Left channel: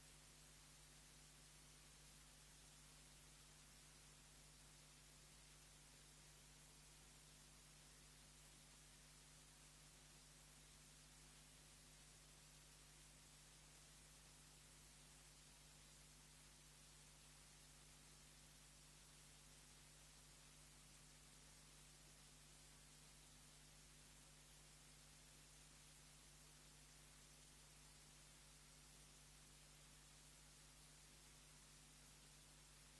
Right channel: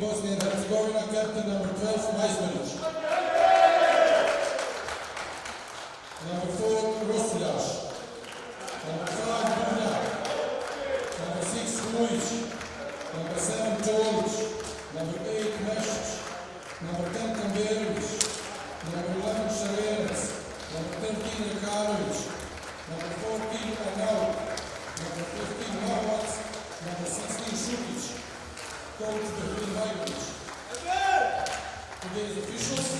Bosnia Herzegovina, captain number 12, Majsmanić. Number 4, Rosuljaš. Number 5, Bubnjak. Number 6, Vujić. Number 7, Čolić. Number 8, Mešić. Number 10, Kamberović. Number 11, Šarenac. Number 13, Jekanović. Number 14, Arnaut. Number 15, Mavac. Number 16, Šukić. Coach Berlin Vajković. Today's officials:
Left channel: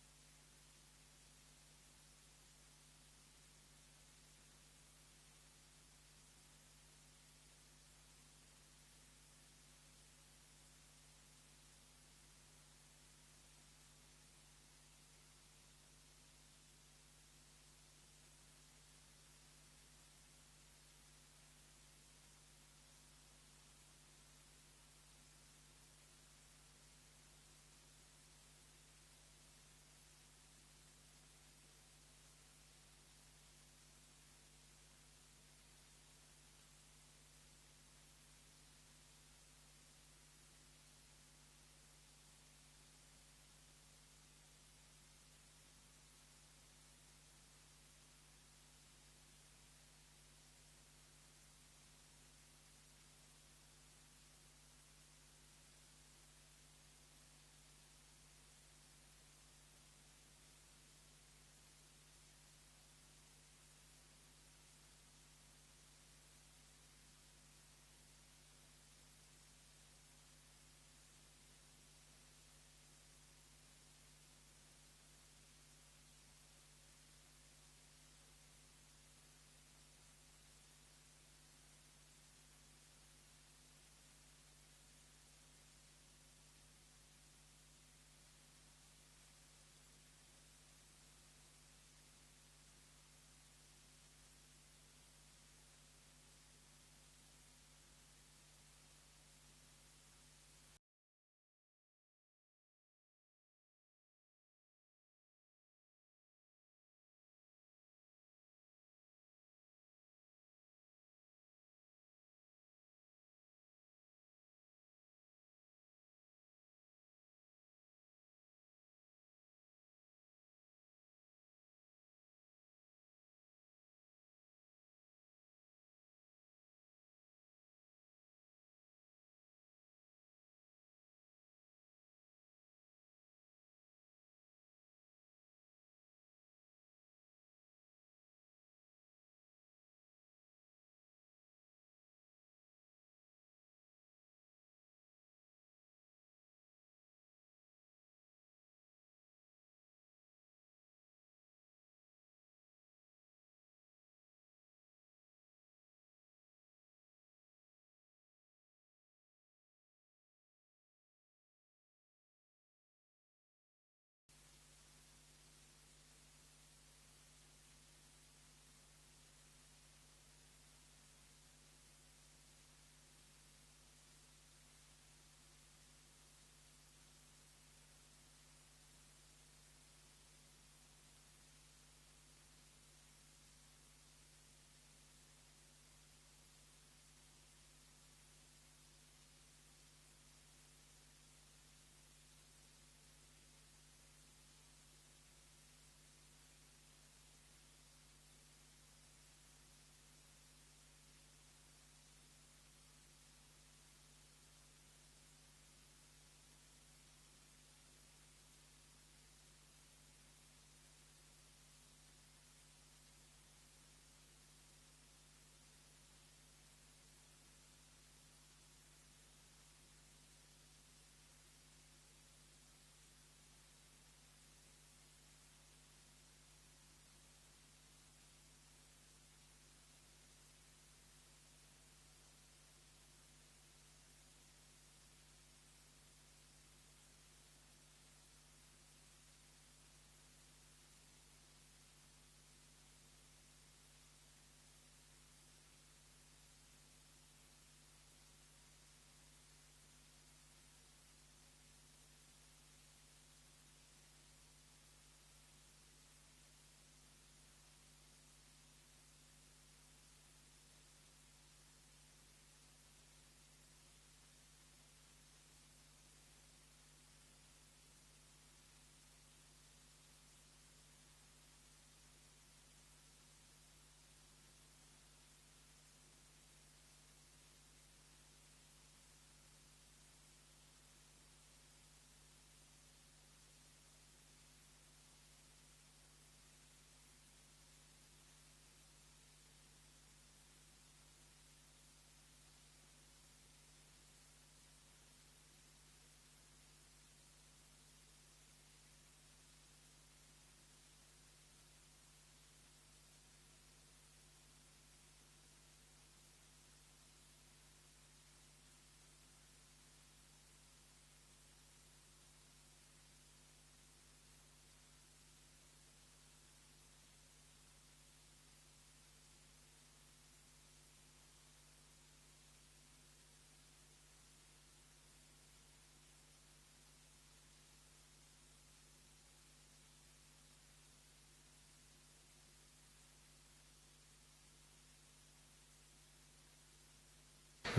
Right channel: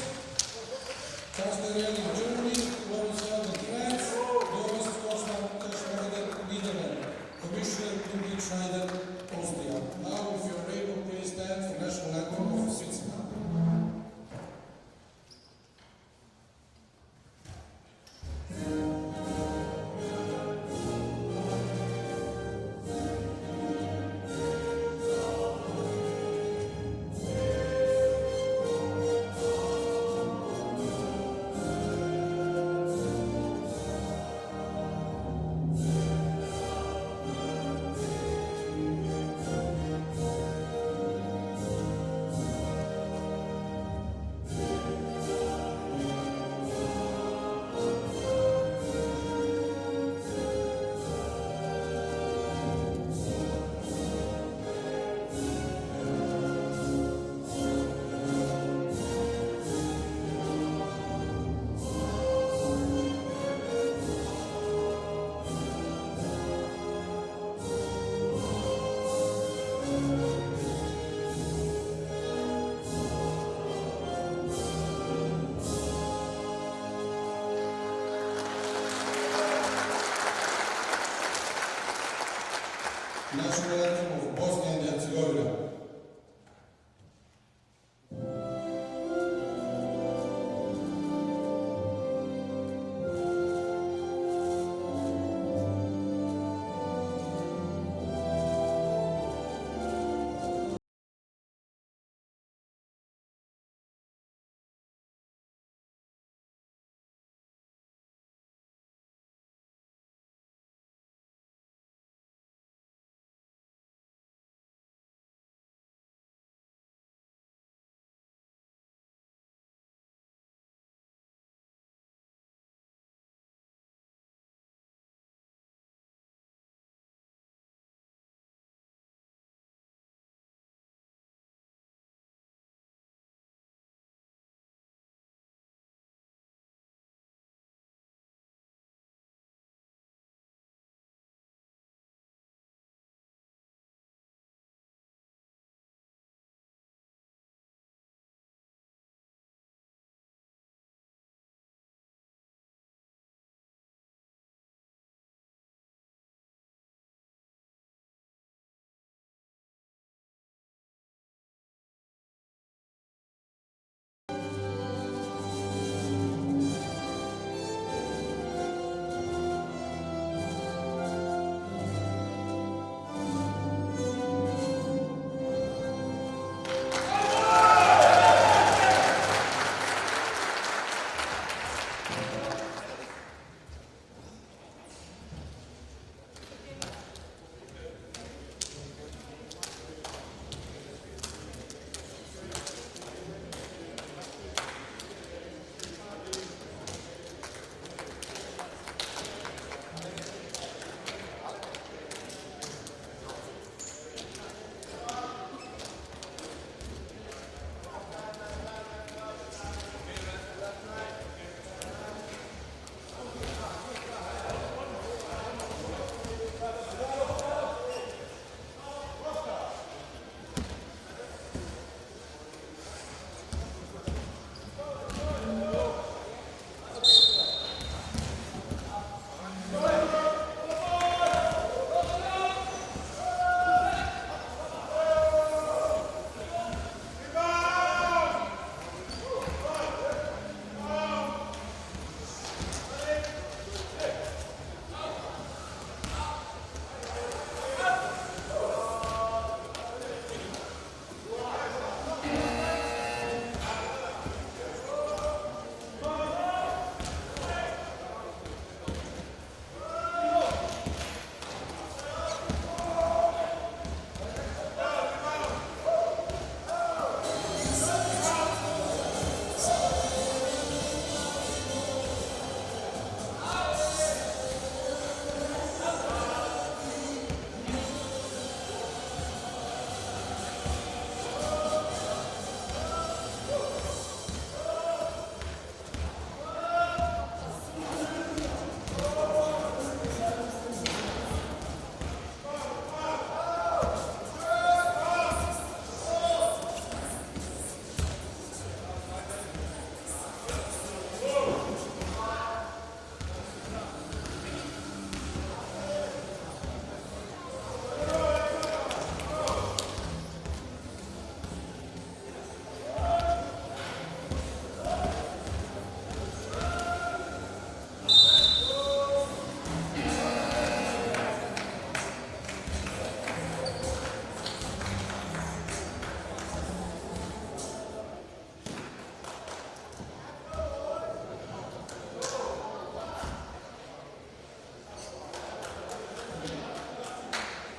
Kasper Jelling, Germany; Lorenz Felden, France; Doris Korsman-Kaschmeider, Netherlands; Commissioner Ingrid Schneider, Austria. Now, if you are able, please stand for national anthem of Switzerland. National anthem of Bosnia and Herzegovina.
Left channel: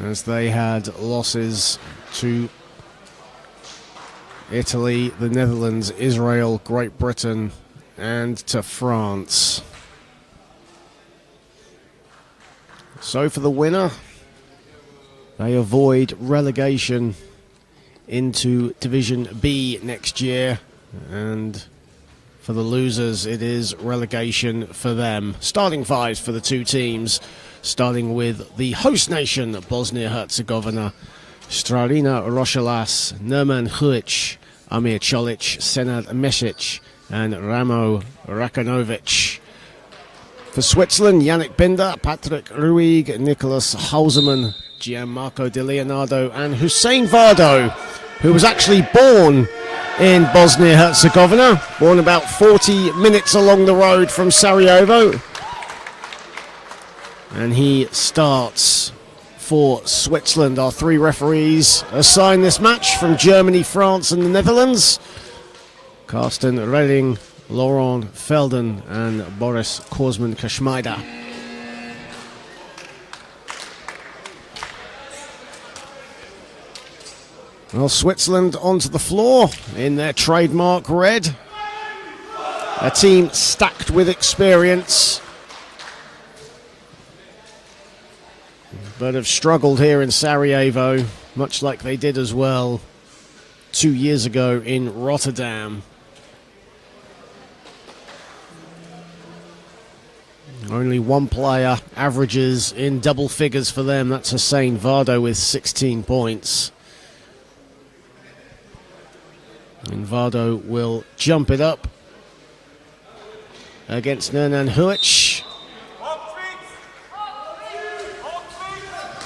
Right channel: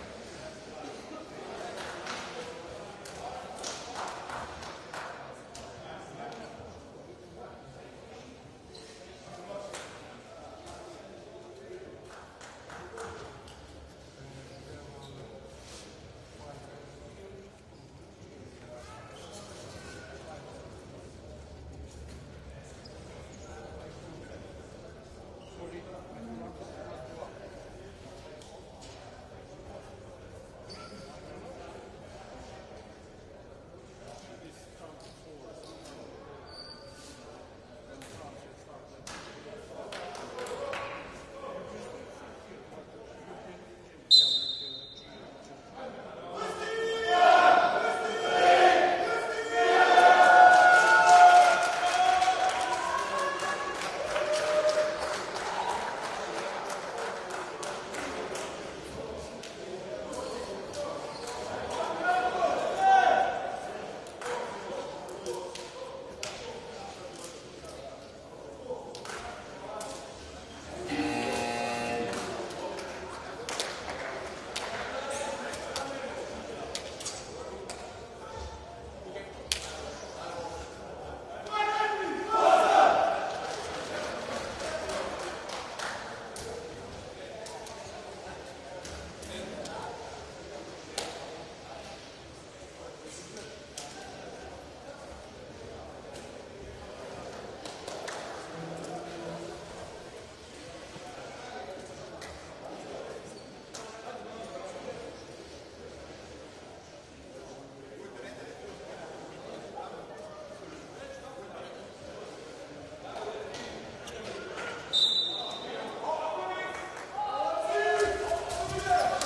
as they had losses to Italy, the Netherlands, Israel, Great Britain, and to France. So for the winner, they avoid relegation into Division B next year, and for the losers, it is relegation for them. Starting fives for the two teams, starting with the host nation, Bosnia Herzegovina. Stralina Rošelas, Nerman Huic, Amir Čolić, Senad Mesic, and Ramo Rakanovic. For Switzerland, Yannick Binder, Patrick Ruig, Nicolas Hausermann, Gianmarco Di Leonardo, and Hussein Vardo, who was actually born in Bosnia-Herzegovina, born about 40 minutes along the road from Sarajevo. And he starts for Switzerland. Our three referees assigned this match from Germany, France, and the Netherlands: Carsten Redding, Laurent Felden, and Boris Korsman-Kashmida. Well, Switzerland onto the floor in their trademark red. A team stacked with experience, but have struggled here in Sarajevo, much like they did as well 2 years ago in Rotterdam. Only one player averages in double figures for them. That's Hussein Vardo with 16 points. And Vardo will jump it up against Nerman Huic.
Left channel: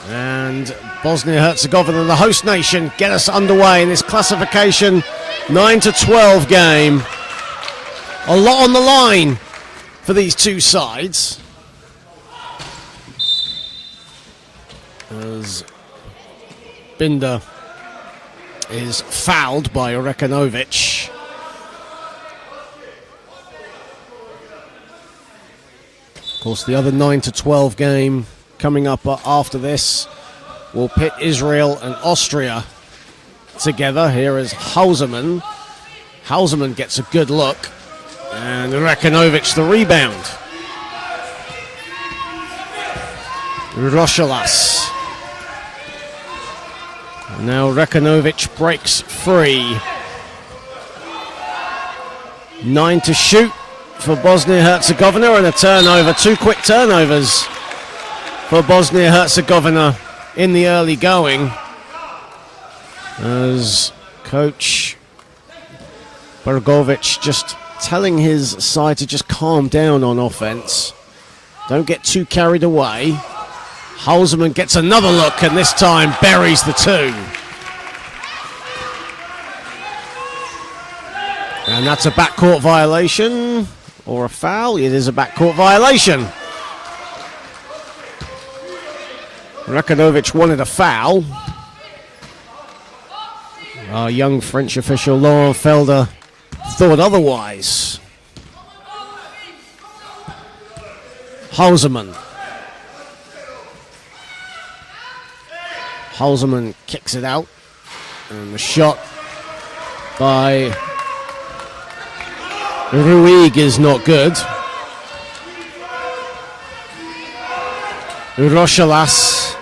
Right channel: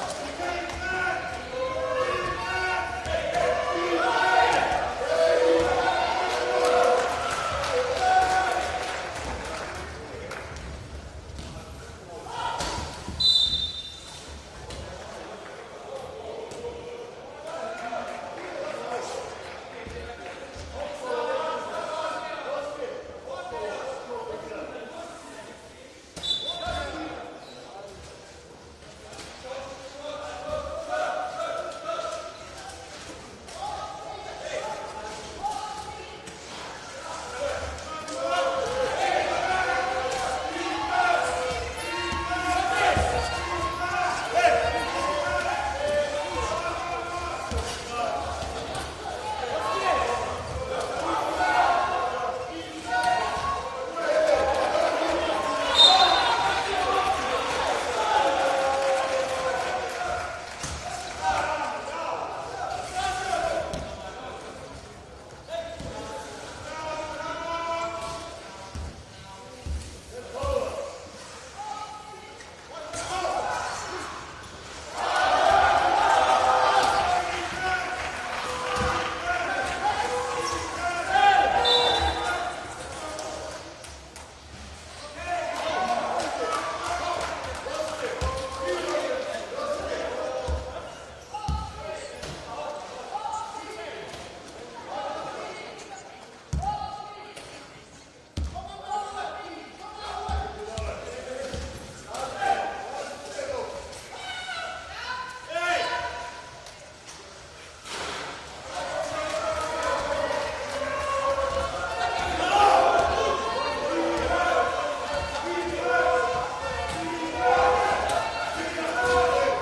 And Bosnia-Herzegovina, the host nation, get us underway in this classification 9-12 game. A lot on the line for these two sides, as Binder is fouled by Rekanovic. Of course, the other 9-12 game coming up after this will pit Israel and Austria together. Here is Hausermann. Hausermann gets a good look, and Rekanovic the rebound. Rošelas. Now Rekanovic breaks free. 9 to shoot for Bosnia-Herzegovina, and a turnover. Two quick turnovers for Bosnia-Herzegovina in the early going, as coach Bergovic just telling his side to just calm down on offense. Don't get too carried away. Hausermann gets another look, and this time buries the two. And that's a backcourt violation, or a foul. It is a backcourt violation. Rekanovic wanted a foul. Our young French official Laurent Felder thought otherwise. Hausermann. Hausermann kicks it out, and the shot by Ruig is not good. Rošelas,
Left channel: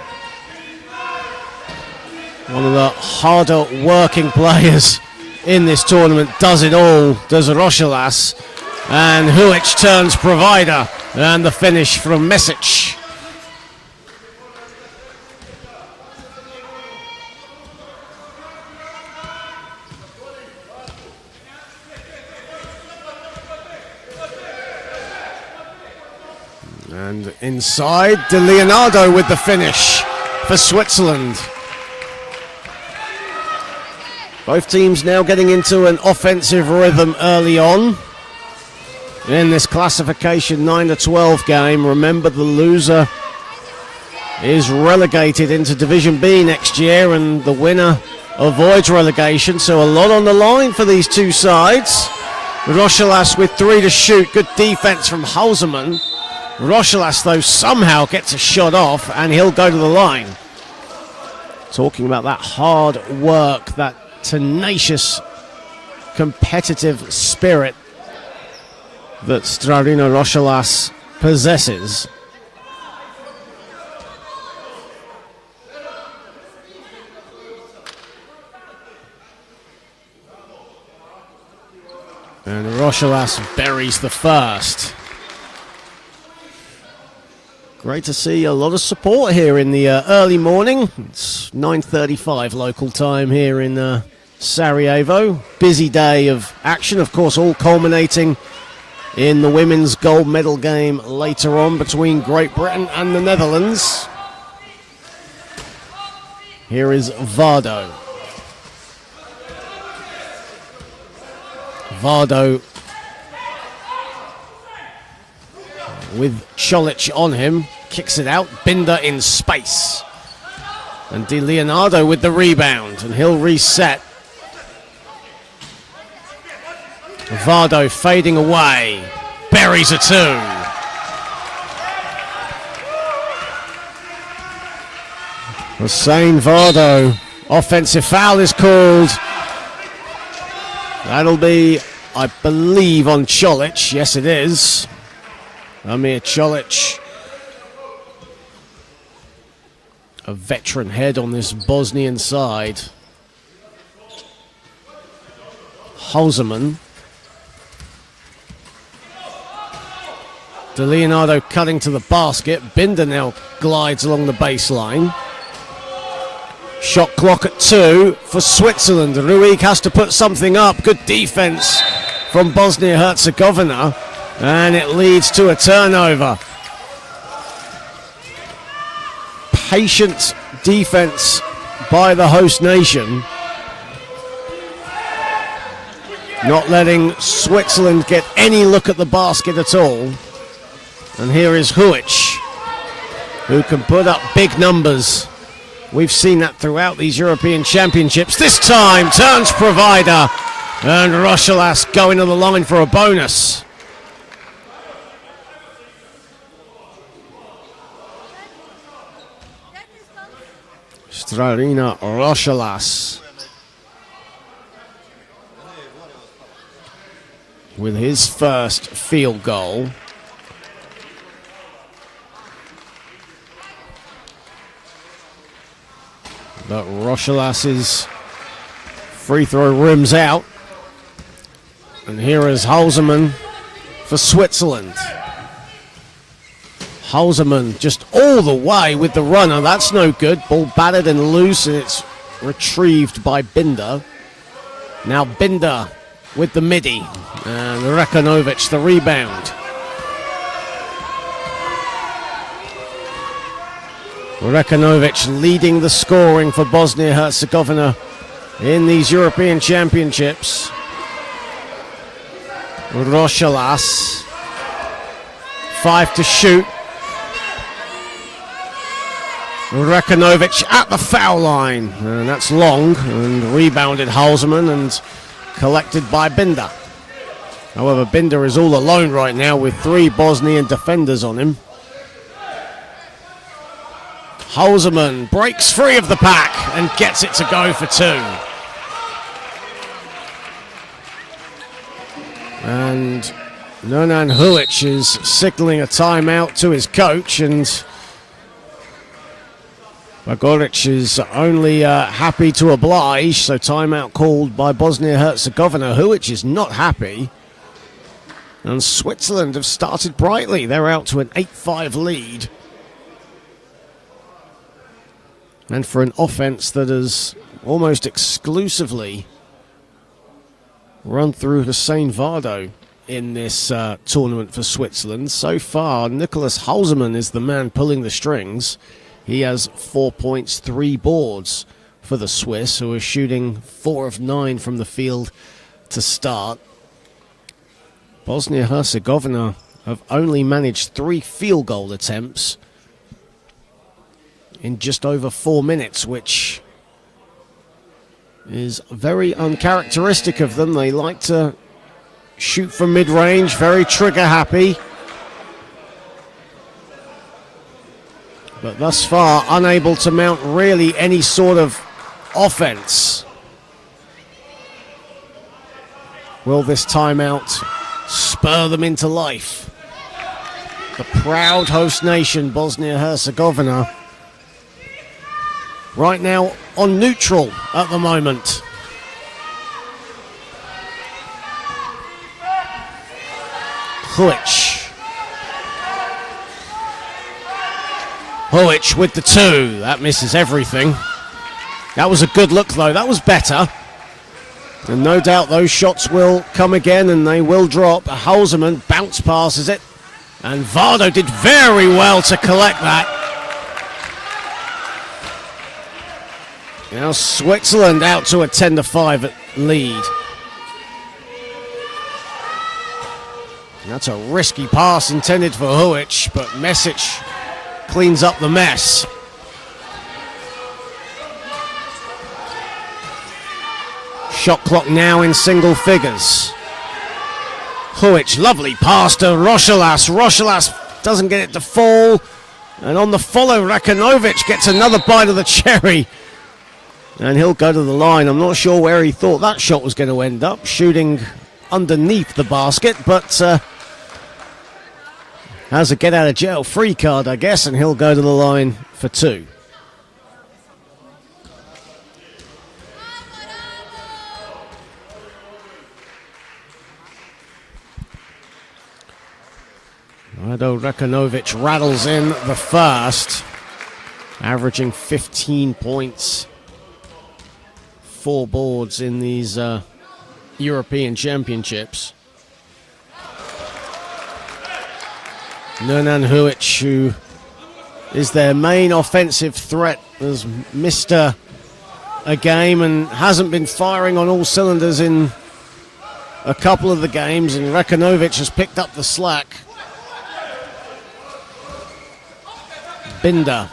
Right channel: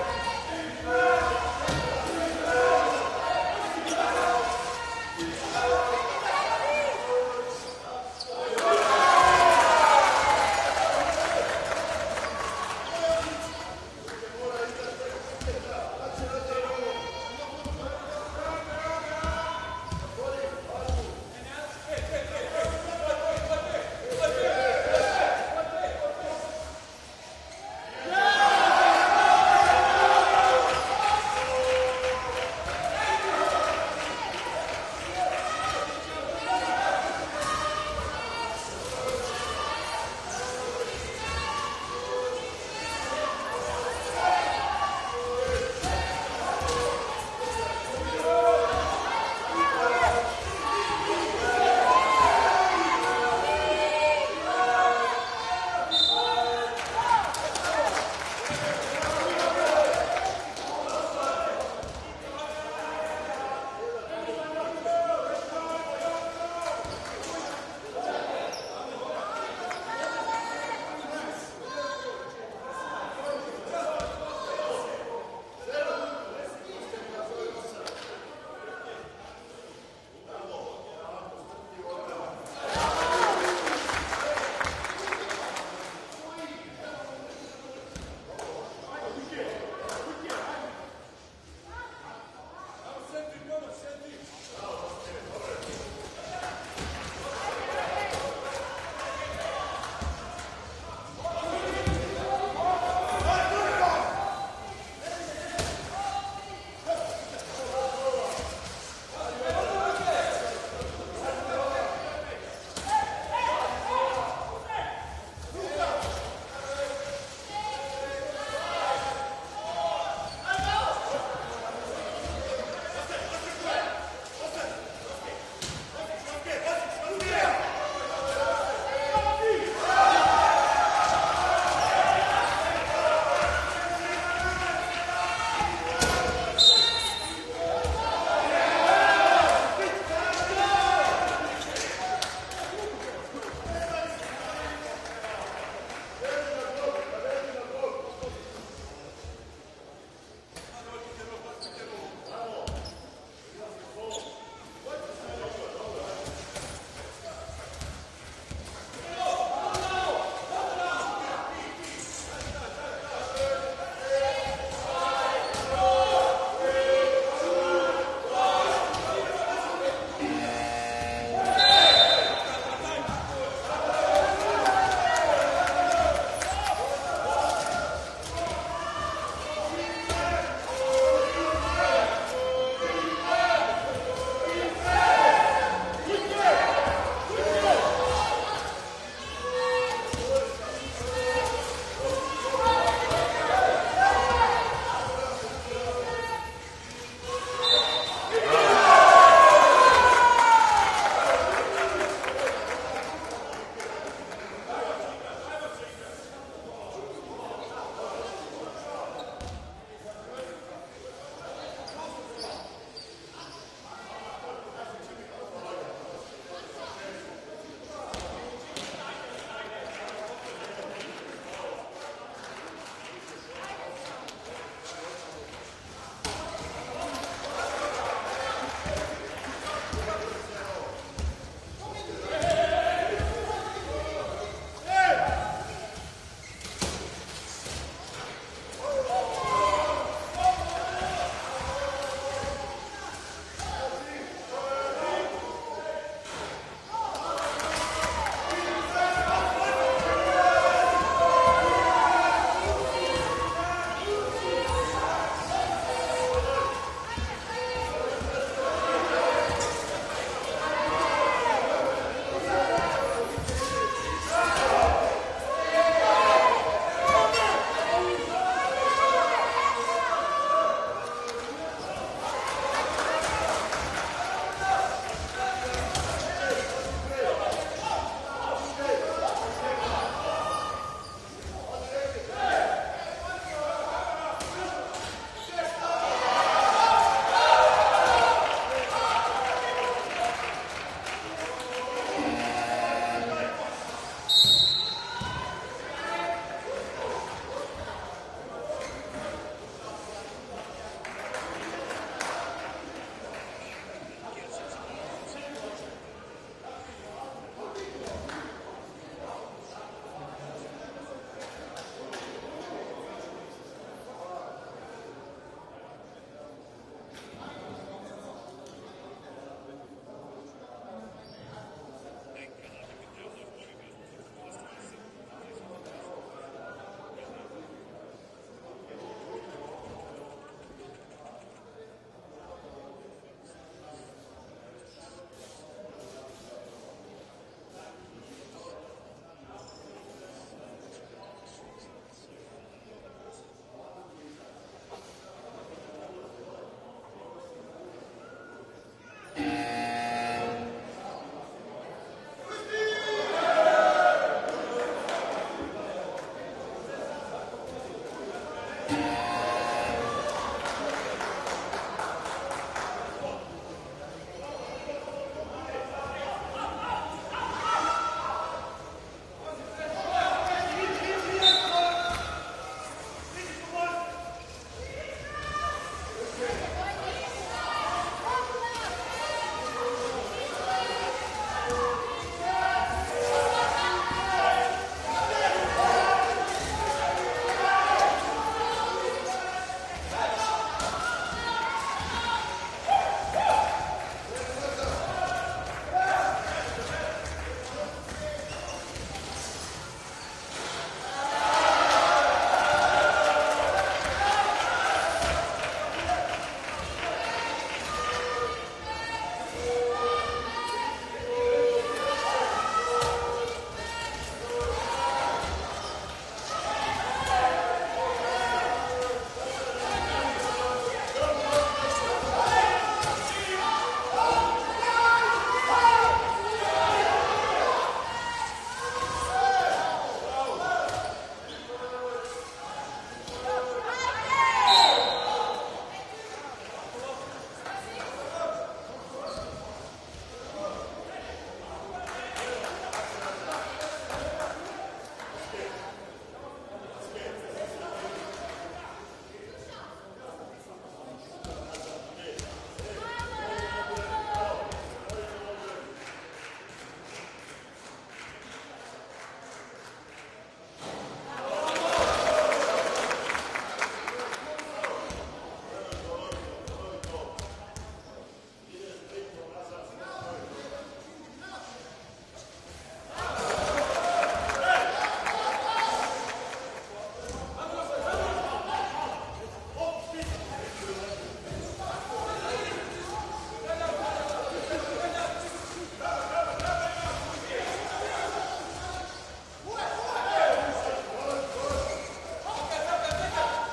one of the harder working players in this tournament, does it all, does Rošelas. And Huic turns provider, and the finish from Mesic. And inside, Di Leonardo with the finish for Switzerland. Both teams now getting into an offensive rhythm early on in this classification 9-12 game. Remember, the loser is relegated into Division B next year, and the winner avoids relegation. So a lot on the line for these two sides. Rošelas with 3 to shoot. Good defense from Hausermann. Rošelas, though, somehow gets a shot off, and he'll go to the line. talking about that hard work, that tenacious, competitive spirit that Strarina Rošalas possesses. And Rošalas buries the first. Great to see a lot of support here in the early morning. It's 9:35 local time here in Sarajevo. Busy day of action, of course, all culminating in the women's gold medal game later on between Great Britain and the Netherlands. Here is Vardo. Vardo with Čolić on him, kicks it out, Binder in space. And Di Leonardo with the rebound, and he'll reset. Vardo fading away, buries a two. Hussein Vardo, offensive foul is called. That'll be, I believe, on Čolić. Yes, it is. Amir Čolić, a veteran head on this Bosnian side. Halseman. De Leonardo cutting to the basket. Binder now glides along the baseline. Shot clock at 2 for Switzerland. Ruig has to put something up. Good defense from Bosnia Herzegovina. And it leads to a turnover. Patient defense by the host nation. Not letting Switzerland get any look at the basket at all. And here is Huic, who can put up big numbers. We've seen that throughout these European Championships. This time, turns provider. And Rošalas going to the line for a bonus. Strarina Rošalas with his first field goal. But Rošalas's free throw rims out. And here is Halseman for Switzerland. Halseman just all the way with the runner. That's no good. Ball battered and loose, and it's retrieved by Binder. Now Binder with the midi. And Rekanovic the rebound. Rekanovic leading the scoring for Bosnia-Herzegovina in these European Championships. Rošalas, 5 to shoot. Rekanovic at the foul line, and that's long, and rebounded Halseman and collected by Binder. However, Binder is all alone right now with 3 Bosnian defenders on him. Halseman breaks free of the pack and gets it to go for 2. And Nonan Huic is signaling a timeout to his coach, and Bagoric is only happy to oblige, so timeout called by Bosnia-Herzegovina. Huic is not happy. And Switzerland have started brightly. They're out to an 8-5 lead. And for an offense that has almost exclusively run through Hussein Vardo in this tournament for Switzerland, so far Nicholas Halseman is the man pulling the strings. He has 4 points, 3 boards for the Swiss, who are shooting 4 of 9 from the field to start. Bosnia-Herzegovina have only managed 3 field goal attempts in just over 4 minutes, which is very uncharacteristic of them. They like to shoot from mid-range, very trigger happy. but thus far unable to mount really any sort of offense. Will this timeout spur them into life? The proud host nation, Bosnia Herzegovina, right now on neutral at the moment. Huic with the two. That misses everything. That was a good look, though. That was better. And no doubt those shots will come again, and they will drop. Hausermann bounce passes it. And Vardo did very well to collect that. Now Switzerland out to a 10-5 lead. That's a risky pass intended for Huic, but Mesic cleans up the mess. Shot clock now in single figures. Huic, lovely pass to Rochelas. Rochelas doesn't get it to fall. And on the follow, Rakanovic gets another bite of the cherry. And he'll go to the line. I'm not sure where he thought that shot was going to end up, shooting underneath the basket, but has a get out of jail free card, I guess, and he'll go to the line for two. Rado Rakanovic rattles in the first, averaging 15 points, 4 boards in these European Championships. Nernan Huic, who is their main offensive threat, has missed a game and hasn't been firing on all cylinders in a couple of the games, and Rakanovic has picked up the slack. Binder,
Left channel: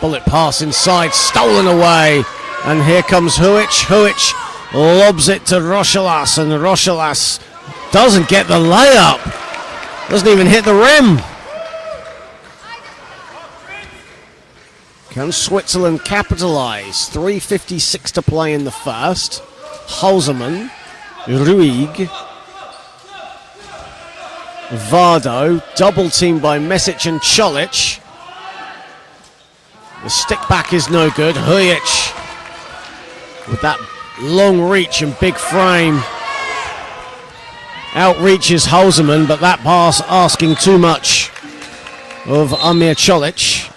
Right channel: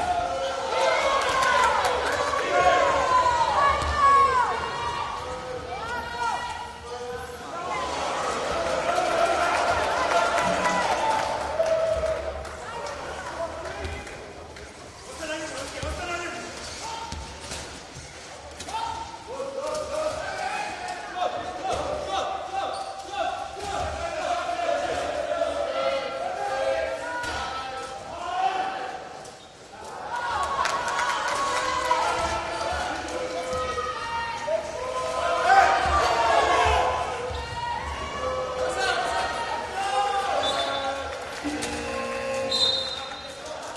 bullet pass inside, stolen away, and here comes Huic. Huic lobs it to Rochelas, and Rochelas doesn't get the layup, doesn't even hit the rim. Can Switzerland capitalize? 3:56 to play in the first. Hausermann, Ruig, Vardo, double teamed by Mesic and Čolić. The stick back is no good. Huic with that long reach and big frame outreaches Hausermann, but that pass asking too much of Amir Čolić.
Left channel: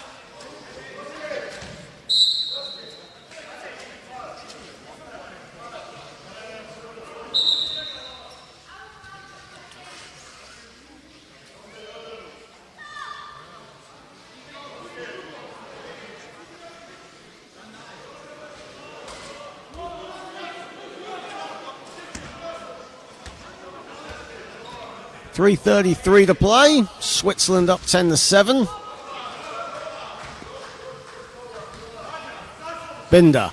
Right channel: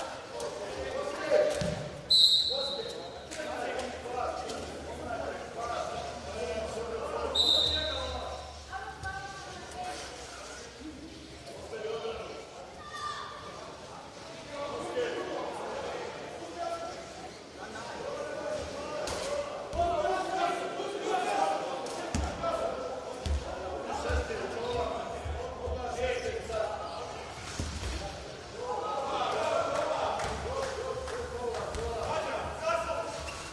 .333 to play. Switzerland up 10-7. Binder.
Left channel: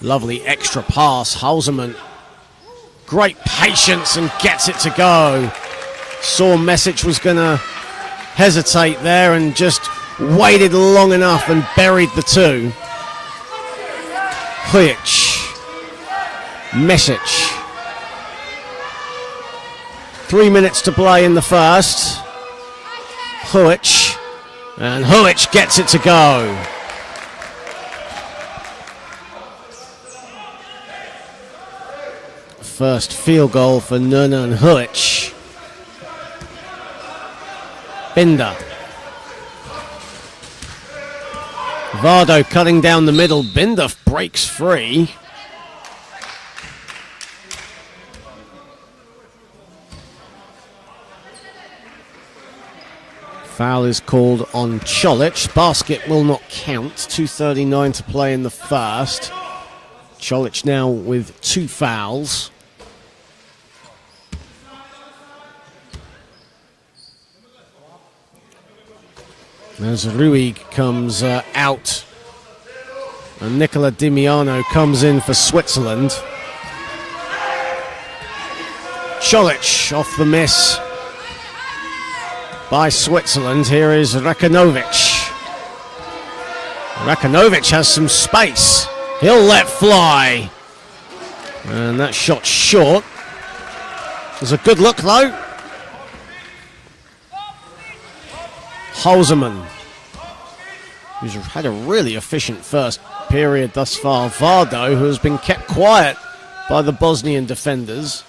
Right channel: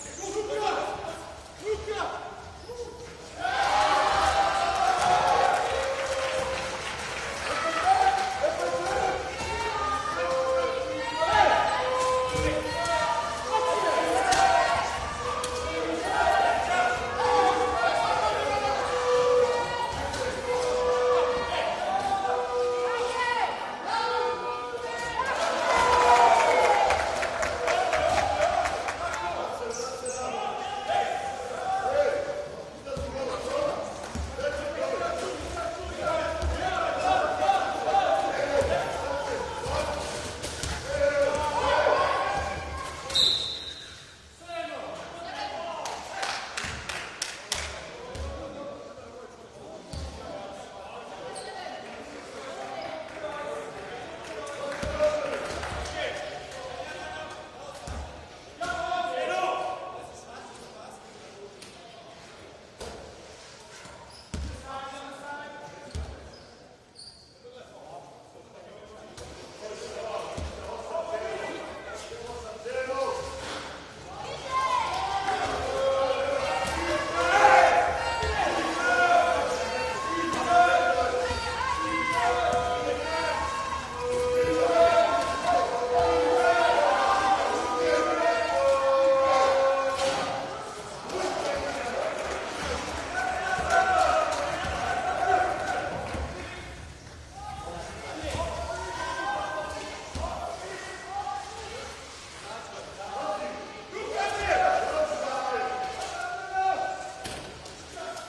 Lovely extra pass. Hausermann. Great patience and gets it to go. Saw Mesic was going to hesitate there and just waited long enough and buried the two. Huic. Mesic. 3 minutes to play in the first. Huic, and Huic gets it to go. First field goal for Nernan Huic. Binder. Vardo cutting down the middle. Binder breaks free. Foul is called on Čolić. Basket will not count. 2:39 to play in the first. Čolić now with 2 fouls. As Ruig comes out, and Nicola Dimiano comes in for Switzerland. Čolić off the miss. by Switzerland. Here is Rekanovic. Rekanovic has some space. He'll let fly. And that shot short. There's a good look though. Halseman, who's had a really efficient first period thus far. Vardo, who has been kept quiet by the Bosnian defenders.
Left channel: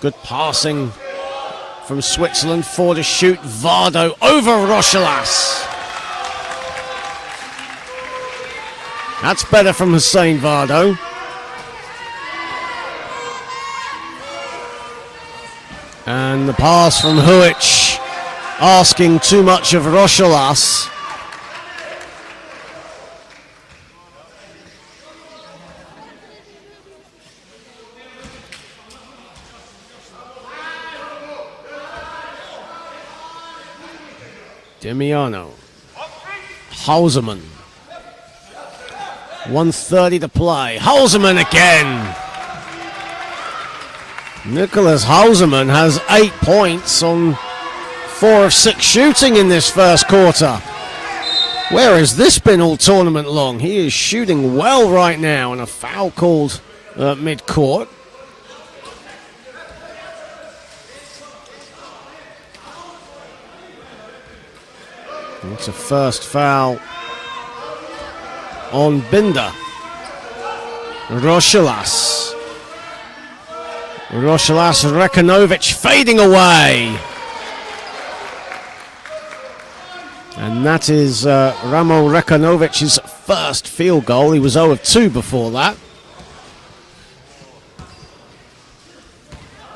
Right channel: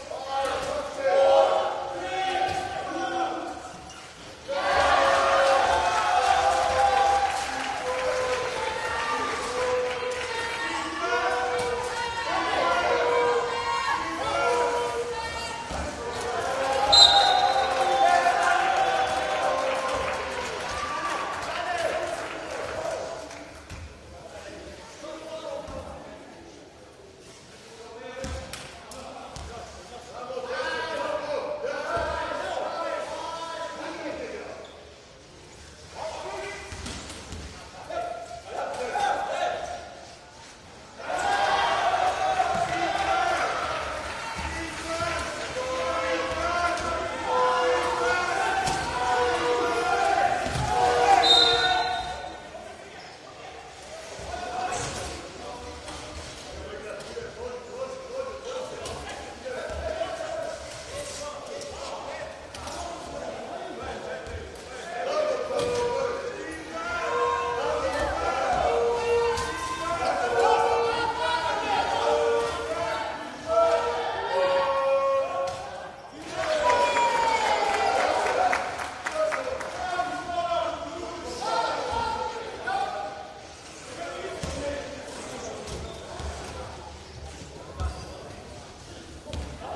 Good passing from Switzerland. 4 to shoot. Vardo over Rochelas. That's better from Hussein Vardo. And the pass from Huic, asking too much of Rochelas. Demiano. Halseman. 1:30 to play. Halseman again. Nicholas Halseman has 8 points on 4 of 6 shooting in this first quarter. Where has this been all tournament long? He is shooting well right now, and a foul called mid-court. It's a first foul on Binder. Rochelas. Rochelas and Rekanovic fading away. And that is Ramo Rekanovic's first field goal. He was 0 of 2 before that.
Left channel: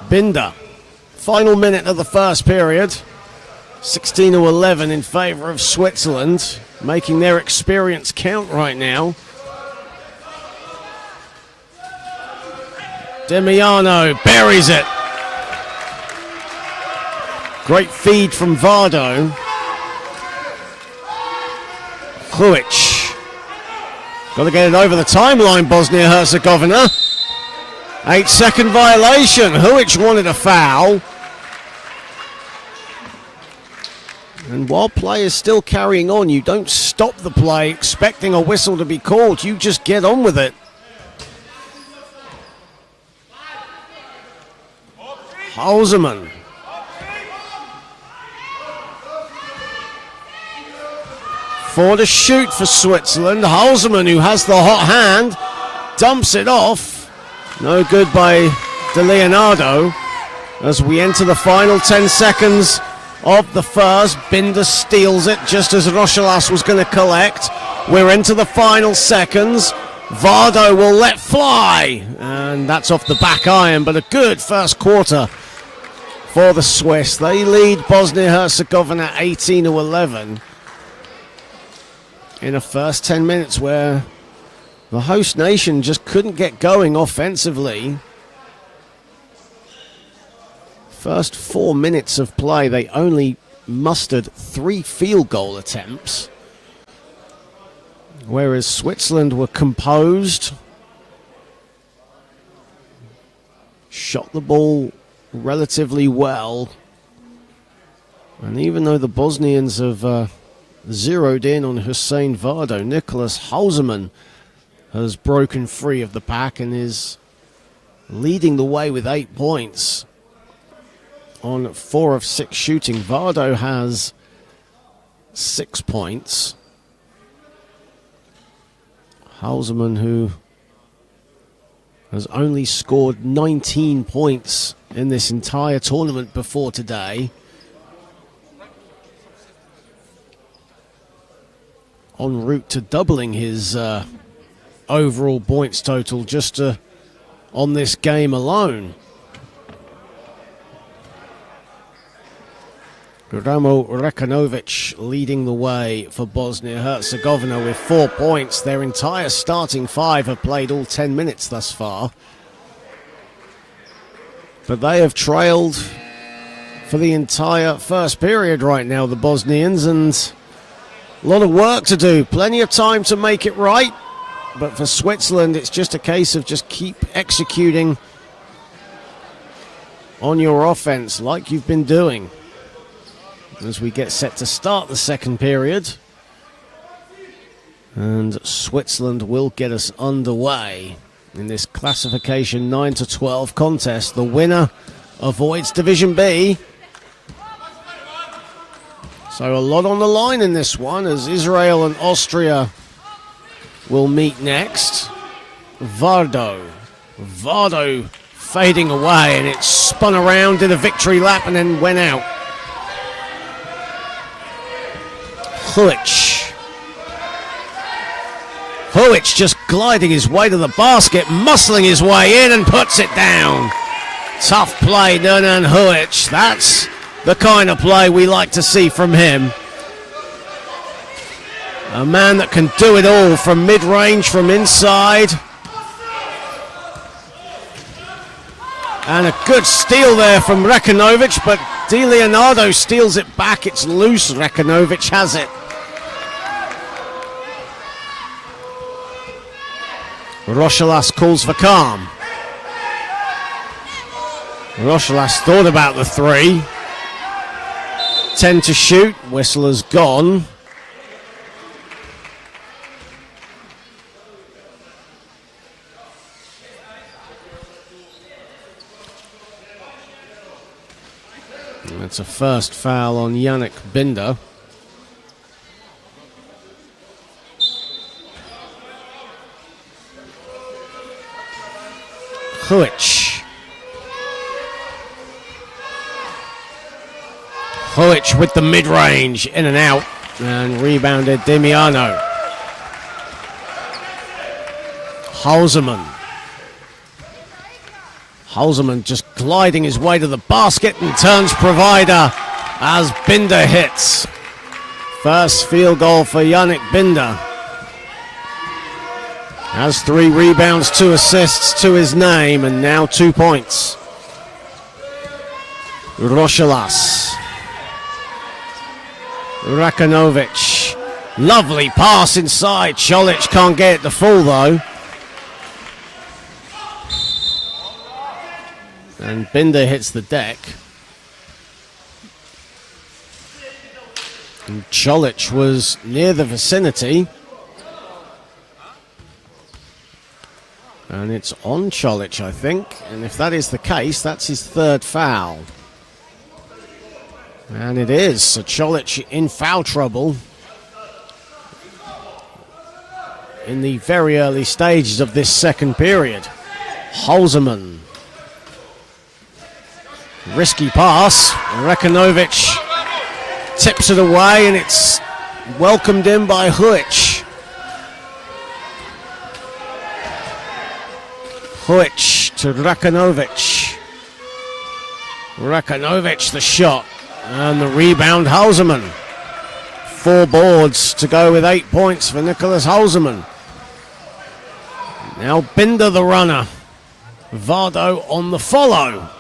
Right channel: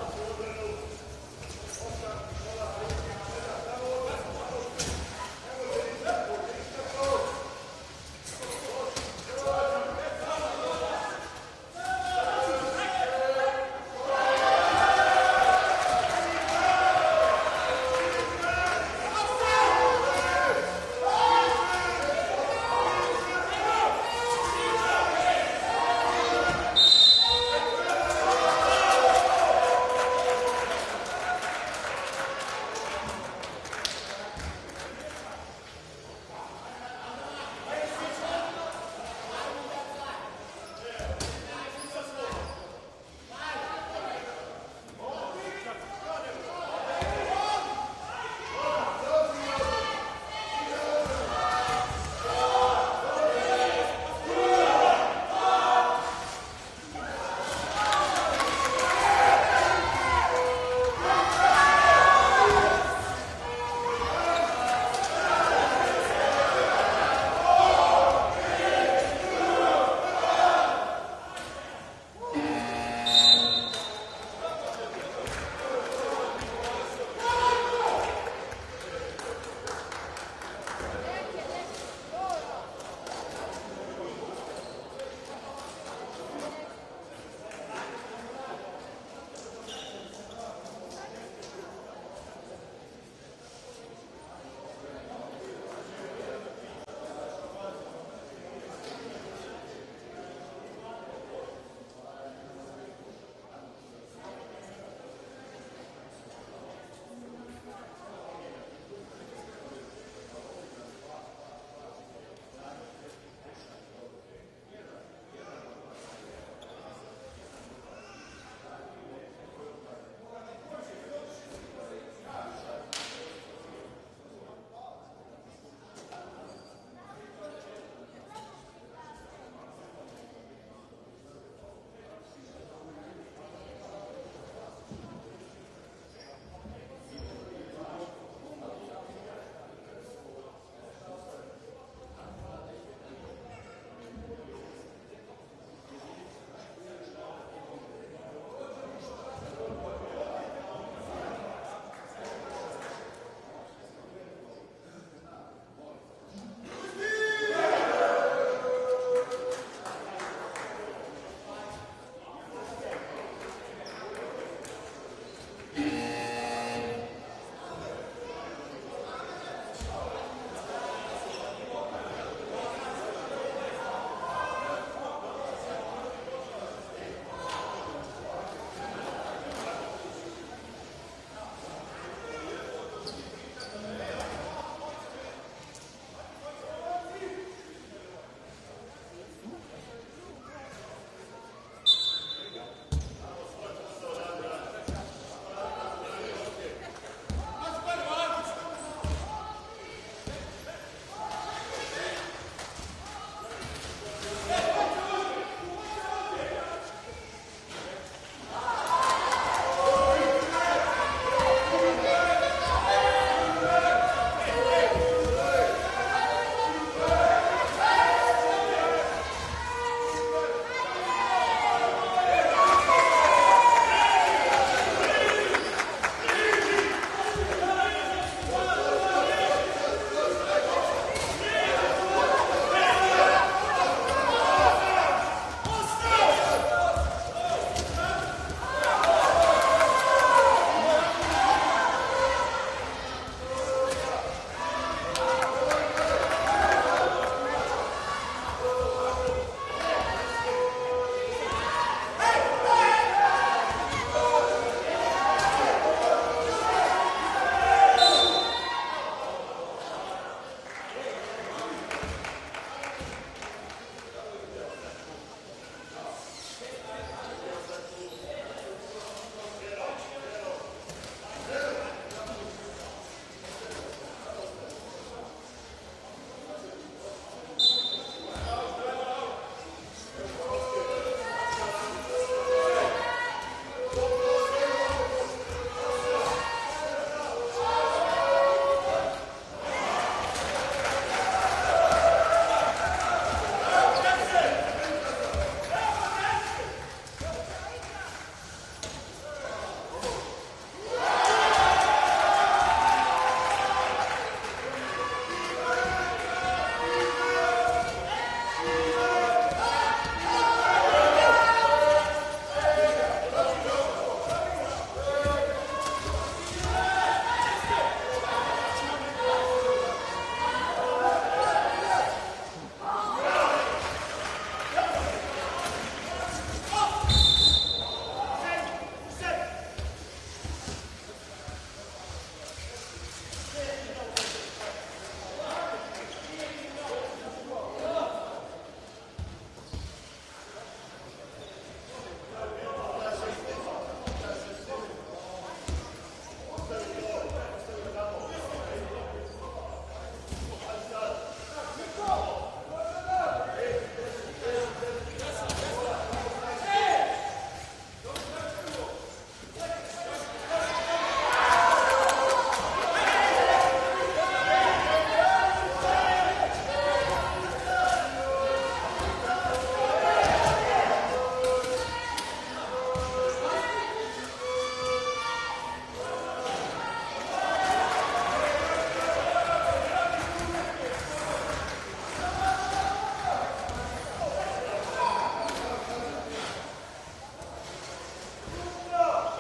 Binder. Final minute of the first period. 16 to 11 in favor of Switzerland, making their experience count right now. Demiano buries it. Great feed from Vardo. Huic. Got to get it over the timeline, Bosnia Herzegovina. 8-second violation. Huic wanted a foul. And while play is still carrying on, you don't stop the play expecting a whistle to be called. You just get on with it. Halseman. Four to shoot for Switzerland. Halseman, who has the hot hand, dumps it off. No good by De Leonardo. As we enter the final 10 seconds of the first, Binder steals it just as Rochelas was going to collect. We're into the final seconds. Vardo will let fly, and that's off the back iron, but a good first quarter for the Swiss. They lead Bosnia-Herzegovina 18-11 in the first 10 minutes where the host nation just couldn't get going offensively. First 4 minutes of play, they only mustered 3 field goal attempts, whereas Switzerland were composed, shot the ball relatively well, and even though the Bosnians have zeroed in on Hussein Vardo, Nicholas Halseman has broken free of the pack and is leading the way with 8 points on 4 of 6 shooting. Vardo has 6 points. Halseman, who has only scored 19 points in this entire tournament before today, en route to doubling his overall points total just on this game alone. Ramo Rekanovic leading the way for Bosnia-Herzegovina with 4 points. Their entire starting 5 have played all 10 minutes thus far. But they have trailed for the entire first period right now, the Bosnians, and a lot of work to do. Plenty of time to make it right. But for Switzerland, it's just a case of just keep executing on your offense like you've been doing. as we get set to start the second period. And Switzerland will get us underway in this classification 9-12 contest. The winner avoids Division B. So a lot on the line in this one, as Israel and Austria will meet next. Vardo fading away, and it spun around, did a victory lap, and then went out. Huic just gliding his way to the basket, muscling his way in and puts it down. Tough play, Nernan Huic. That's the kind of play we like to see from him. A man that can do it all from mid-range, from inside. And a good steal there from Rekanovic, but Di Leonardo steals it back. It's loose. Rekanovic has it. Rochelas calls for calm. Rochelas thought about the three. 10 to shoot. Whistle has gone. It's a first foul on Yannick Binder. Huic with the mid-range, in and out, and rebounded Demiano. Halseman just gliding his way to the basket and turns provider as Binder hits. First field goal for Yannick Binder. Has 3 rebounds, 2 assists to his name, and now 2 points. Rochelas. Rekanovic. Lovely pass inside. Cholic can't get it to fall though. And Binder hits the deck. And Cholic was near the vicinity. And it's on Cholic, I think. And if that is the case, that's his 3rd foul. And it is. So Cholic in foul trouble in the very early stages of this second period. Halseman. Risky pass. Rekanovic tips it away, and it's welcomed in by Huic. Huic to Rekanovic. Rekanovic the shot, and the rebound Halseman. 4 boards to go with 8 points for Nicholas Halseman. Now Binder the runner. Vardo on the follow.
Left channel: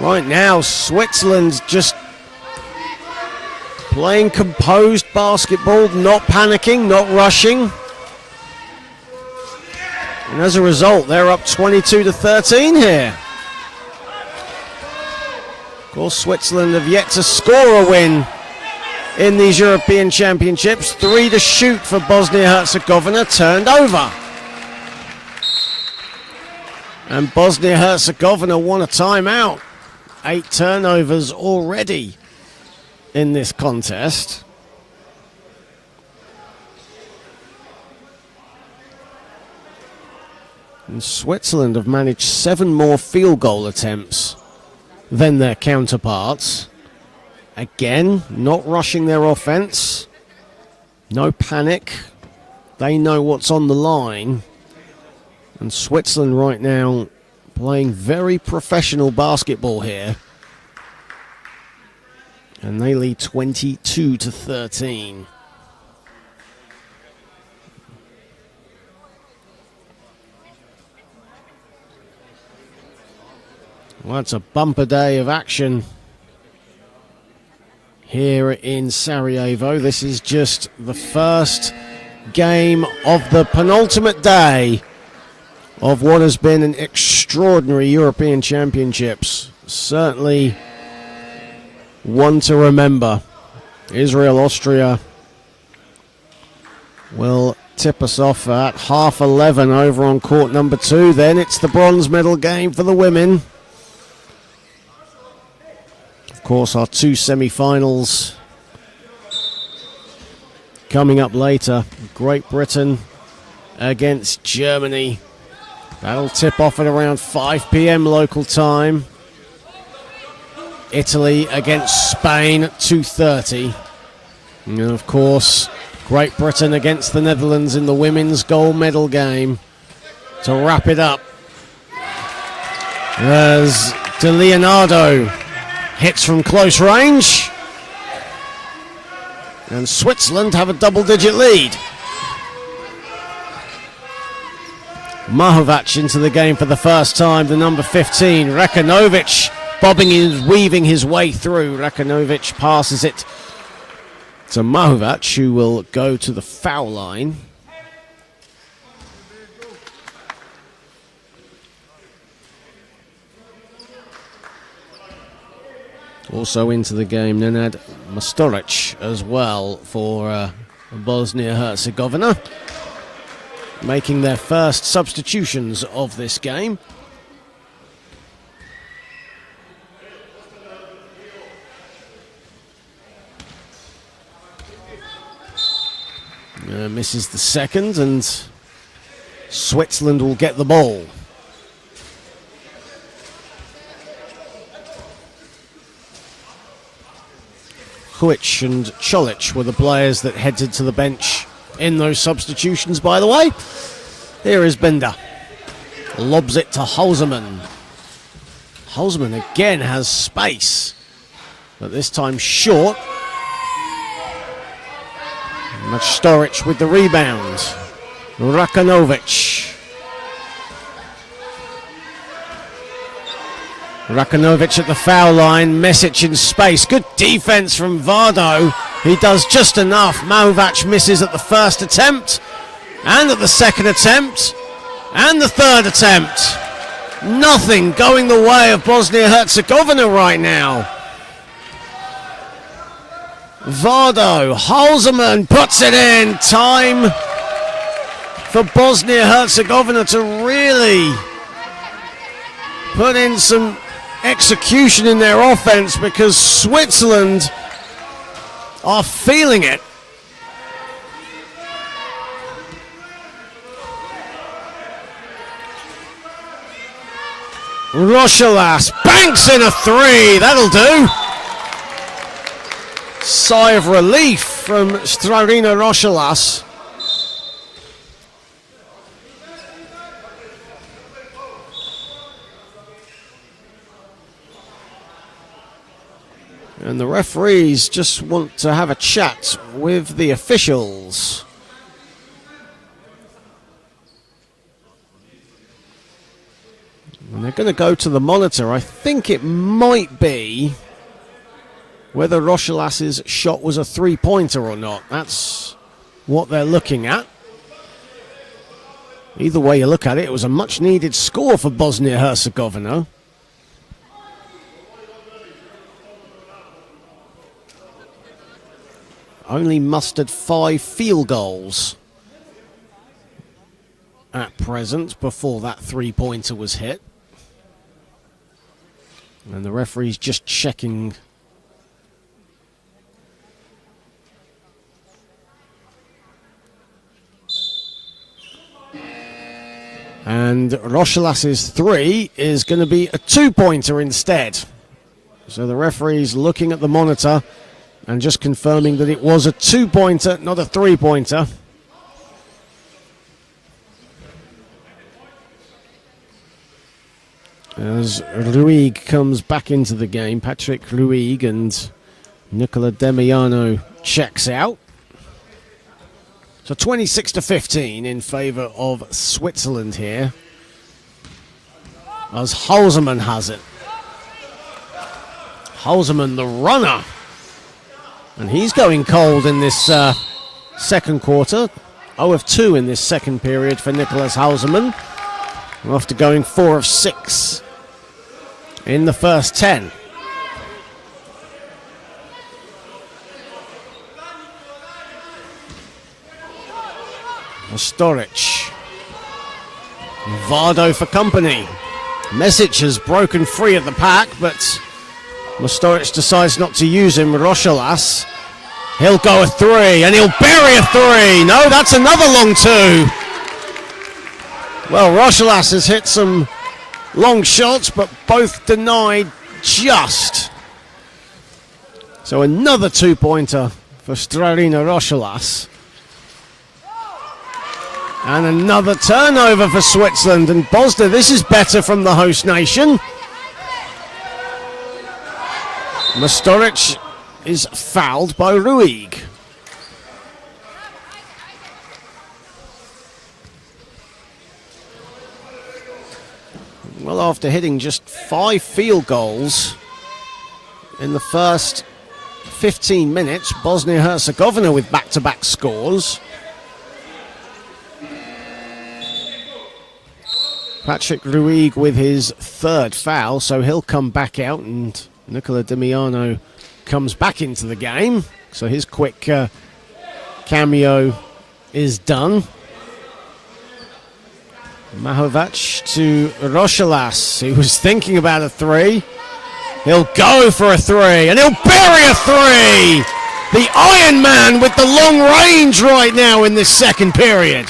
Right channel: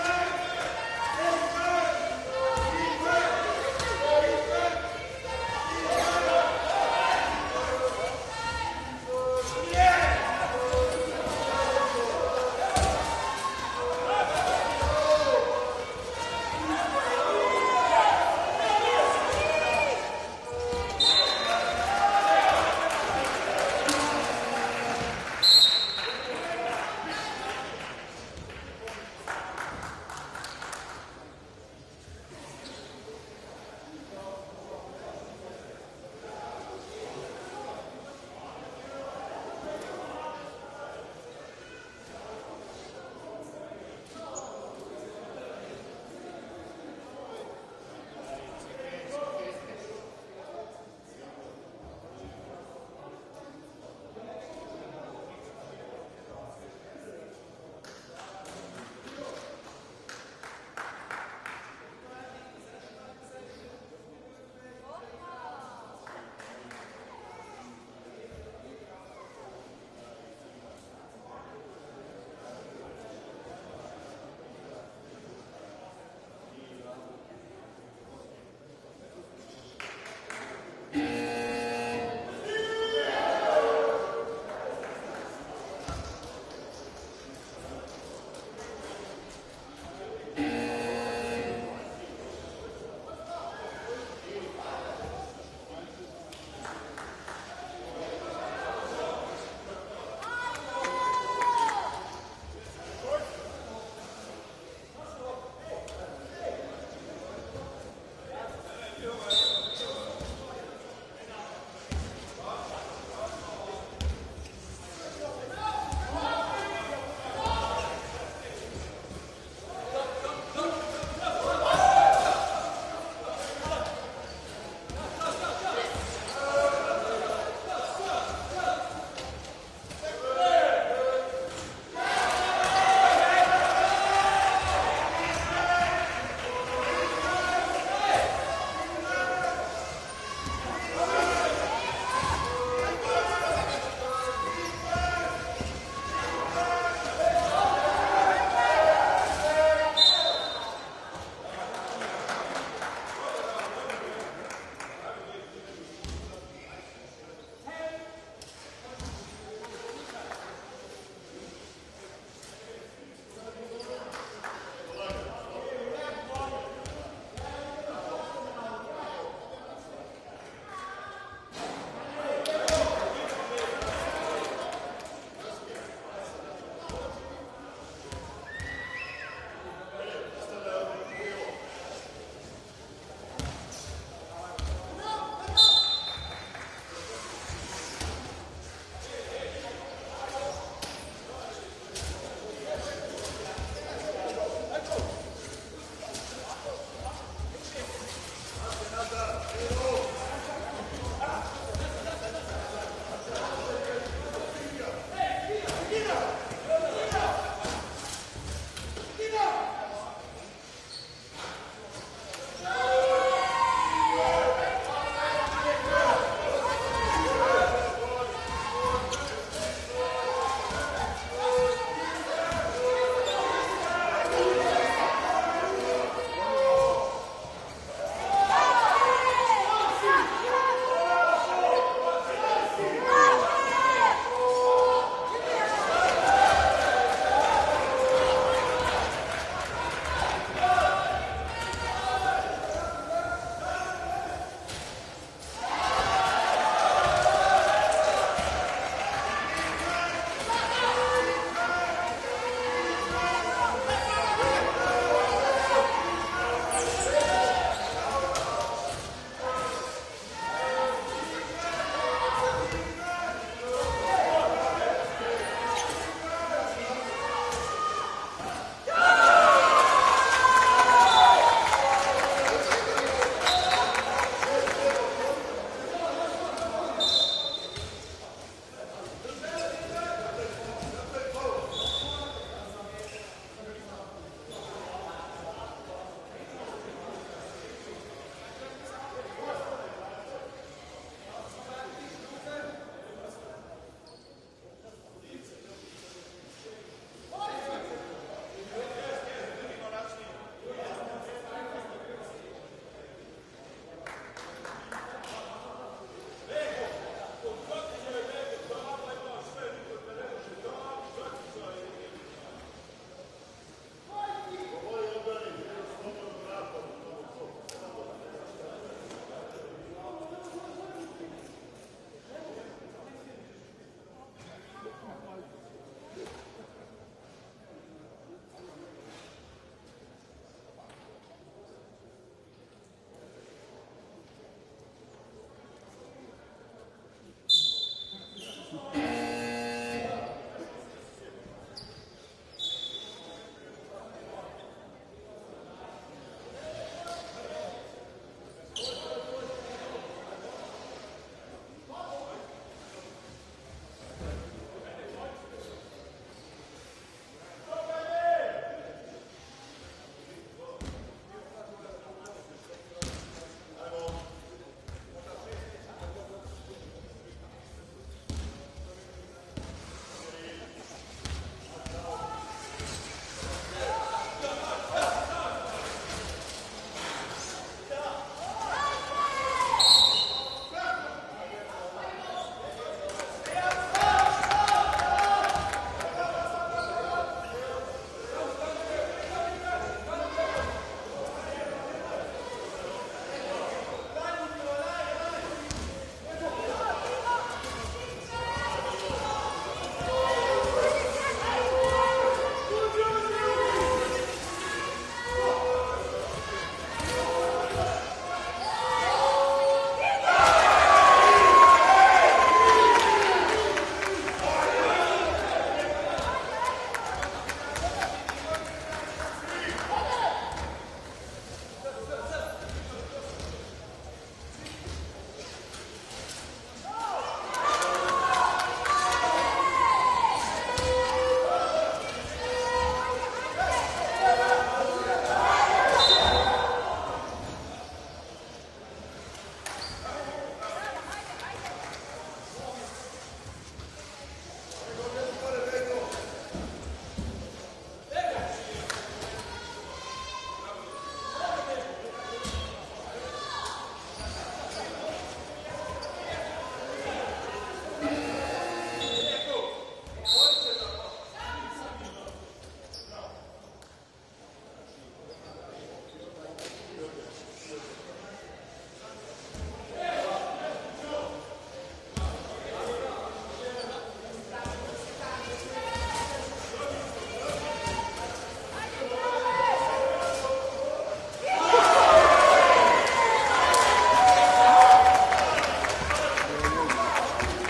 Right now, Switzerland's just playing composed basketball, not panicking, not rushing. And as a result, they're up 22-13 here. Of course, Switzerland have yet to score a win in these European Championships. 3 to shoot for Bosnia Herzegovina, turned over. And Bosnia Herzegovina won a timeout. 8 turnovers already in this contest. And Switzerland have managed 7 more field goal attempts than their counterparts. Again, not rushing their offense. No panic. They know what's on the line. And Switzerland right now playing very professional basketball here. And they lead 22-13. Well, it's a bumper day of action here in Sarajevo. This is just the first game of the penultimate day of what has been an extraordinary European Championships. Certainly one to remember. Israel, Austria will tip us off at 11:30 over on court number 2. Then it's the bronze medal game for the women. Of course, our 2 semi-finals coming up later. Great Britain against Germany. That'll tip off at around 5 p.m. local time. Italy against Spain at 2:30. And of course, Great Britain against the Netherlands in the women's gold medal game to wrap it up. As De Leonardo hits from close range. And Switzerland have a double-digit lead. Mahovac into the game for the first time, the number 15. Rakanovic weaving his way through. Rakanovic passes it to Mahovac, who will go to the foul line. Also into the game, Nenad Mostoric as well for Bosnia Herzegovina, making their first substitutions of this game. Misses the second, and Switzerland will get the ball. Huic and Cholic were the players that headed to the bench in those substitutions, by the way. Here is Bender. Lobs it to Halseman. Halseman again has space, but this time short. Mostoric with the rebound. Rakanovic. Rakanovic at the foul line. Mesic in space. Good defense from Vardo. He does just enough. Mahovac misses at the first attempt, and at the second attempt, and the third attempt. Nothing going the way of Bosnia-Herzegovina right now. Vardo, Halseman puts it in. Time for Bosnia-Herzegovina to really put in some execution in their offense, because Switzerland are feeling it. Rochelas banks in a 3. That'll do. Sigh of relief from Strarina Rochelas. And the referees just want to have a chat with the officials. And they're going to go to the monitor. I think it might be whether Rochelas's shot was a three-pointer or not. That's what they're looking at. Either way you look at it, it was a much-needed score for Bosnia-Herzegovina. Only mustered 5 field goals at present before that three-pointer was hit. And the referee's just checking. And Rochelas's 3 is going to be a 2-pointer instead. So the referee's looking at the monitor and just confirming that it was a 2-pointer, not a 3-pointer. As Ruig comes back into the game, Patrick Ruig, and Nicola Demiano checks out. So 26-15 in favour of Switzerland here, as Halseman has it. Halseman, the runner. And he's going cold in this second quarter. 0 of 2 in this second period for Nicolas Halseman. We're off to going 4 of 6 in the first 10. Storic. Vardo for company. Mesic has broken free at the pack, but Storic decides not to use him. Rochelas. He'll go a 3, and he'll bury a 3. No, that's another long 2. Well, Rochelas has hit some long shots, but both denied just. So another 2-pointer for Strarina Rochelas. And another turnover for Switzerland. And Bosnia, this is better from the host nation. Masturic is fouled by Ruig. Well, after hitting just 5 field goals in the first 15 minutes, Bosnia Herzegovina with back-to-back scores. Patrick Ruig with his 3rd foul, so he'll come back out, and Nicola Dimiano comes back into the game. So his quick cameo is done. Mahovac to Rochelas, who was thinking about a 3. He'll go for a 3, and he'll bury a 3! The Iron Man with the long range right now in this second period.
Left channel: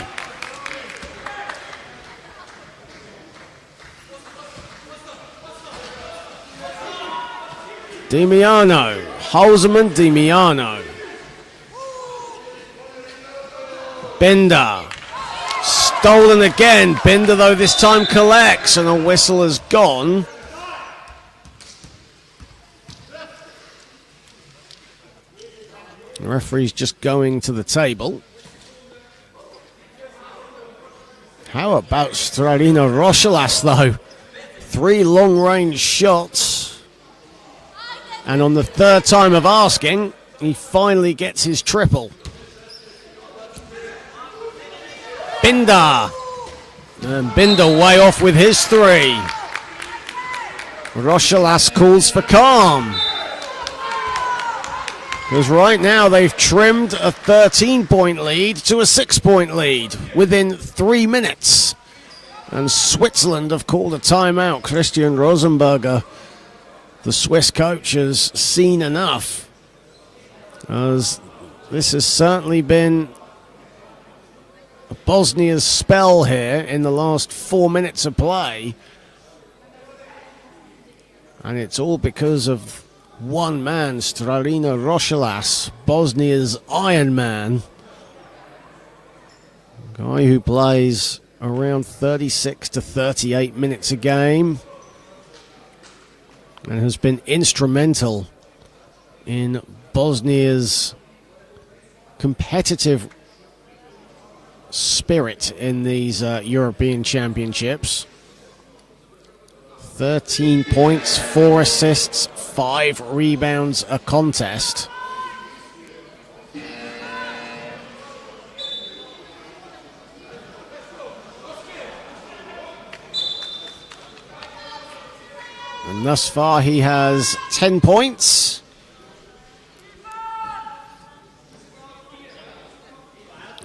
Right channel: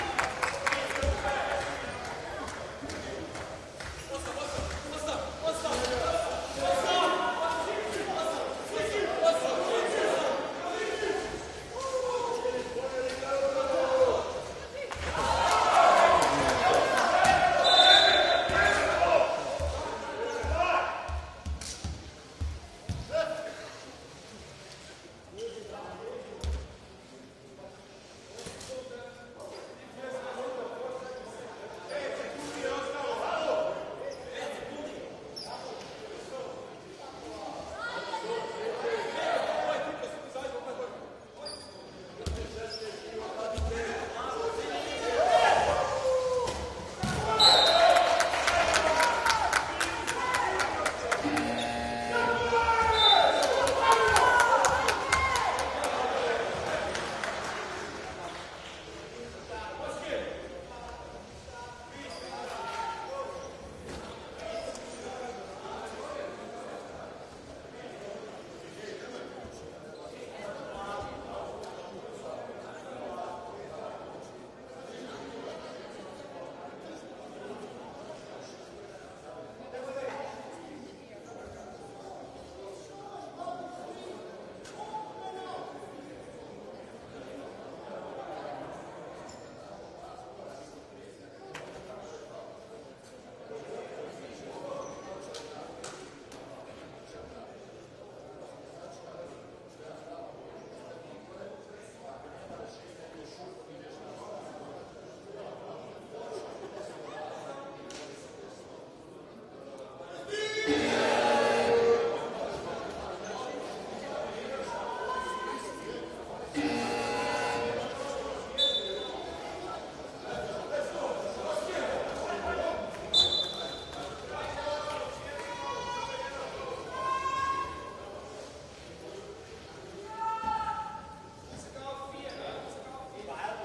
Dimiano, Holzman, Dimiano. Binder, stolen again. Binder, though, this time collects, and a whistle has gone. The referee's just going to the table. How about Strarina Rochelas, though? 3 long-range shots. And on the 3rd time of asking, he finally gets his triple. Binder. And Binder way off with his 3. Rochelas calls for calm. Because right now they've trimmed a 13-point lead to a 6-point lead within 3 minutes. And Switzerland have called a timeout. Christian Rosenberger, the Swiss coach, has seen enough, as this has certainly been Bosnia's spell here in the last 4 minutes of play. And it's all because of one man, Strarina Rochelas, Bosnia's Iron Man. Guy who plays around 36 to 38 minutes a game, and has been instrumental in Bosnia's competitive spirit in these European Championships. 13 points, 4 assists, 5 rebounds a contest. And thus far he has 10 points.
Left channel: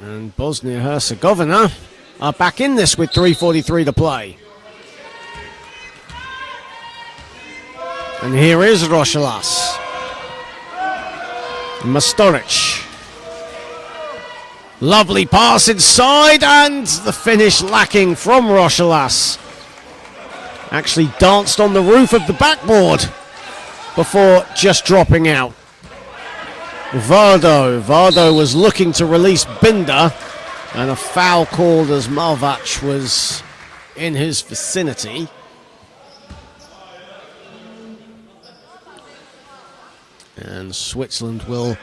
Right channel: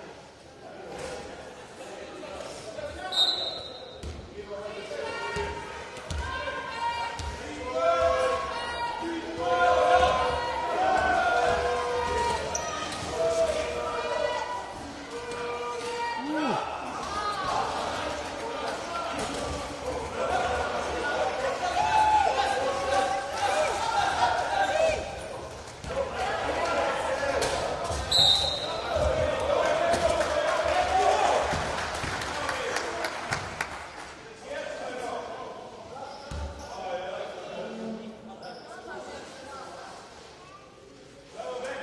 And Bosnia-Herzegovina are back in this with 3:43 to play. And here is Rochelas. Masturic. Lovely pass inside, and the finish lacking from Rochelas. Actually danced on the roof of the backboard before just dropping out. Vardo was looking to release Binder, and a foul called as Malvac was in his vicinity. And Switzerland will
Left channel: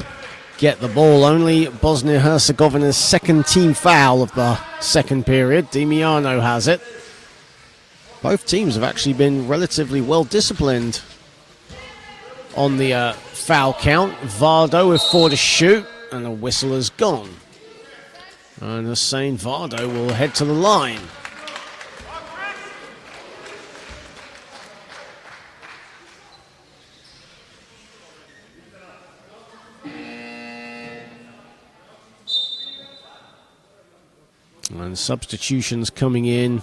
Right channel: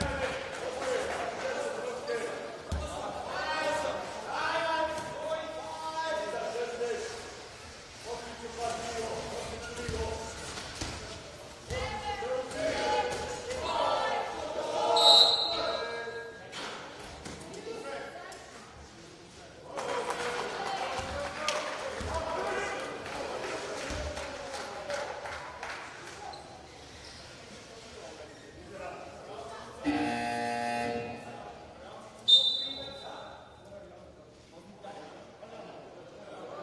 get the ball. Only Bosnia-Herzegovina's second team foul of the second period. Dimiano has it. Both teams have actually been relatively well disciplined on the foul count. Vardo with 4 to shoot, and the whistle is gone. And Hussein Vardo will head to the line. And substitutions coming in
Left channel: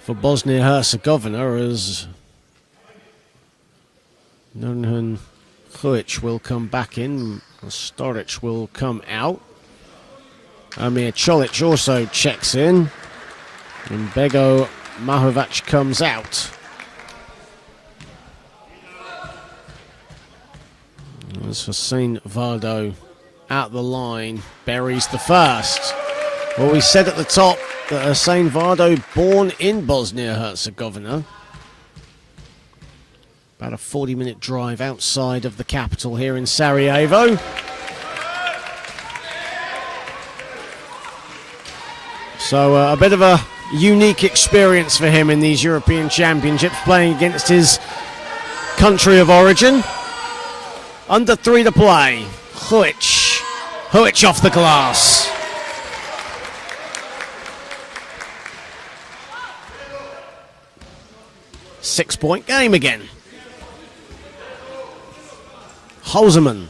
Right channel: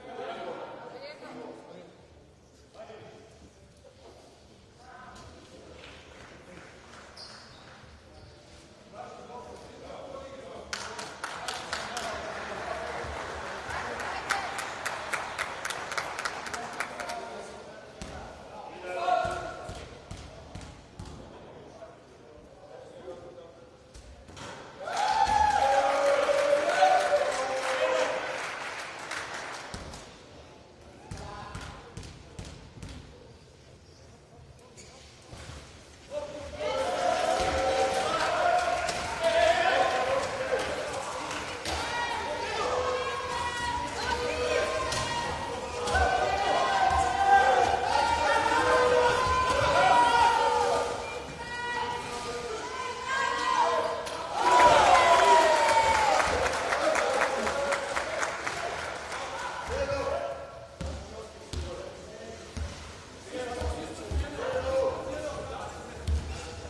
for Bosnia Herzegovina as Nurhan Huic will come back in, Storic will come out. Amir Cholic also checks in, and Bego Mahovac comes out. As Hussein Vardo at the line, buries the first. Well, we said at the top that Hussein Vardo, born in Bosnia-Herzegovina. About a 40-minute drive outside of the capital here in Sarajevo. So a bit of a unique experience for him in these European Championships, playing against his country of origin. Under 3 to play. Huic off the glass. Six-point game again. Halseman.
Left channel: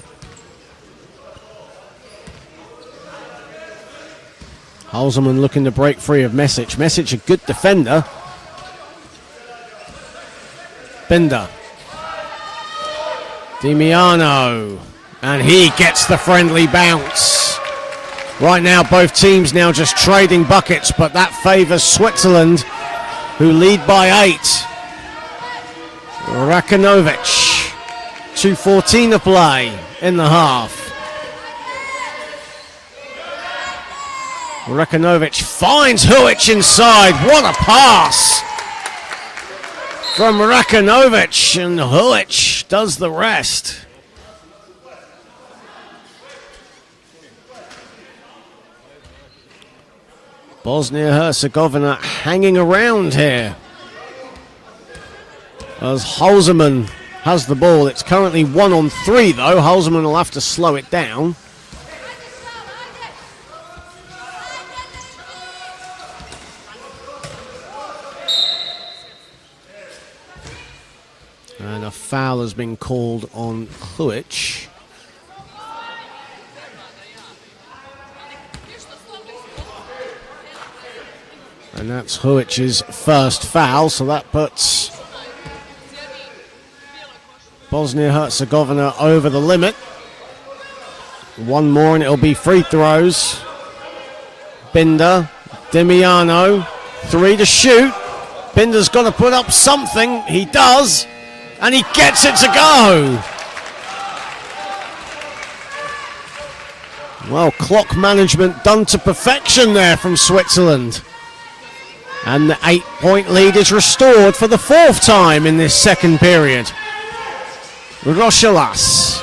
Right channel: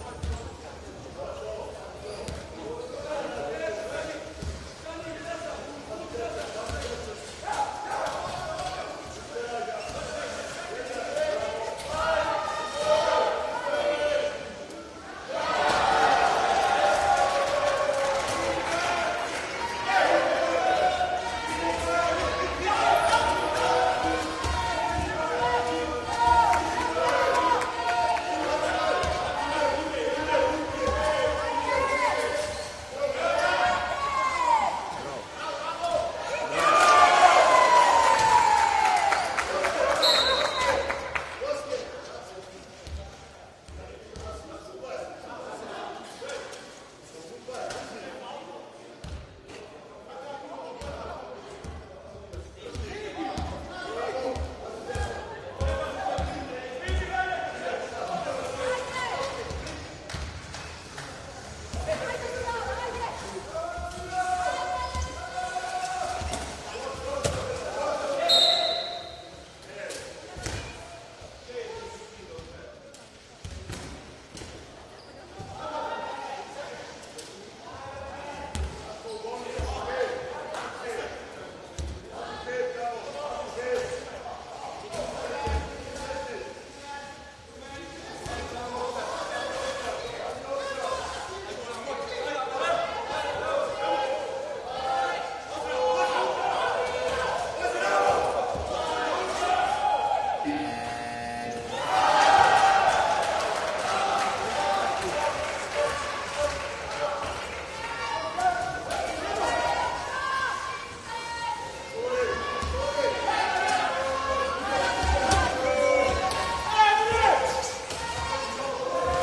Halseman looking to break free of Mesic. Mesic, a good defender. Binder. Dimiano. And he gets the friendly bounce. Right now, both teams now just trading buckets, but that favours Switzerland, who lead by 8. Rakanovic. 2:14 to play in the half. Rakanovic finds Huic inside. What a pass from Rakanovic, and Huic does the rest. Bosnia-Herzegovina hanging around here as Halseman has the ball. It's currently 1-on-3 though. Halseman will have to slow it down. And a foul has been called on Huic. And that's Huic's first foul, so that puts Bosnia-Herzegovina over the limit. One more and it'll be free throws. Binder, Dimiano, 3 to shoot. Binder's got to put up something. He does, and he gets it to go. Well, clock management done to perfection there from Switzerland. And the 8-point lead is restored for the 4th time in this second period. Rochelas.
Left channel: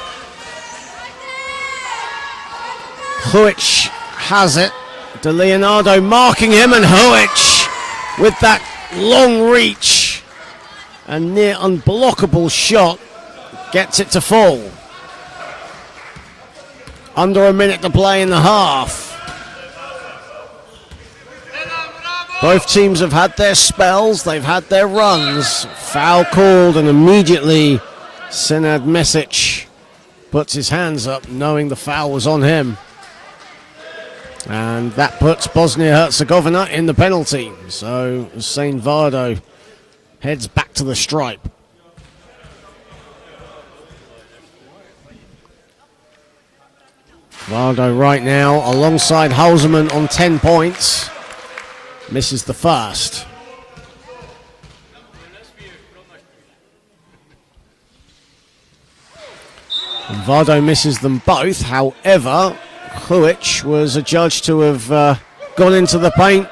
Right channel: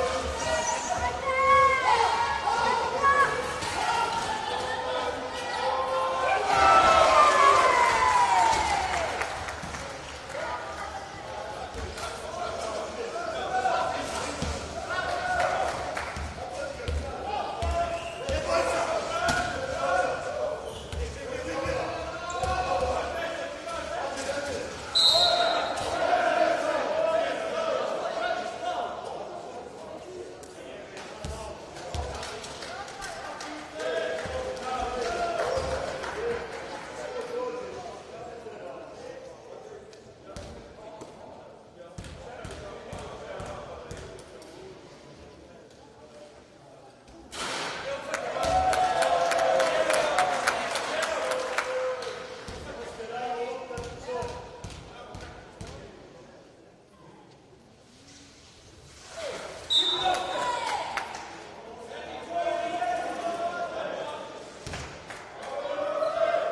Huic has it. De Leonardo marking him, and Huic with that long reach and near unblockable shot gets it to fall. Under a minute to play in the half. Both teams have had their spells, they've had their runs. Foul called, and immediately Senad Mesic puts his hands up knowing the foul was on him. And that puts Bosnia-Herzegovina in the penalty. So Hussein Vardo heads back to the stripe. Vardo right now alongside Halseman on 10 points. Misses the first. And Vardo misses them both. However, Huic was adjudged to have gone into the paint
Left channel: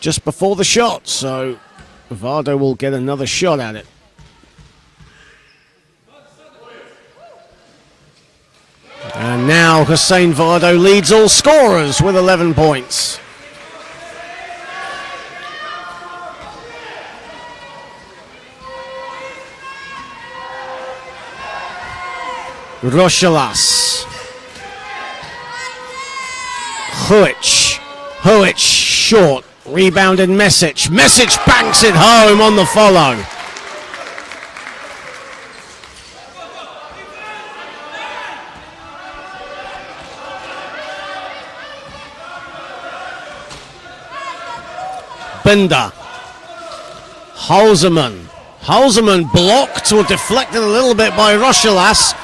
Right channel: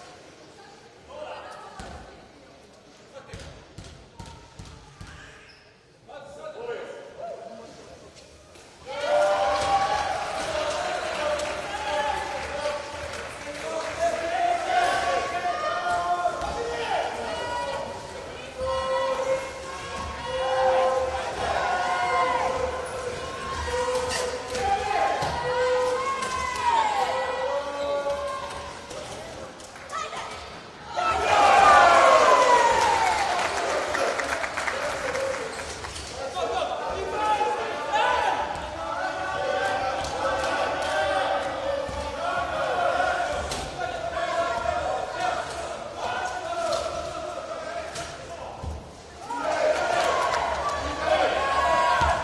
just before the shot, so Vardo will get another shot at it. And now Hussein Vardo leads all scorers with 11 points. Rochelas. Huic short. Rebounded Mesic. Mesic banks it home on the follow. Binder. Halseman blocked or deflected a little bit by Rochelas.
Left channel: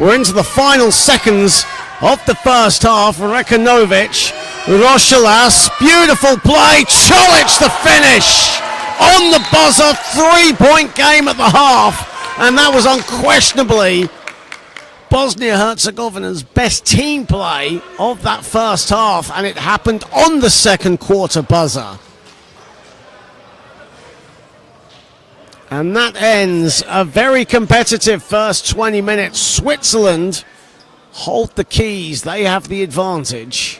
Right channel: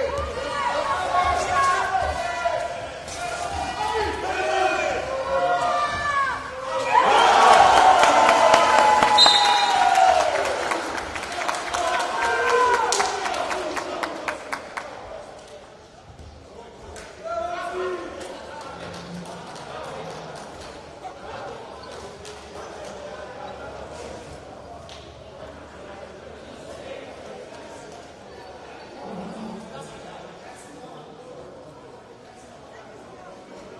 We're into the final seconds of the first half. Rekanovic, Rochelas, beautiful play. Cholic the finish on the buzzer. 3-point game at the half, and that was unquestionably Bosnia-Herzegovina's best team play of that first half, and it happened on the second quarter buzzer. And that ends a very competitive first 20 minutes. Switzerland hold the keys. They have the advantage.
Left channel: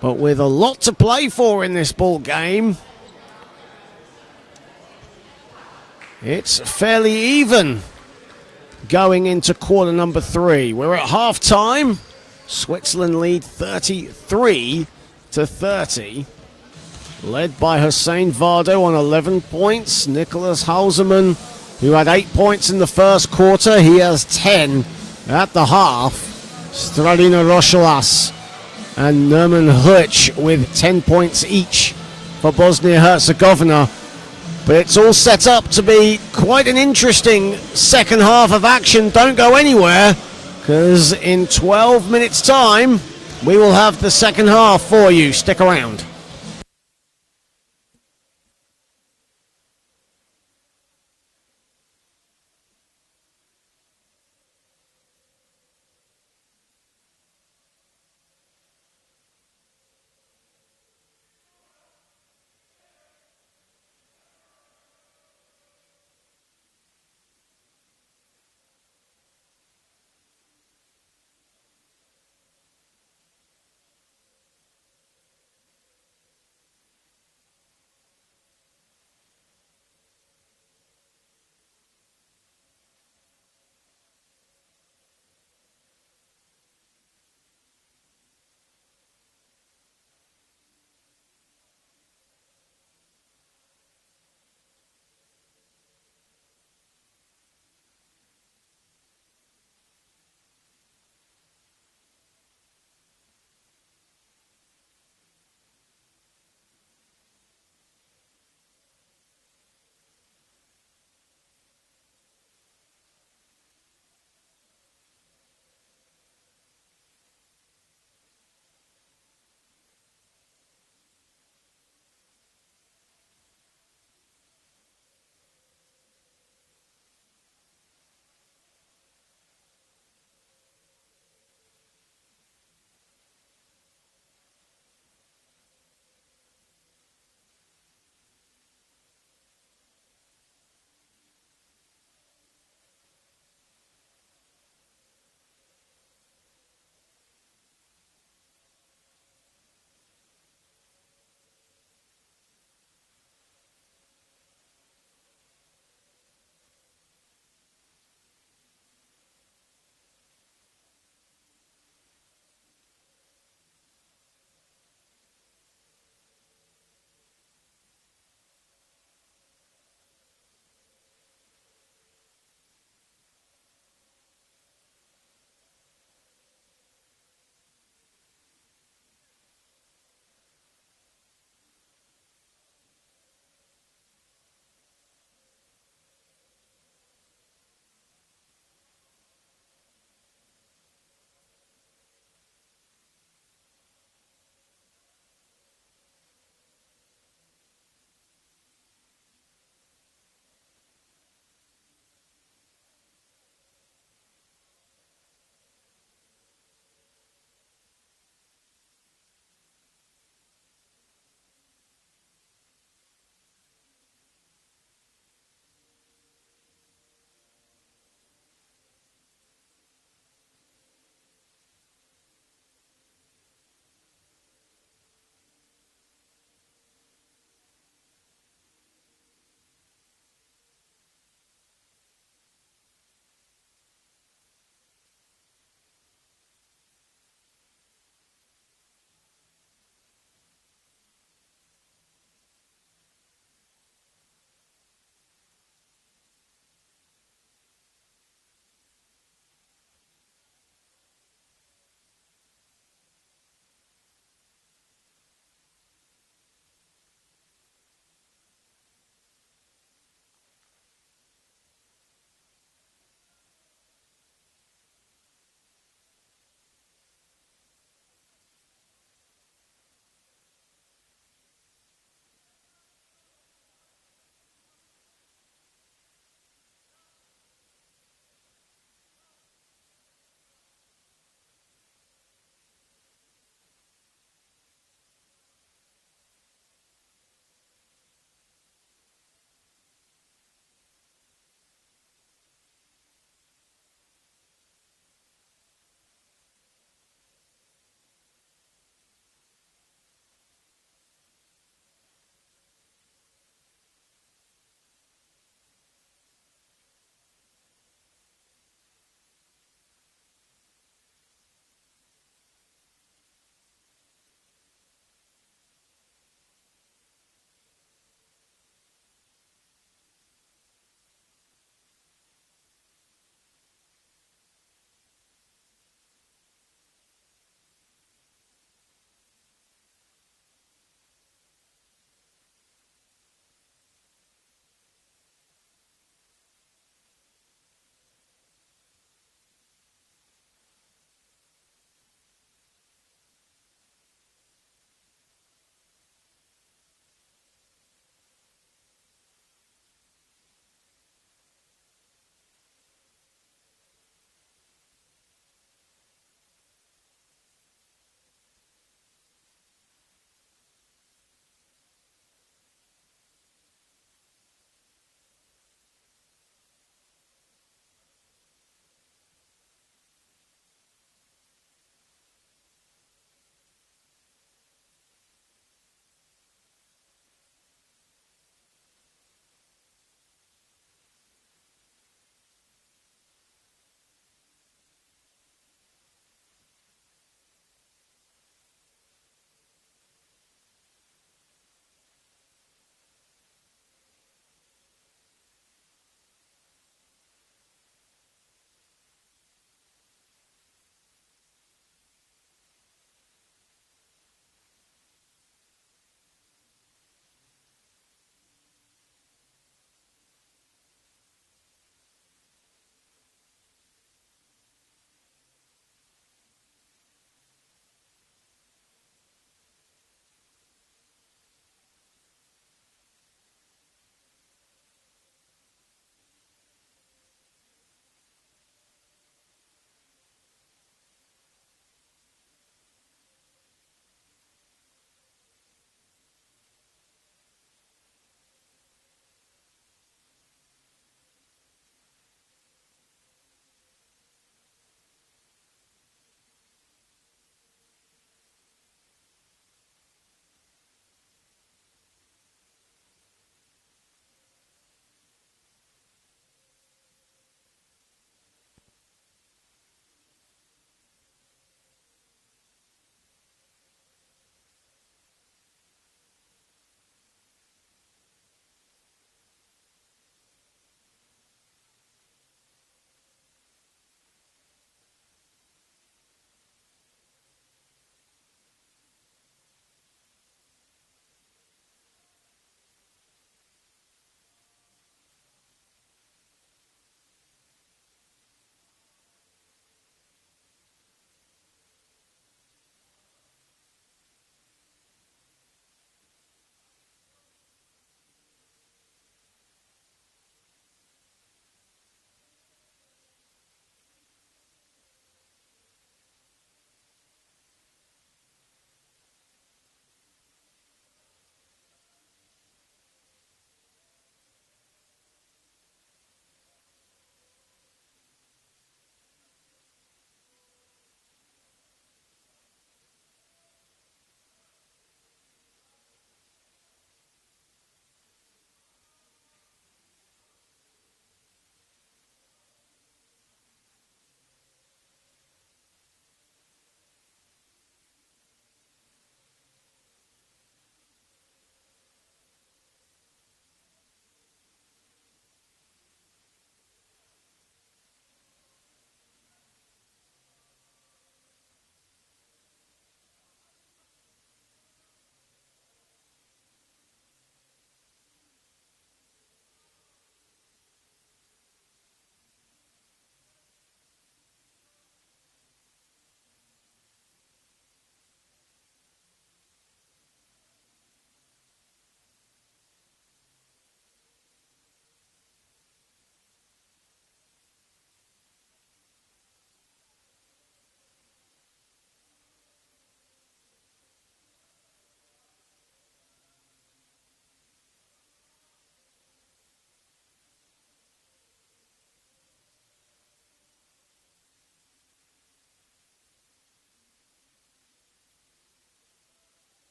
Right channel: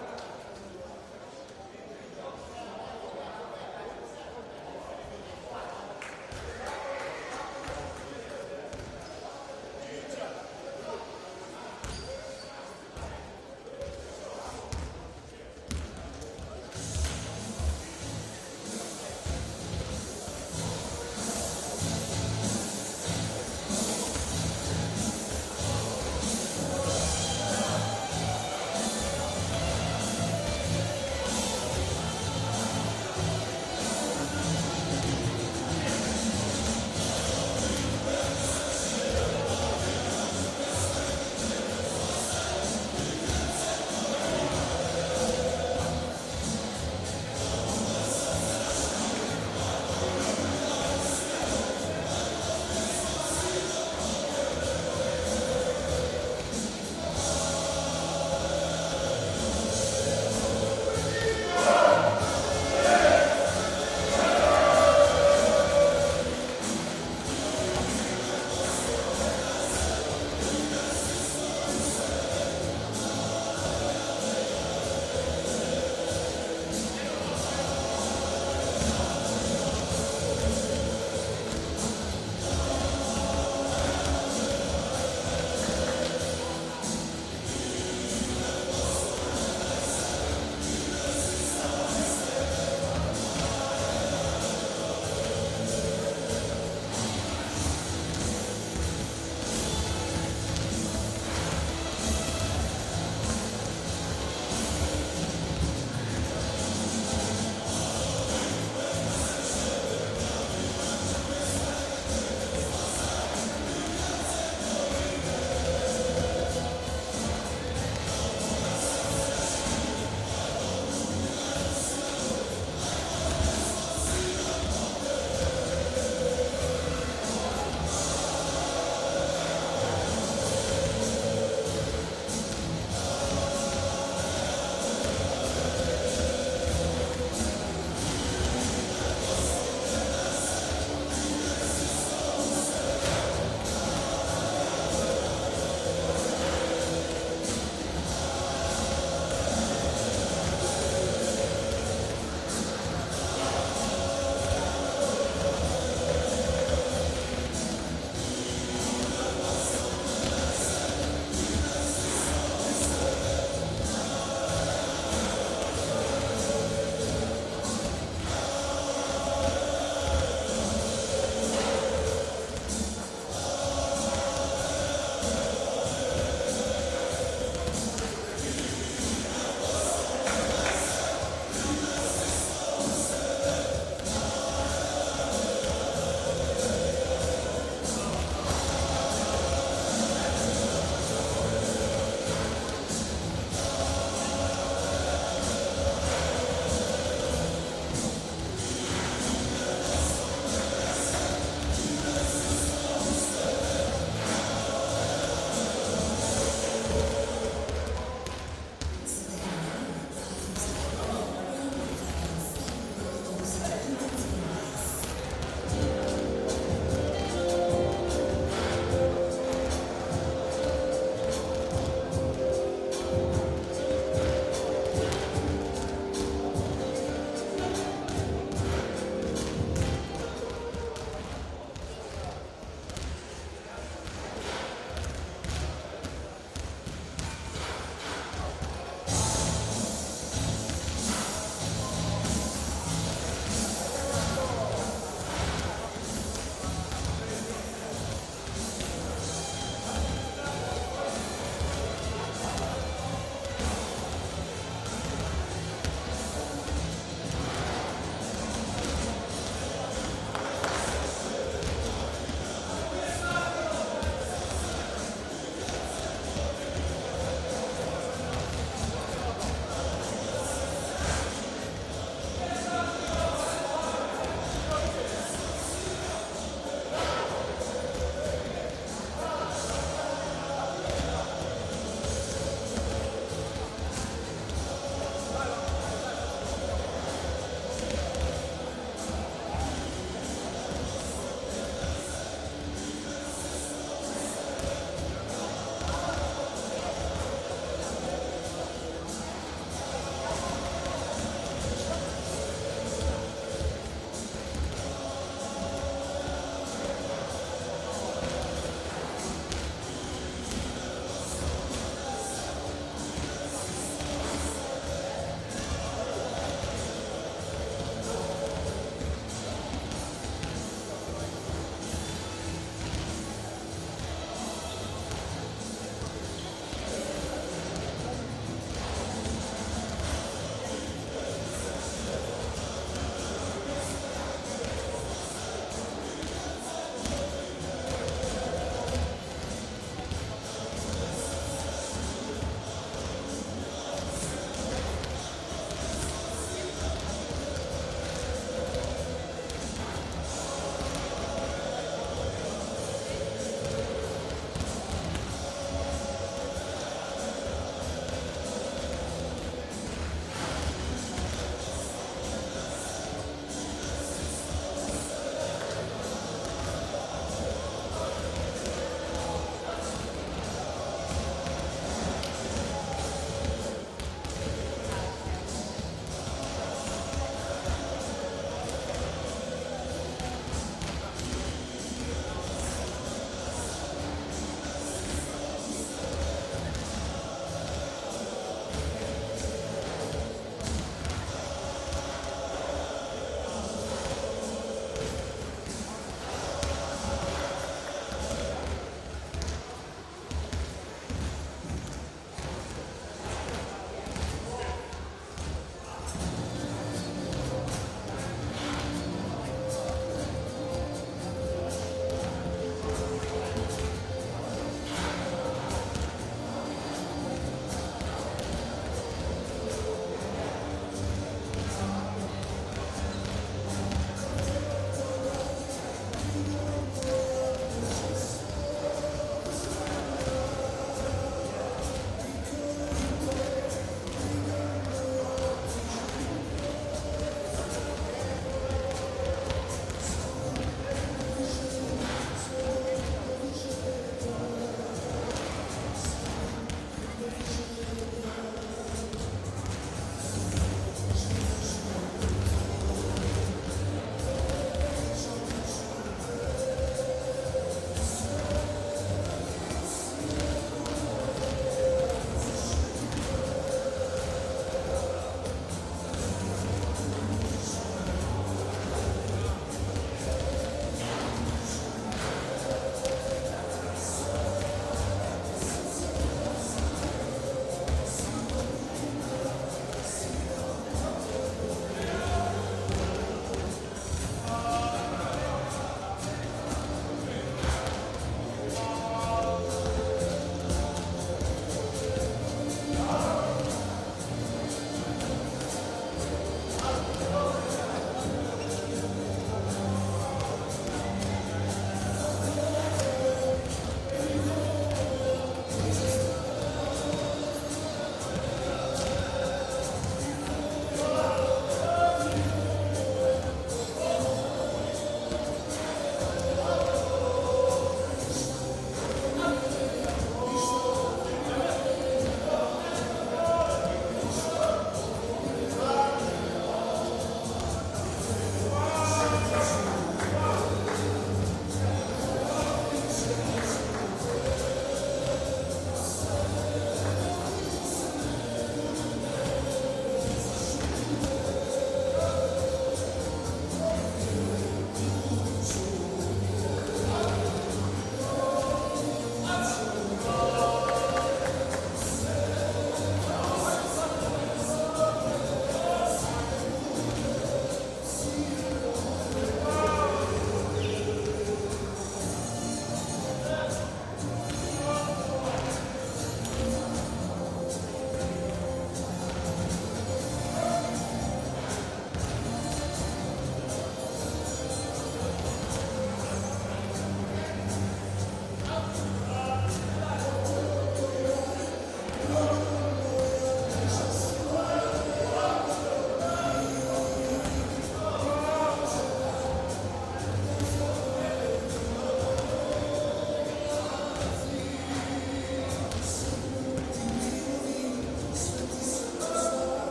But with a lot to play for in this ball game, it's fairly even going into quarter number 3. We're at half time. Switzerland lead 33-30. Led by Hussein Vardo on 11 points. Nicholas Halseman, who had 8 points in the first quarter, he has 10 at the half. Stradina Rochelas and Nerman Huch with 10 points each for Bosnia-Herzegovina. But it's all set up to be quite an interesting second half of action. Don't go anywhere, because in 12 minutes' time, we will have the second half for you. Stick around.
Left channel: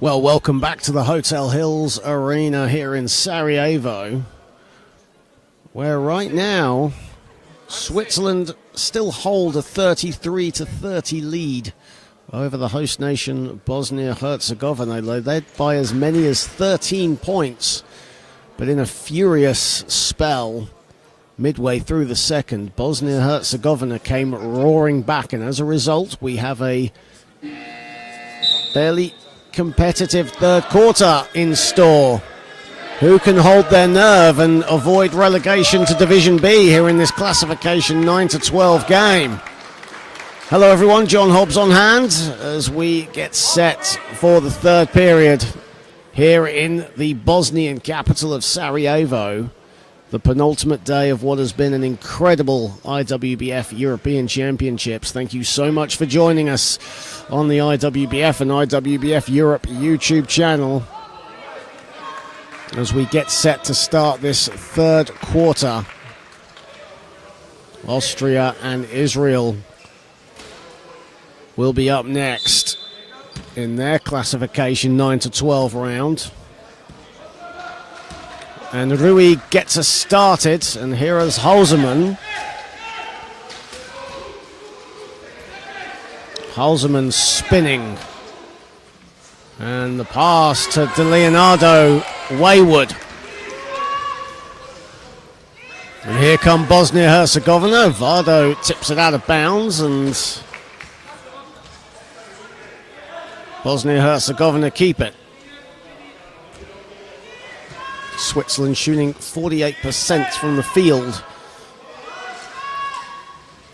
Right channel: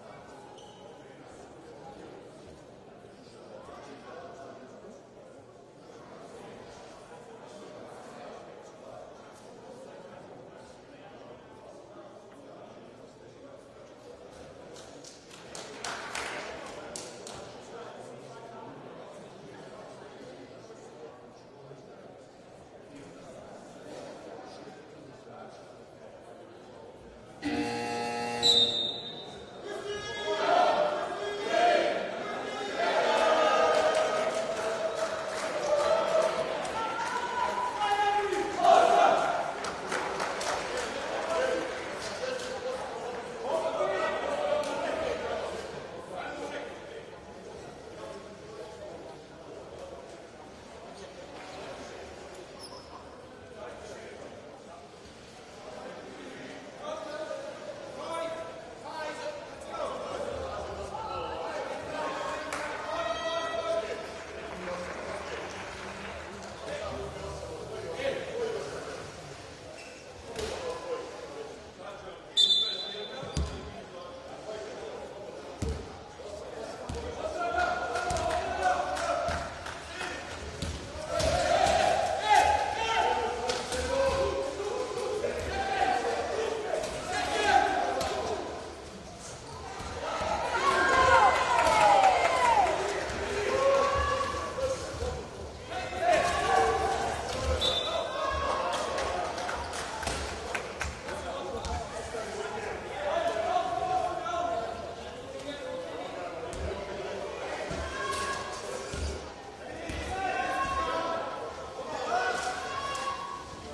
Well, welcome back to the Hotel Hills Arena here in Sarajevo, where right now Switzerland still hold a 33-30 lead over the host nation Bosnia Herzegovina. They led by as many as 13 points, but in a furious spell midway through the second, Bosnia Herzegovina came roaring back, and as a result we have a fairly competitive third quarter in store. Who can hold their nerve and avoid relegation to Division B here in this classification 9-12 game? Hello everyone, John Hobbs on hand as we get set for the third period here in the Bosnian capital of Sarajevo. The penultimate day of what has been an incredible IWBF European Championships. Thank you so much for joining us on the IWBF and IWBF Europe YouTube channel as we get set to start this third quarter. Austria and Israel will be up next in their classification 9-12 round. And Rui gets us started, and here is Halseman. Halseman spinning. And the pass to De Leonardo, wayward. And here come Bosnia-Herzegovina. Vardo tips it out of bounds, and Bosnia-Herzegovina keep it. Switzerland shooting 48% from the field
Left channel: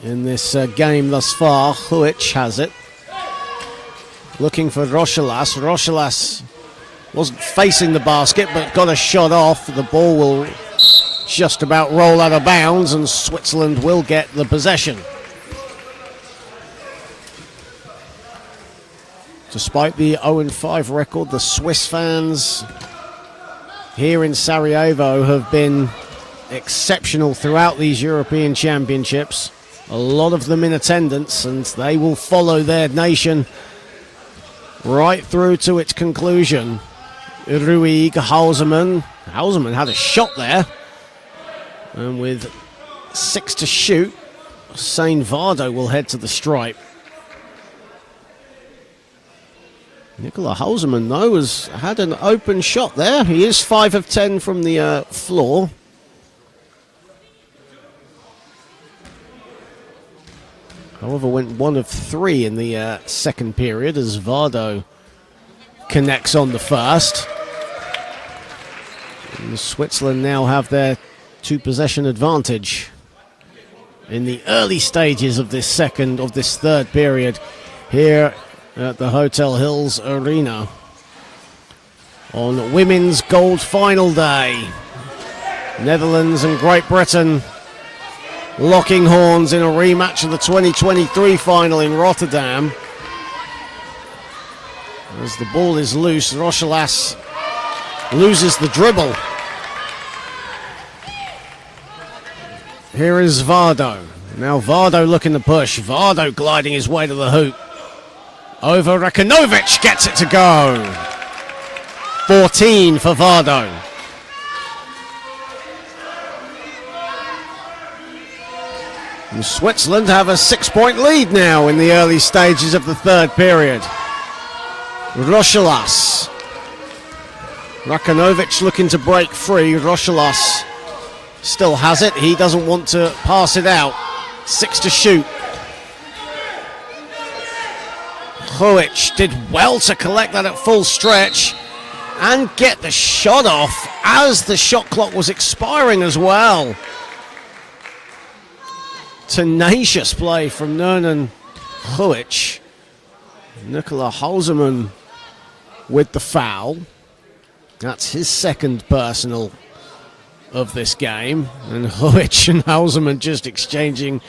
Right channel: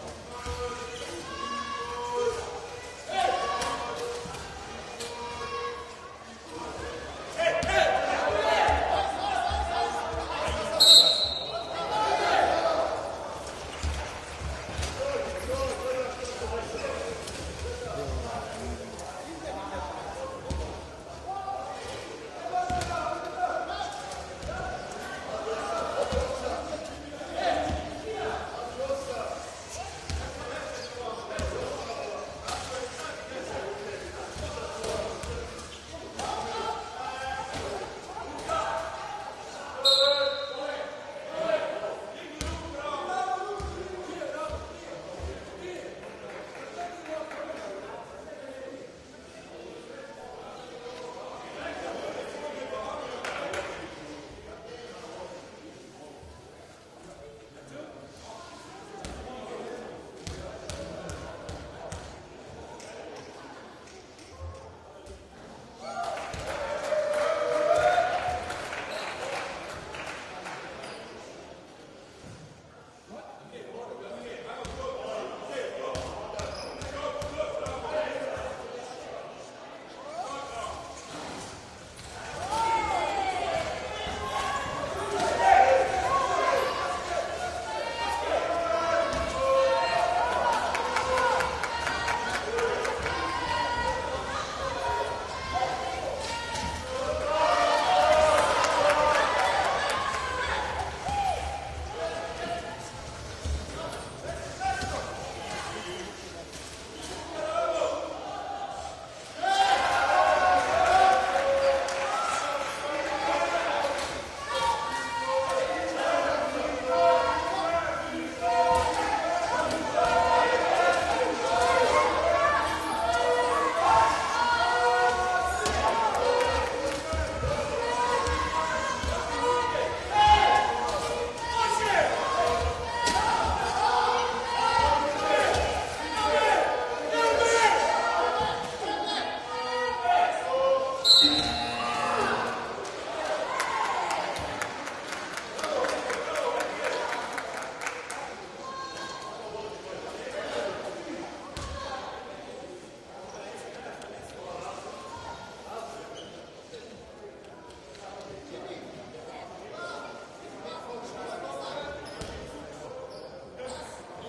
in this game thus far. Huic has it. Looking for Rochelas. Rochelas wasn't facing the basket but got a shot off. The ball will just about roll out of bounds and Switzerland will get the possession. Despite the 0-5 record, the Swiss fans here in Sarajevo have been exceptional throughout these European Championships. A lot of them in attendance, and they will follow their nation right through to its conclusion. Ruig, Halseman. Halseman had a shot there. And with 6 to shoot, Sain Vardo will head to the stripe. Nikola Halseman, though, has had an open shot there. He is 5 of 10 from the floor. However, went 1 of 3 in the second period as Vardo connects on the first. And Switzerland now have their 2-possession advantage in the early stages of this third period here at the Hotel Hills Arena on Women's Gold Final Day. Netherlands and Great Britain locking horns in a rematch of the 2023 final in Rotterdam. As the ball is loose, Rochelas loses the dribble. Here is Vardo. Now Vardo looking to push. Vardo gliding his way to the hoop. Over Rakanovic, gets it to go. 14 for Vardo. And Switzerland have a 6-point lead now in the early stages of the third period. Rochelas. Rakanovic looking to break free. Rochelas still has it. He doesn't want to pass it out. 6 to shoot. Huic did well to collect that at full stretch and get the shot off as the shot clock was expiring as well. Tenacious play from Nernan Huic. Nikola Halseman with the foul. That's his second personal of this game. And Huic and Halseman just exchanging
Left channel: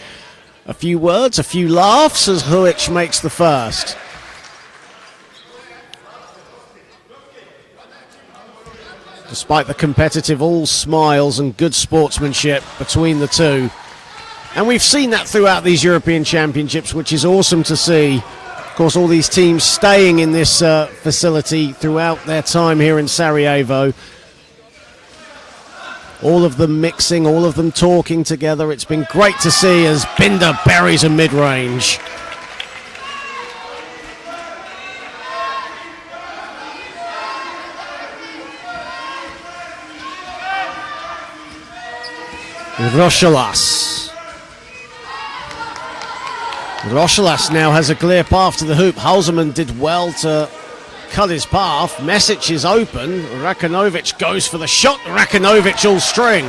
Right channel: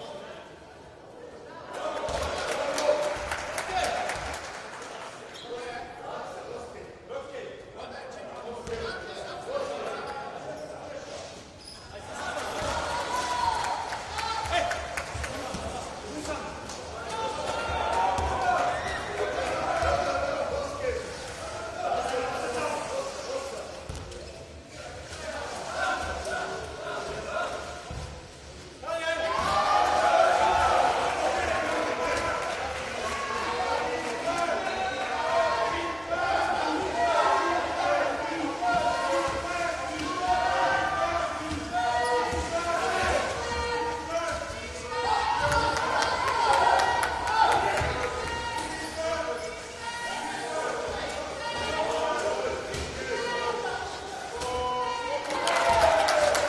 a few words, a few laughs as Huic makes the first. Despite the competitive all smiles and good sportsmanship between the two. And we've seen that throughout these European Championships, which is awesome to see. Of course, all these teams staying in this facility throughout their time here in Sarajevo. All of them mixing, all of them talking together. It's been great to see as Binder buries a mid-range. Rochelas now has a clear path to the hoop. Halseman did well to cut his path. Mesic is open. Rakanovic goes for the shot. Rakanovic all string.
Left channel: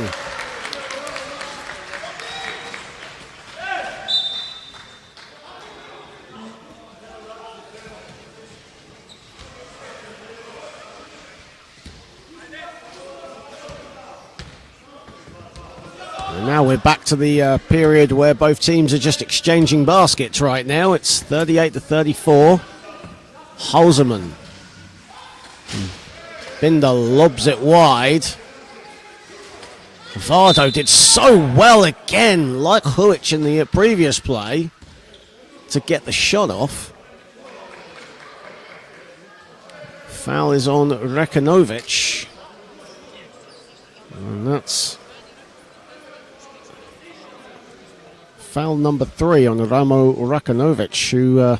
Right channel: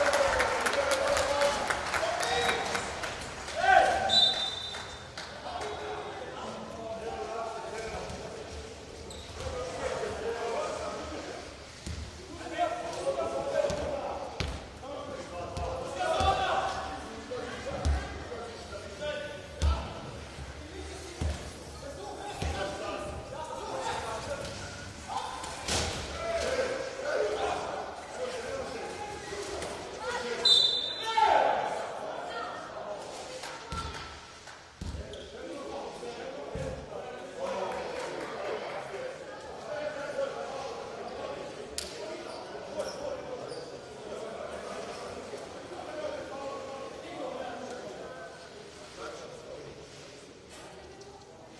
Now we're back to the period where both teams are just exchanging baskets right now. It's 38-34. Halseman. Binder lobs it wide. Vardo did so well again, like Huic in the previous play, to get the shot off. Foul is on Rakanovic. And that's foul number 3 on Ramo Rakanovic, who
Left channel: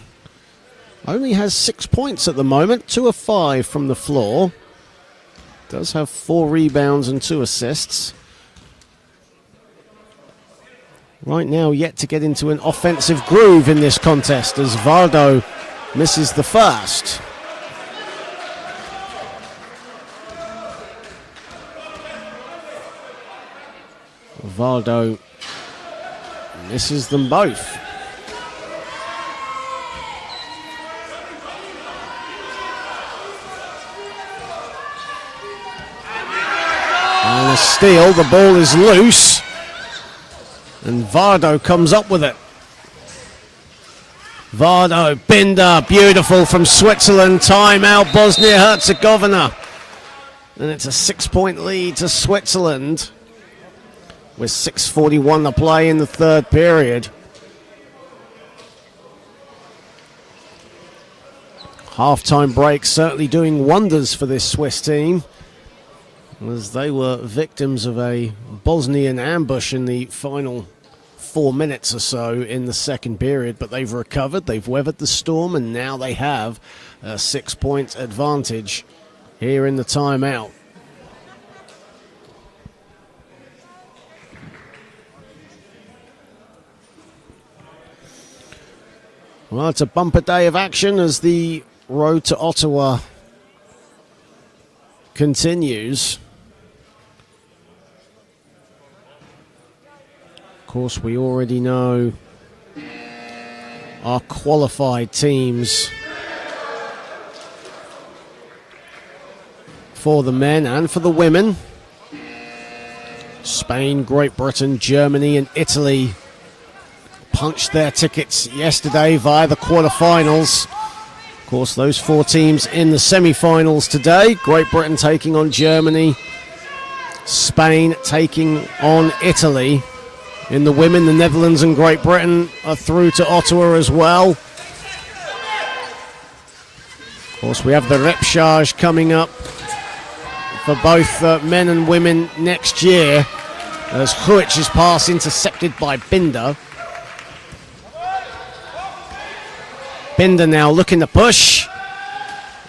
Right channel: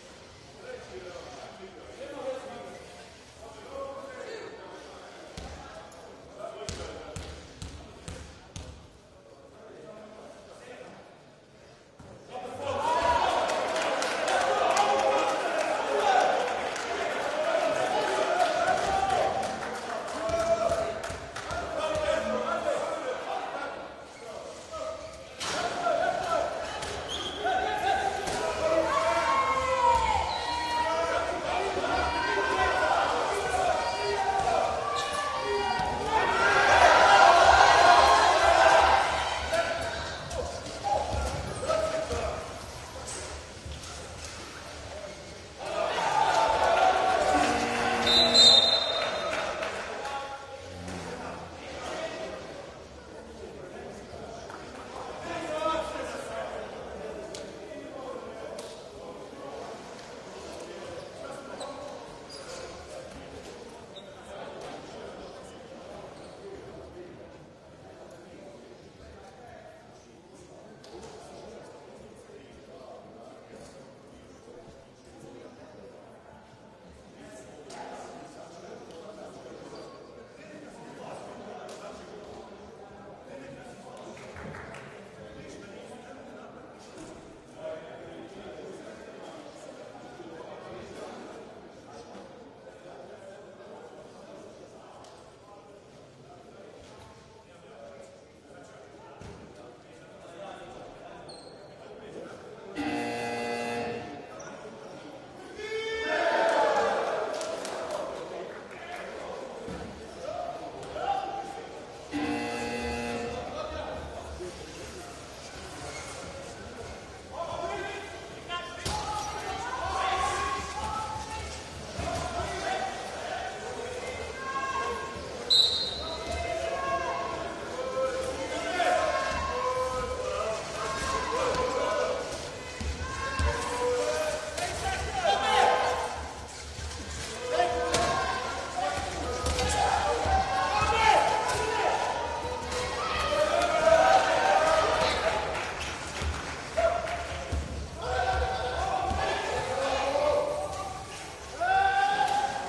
only has 6 points at the moment, 2 of 5 from the floor. Does have 4 rebounds and 2 assists. Right now, yet to get into an offensive groove in this contest as Vardo misses the first. Vardo misses them both. And a steal, the ball is loose. And Vardo comes up with it. Vardo, Binder, beautiful from Switzerland. Timeout, Bosnia Herzegovina. And it's a 6-point lead to Switzerland, with 6:41 to play in the third period. Half-time break certainly doing wonders for this Swiss team, as they were victims of a Bosnian ambush in the final 4 minutes or so in the second period, but they've recovered, they've weathered the storm, and now they have a 6-point advantage here in the timeout. Well, it's a bumper day of action as the road to Ottawa continues. Of course, we already know our qualified teams for the men and for the women. Spain, Great Britain, Germany and Italy punched their tickets yesterday via the quarterfinals. Of course, those 4 teams in the semi-finals today. Great Britain taking on Germany. Spain taking on Italy. In the women, the Netherlands and Great Britain are through to Ottawa as well. Of course, we have the repechage coming up for both men and women next year, as Huic's pass intercepted by Binder. Binder now looking to push,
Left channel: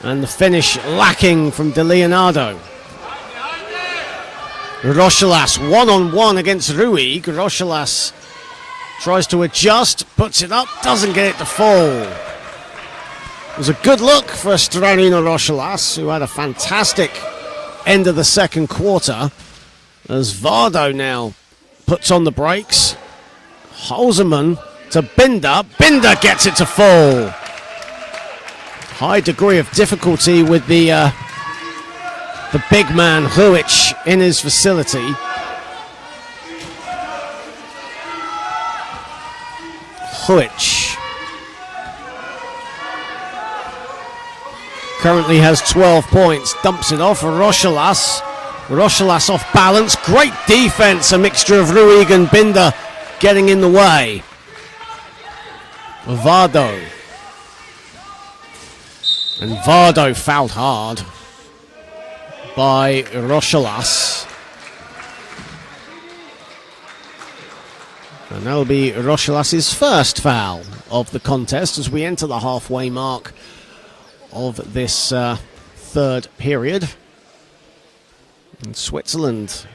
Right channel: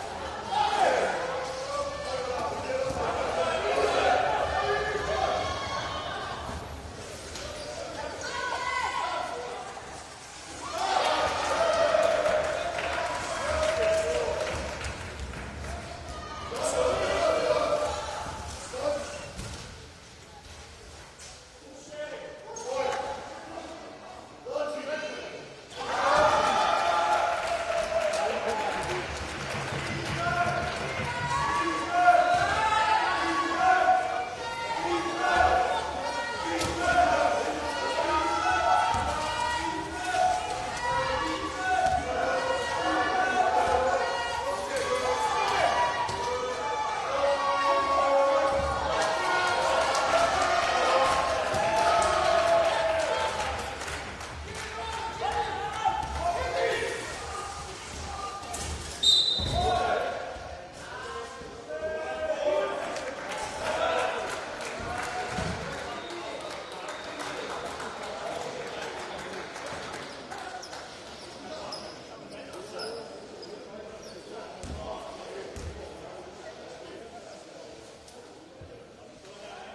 and the finish lacking from De Leonardo. Rochelas one-on-one against Ruig. Rochelas tries to adjust, puts it up, doesn't get it to fall. It was a good look for Stranino Rochelas, who had a fantastic end of the second quarter, as Vardo now puts on the brakes. Halseman to Binder. Binder gets it to fall. High degree of difficulty with the big man Huic in his facility. Huic currently has 12 points, dumps it off. Rochelas. Rochelas off balance. Great defense, a mixture of Ruig and Binder getting in the way. Vardo. And Vardo fouled hard by Rochelas. And that'll be Rochelas' first foul of the contest as we enter the halfway mark of this third period. And Switzerland,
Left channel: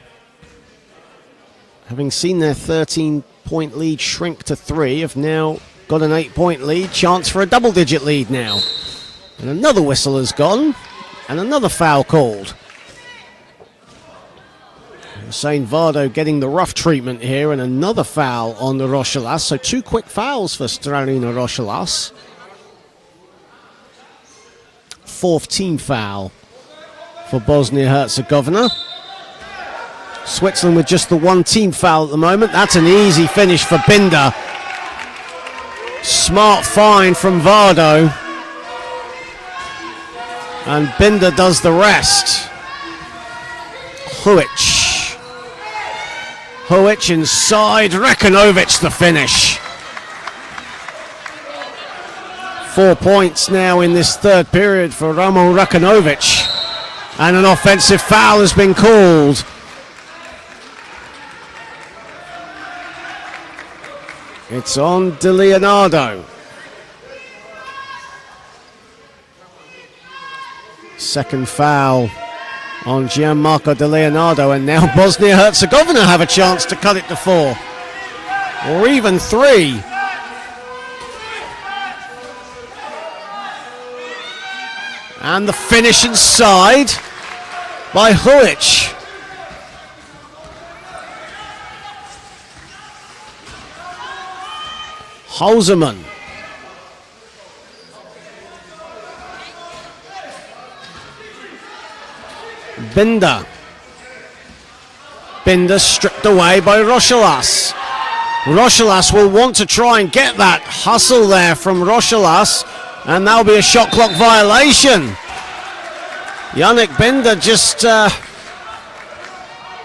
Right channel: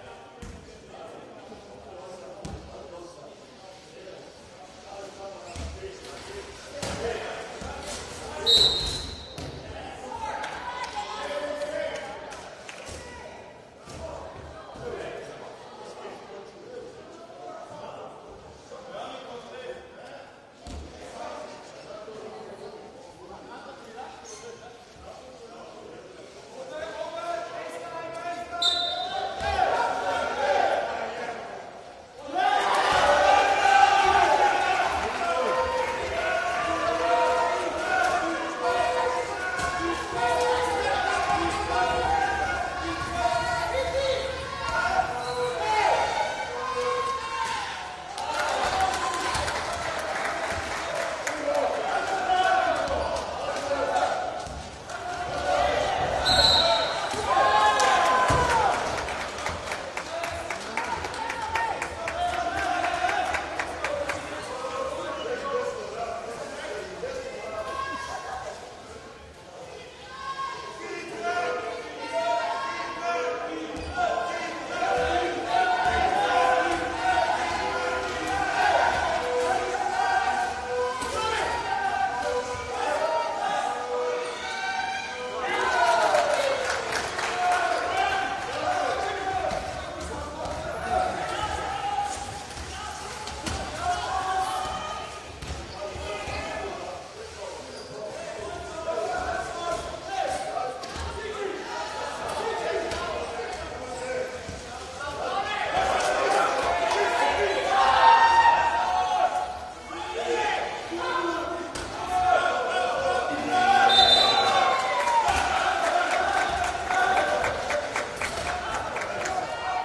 having seen their 13-point lead shrink to 3, have now got an 8-point lead, chance for a double-digit lead now. And another whistle has gone, and another foul called. Hussein Vardo getting the rough treatment here, and another foul on the Rochelas. So 2 quick fouls for Strarina Rochelas. 4th team foul for Bosnia Herzegovina. Switzerland with just the 1 team foul at the moment. That's an easy finish for Binder. Smart find from Vardo. And Binder does the rest. Huic inside, Rekanovic the finish. 4 points now in this third period for Ramo Rekanovic. And an offensive foul has been called. It's on De Leonardo. Second foul on Gianmarco De Leonardo, and now Bosnia-Herzegovina have a chance to cut it to 4. Or even 3. And the finish inside by Huic. Hausermann. Binder stripped away by Rochelas. Rochelas will want to try and get that hustle there from Rochelas, and that'll be a shot clock violation. Yannick Binder just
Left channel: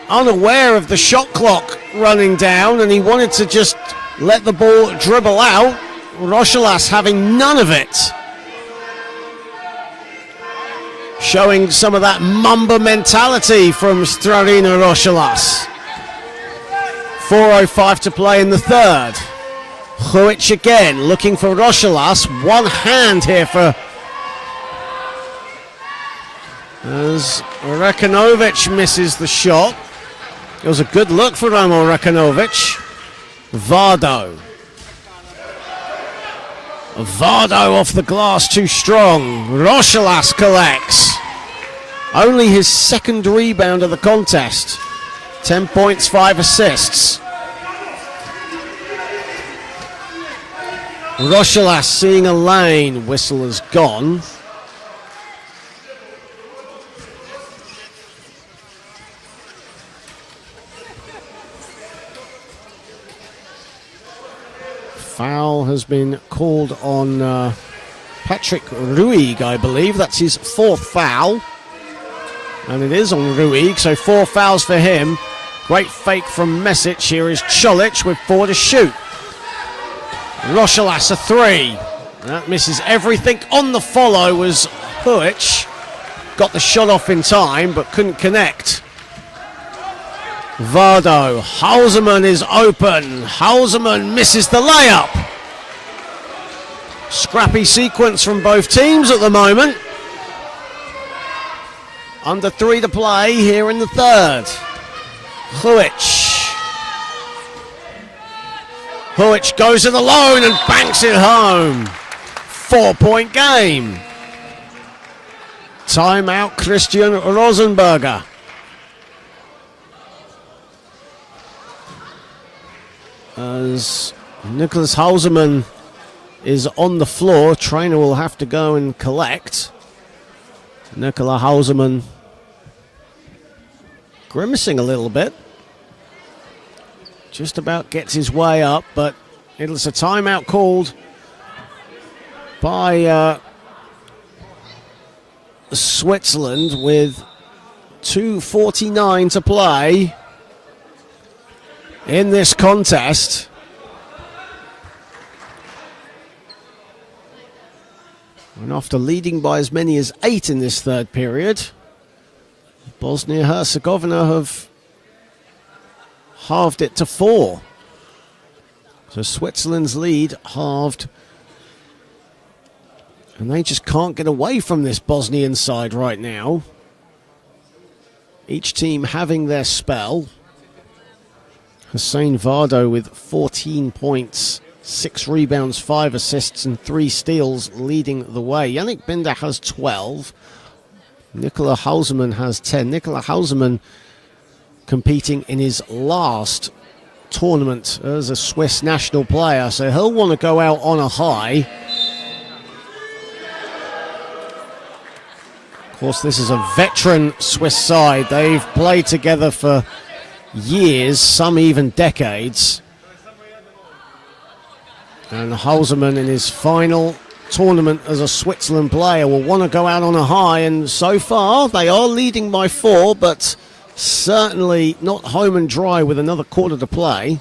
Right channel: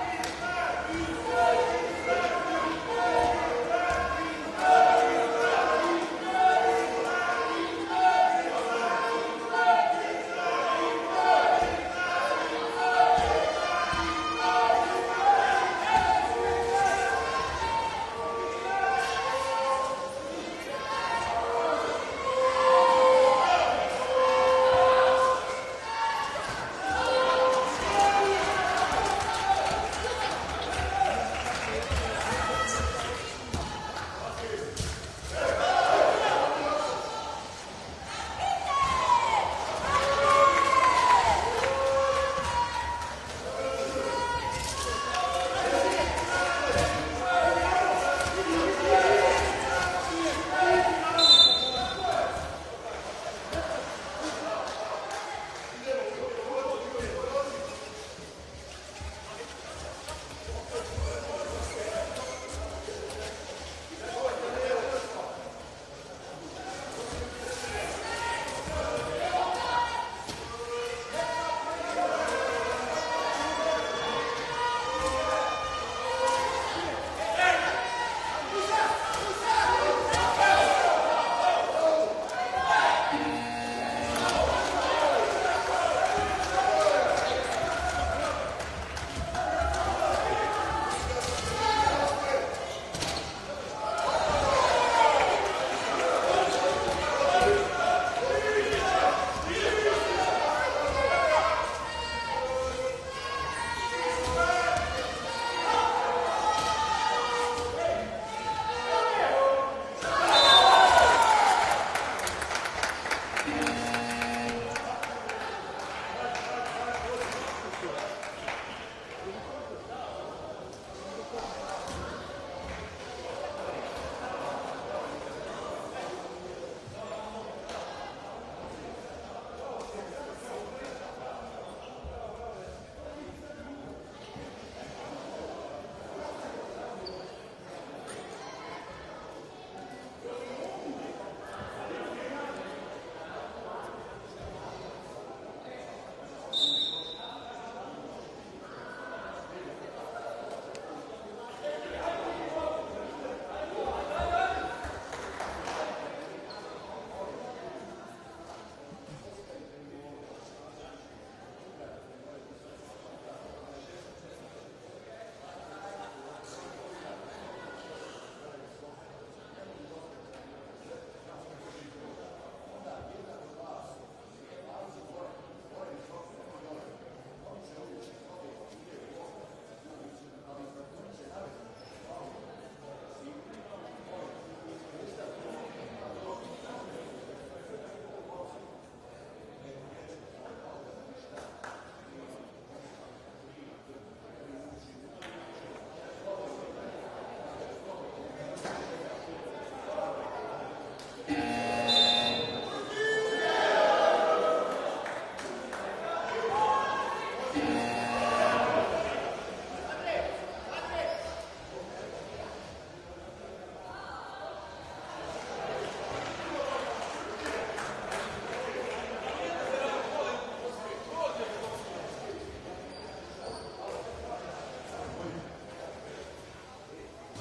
unaware of the shot clock running down, and he wanted to just let the ball dribble out. Rochelas having none of it. Showing some of that Mamba mentality from Strarina Rochelas. 4:05 to play in the third. Huic again looking for Rochelas. One hand here for as Rekanovic misses the shot. It was a good look for Ramo Rekanovic. Vardo off the glass, too strong. Rochelas collects. Only his second rebound of the contest. 10 points, 5 assists. Rochelas seeing a lane. Whistle has gone. Foul has been called on Patrick Ruig, I believe. That's his 4th foul. And it is on Ruig, so 4 fouls for him. Great fake from Mesic. Here is Colic with 4 to shoot. Rochelas a 3. That misses everything. On the follow was Huic. Got the shot off in time, but couldn't connect. Vardo. Hausermann is open. Hausermann misses the layup. Scrappy sequence from both teams at the moment. Under 3 to play here in the third. Huic goes it alone and banks it home. 4-point game. Timeout, Christian Rosenberger. As Nicholas Hausermann is on the floor, trainer will have to go and collect. Nikola Hausermann grimacing a little bit. Just about gets his way up, but it's a timeout called by Switzerland with 2:49 to play in this contest. And after leading by as many as 8 in this third period, Bosnia Herzegovina have halved it to 4. So Switzerland's lead halved. And they just can't get away from this Bosnian side right now. Each team having their spell. Hussein Vardo with 14 points, 6 rebounds, 5 assists and 3 steals leading the way. Yannick Binder has 12. Nikola Hausermann has 10. Nikola Hausermann competing in his last tournament as a Swiss national player, so he'll want to go out on a high. Of course, this is a veteran Swiss side. They've played together for years, some even decades. And Hausermann in his final tournament as a Switzerland player will want to go out on a high, and so far they are leading by 4, but certainly not home and dry with another quarter to play.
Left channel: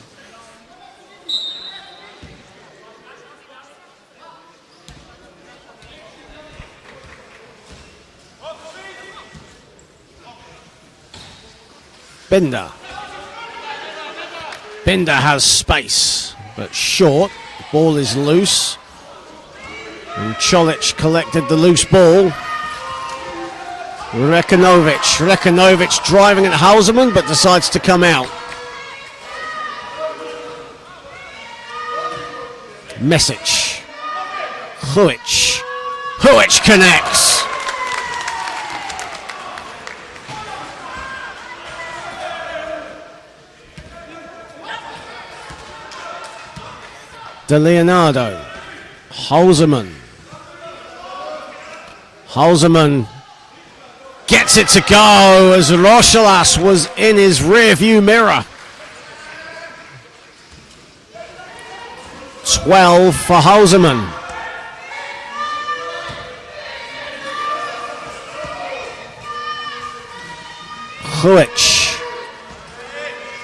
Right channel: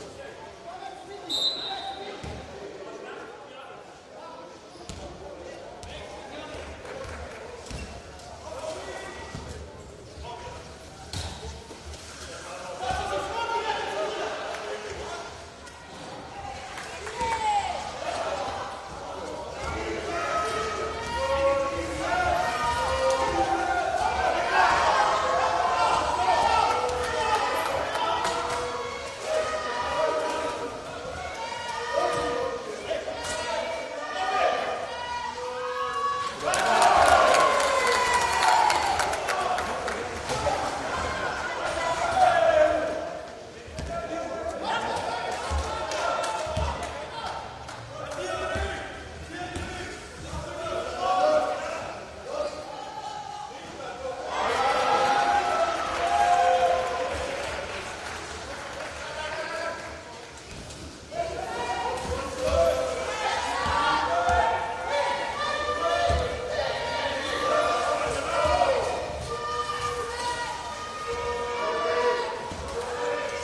Binder has space, but short. Ball is loose. And Čolić collected the loose ball. Rekanovic driving at Hausermann, but decides to come out. Mesic. Huic connects. De Leonardo. Hausermann gets it to go as Rochelas was in his rear view mirror. 12 for Hausermann.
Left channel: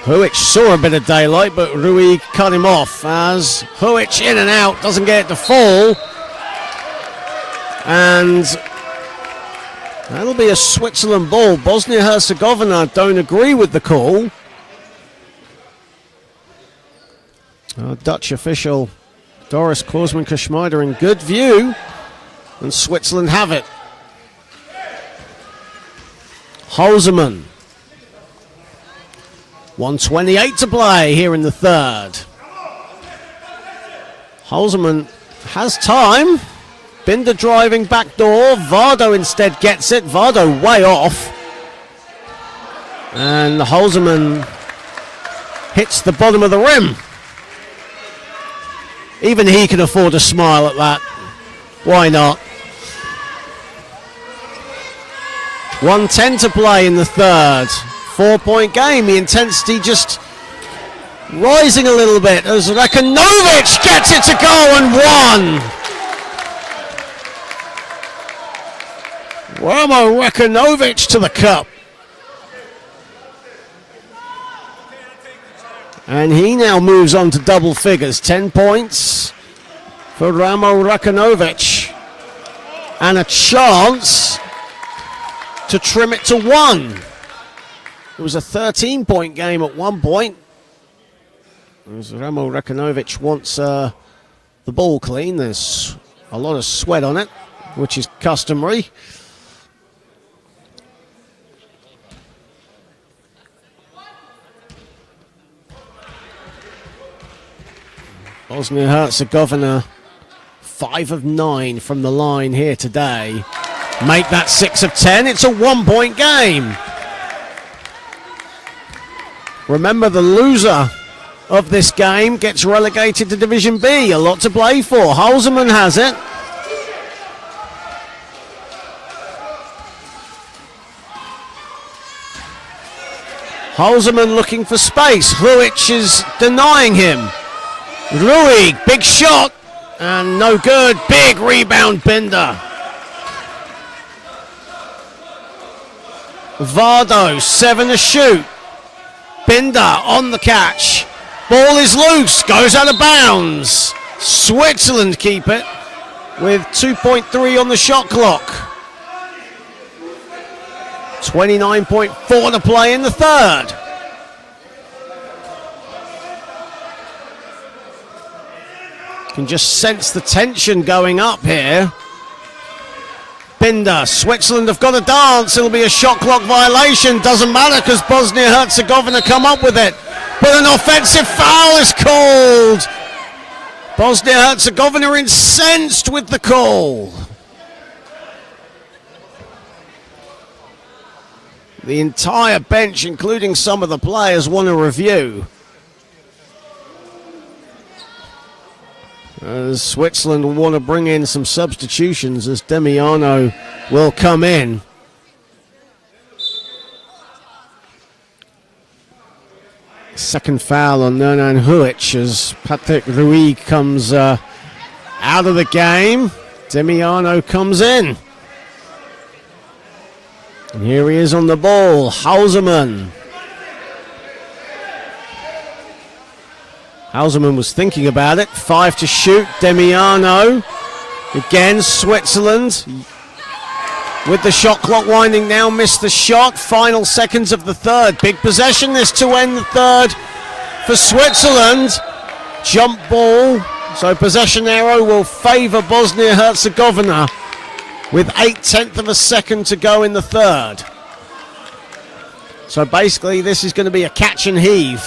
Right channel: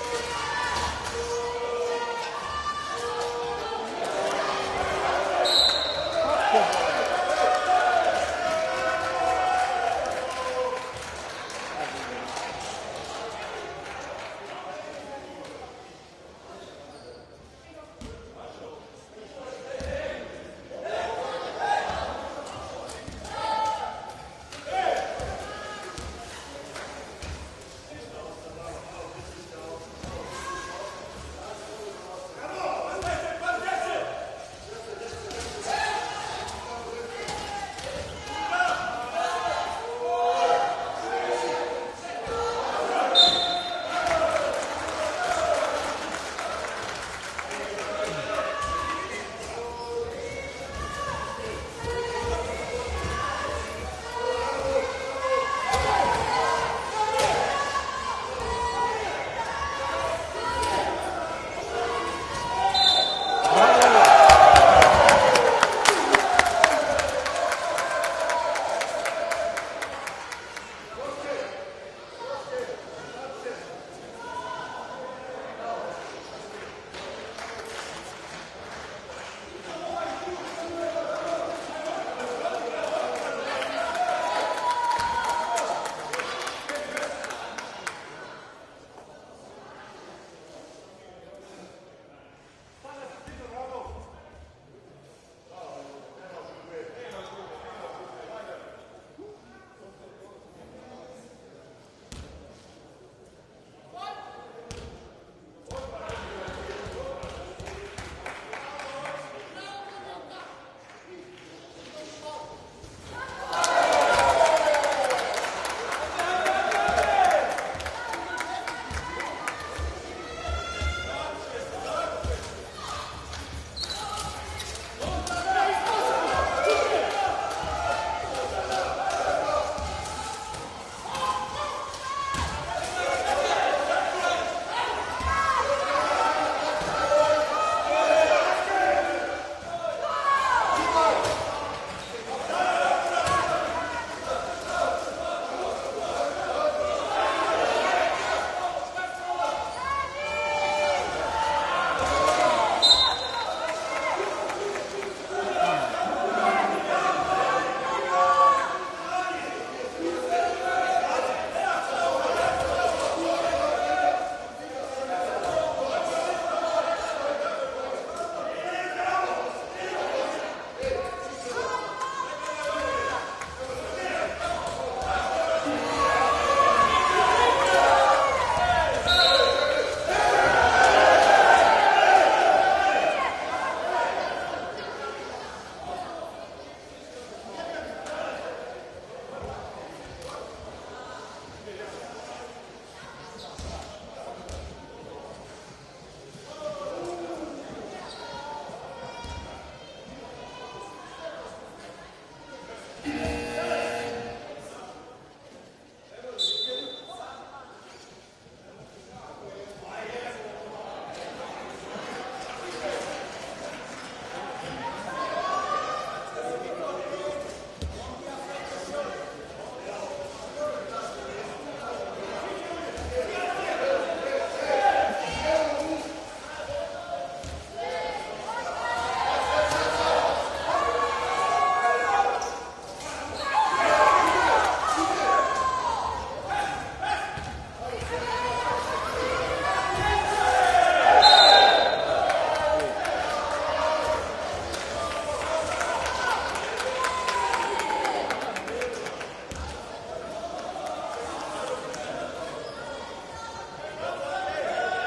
Huic saw a bit of daylight, but Rui cut him off as Huic in and out, doesn't get it to fall. And that'll be a Switzerland ball. Bosnia-Herzegovina don't agree with the call. Dutch official Doris Korsman-Geschmeider in good view, and Switzerland have it. Hausermann. 1:28 to play here in the third. Hausermann has time. Binder driving back door. Vardo instead gets it. Vardo way off. And Hausermann hits the bottom of the rim. Even he can afford a smile at that. Why not? 1:10 to play in the third. 4-point game. The intensity just rising a little bit as Rekanovic gets it to go and one. Ramo Rekanovic to the cup. And he now moves on to double figures. 10 points for Ramo Rekanovic. And a chance to trim it to 1. It was a 13-point game at one point. As Ramo Rekanovic wants the ball clean. There's a lot of sweat on it, which is customary. Bosnia-Herzegovina 5 of 9 from the line here today. Make that 6 of 10. It's a 1-point game. Remember, the loser of this game gets relegated to Division B. A lot to play for. Hausermann has it. Hausermann looking for space. Huic is denying him. Rui, big shot, and no good. Big rebound, Binder. Vardo, 7 to shoot. Binder on the catch. Ball is loose, goes out of bounds. Switzerland keep it. with 2.3 on the shot clock. 29.4 to play in the third. Can just sense the tension going up here. Binder, Switzerland have got to dance. It'll be a shot clock violation. Doesn't matter because Bosnia Herzegovina come up with it. But an offensive foul is called. Bosnia Herzegovina incensed with the call. The entire bench, including some of the players, want a review. As Switzerland will want to bring in some substitutions as Demiano will come in. Second foul on Nernan Huic as Patrick Rui comes out of the game. Demiano comes in. And here he is on the ball, Hausermann. Hausermann was thinking about it. 5 to shoot, Demiano. Again, Switzerland with the shot clock winding down, missed the shot. Final seconds of the third. Big possession this to end the third for Switzerland. Jump ball. So possession arrow will favour Bosnia Herzegovina with 0.8 of a second to go in the third. So basically this is going to be a catch and heave.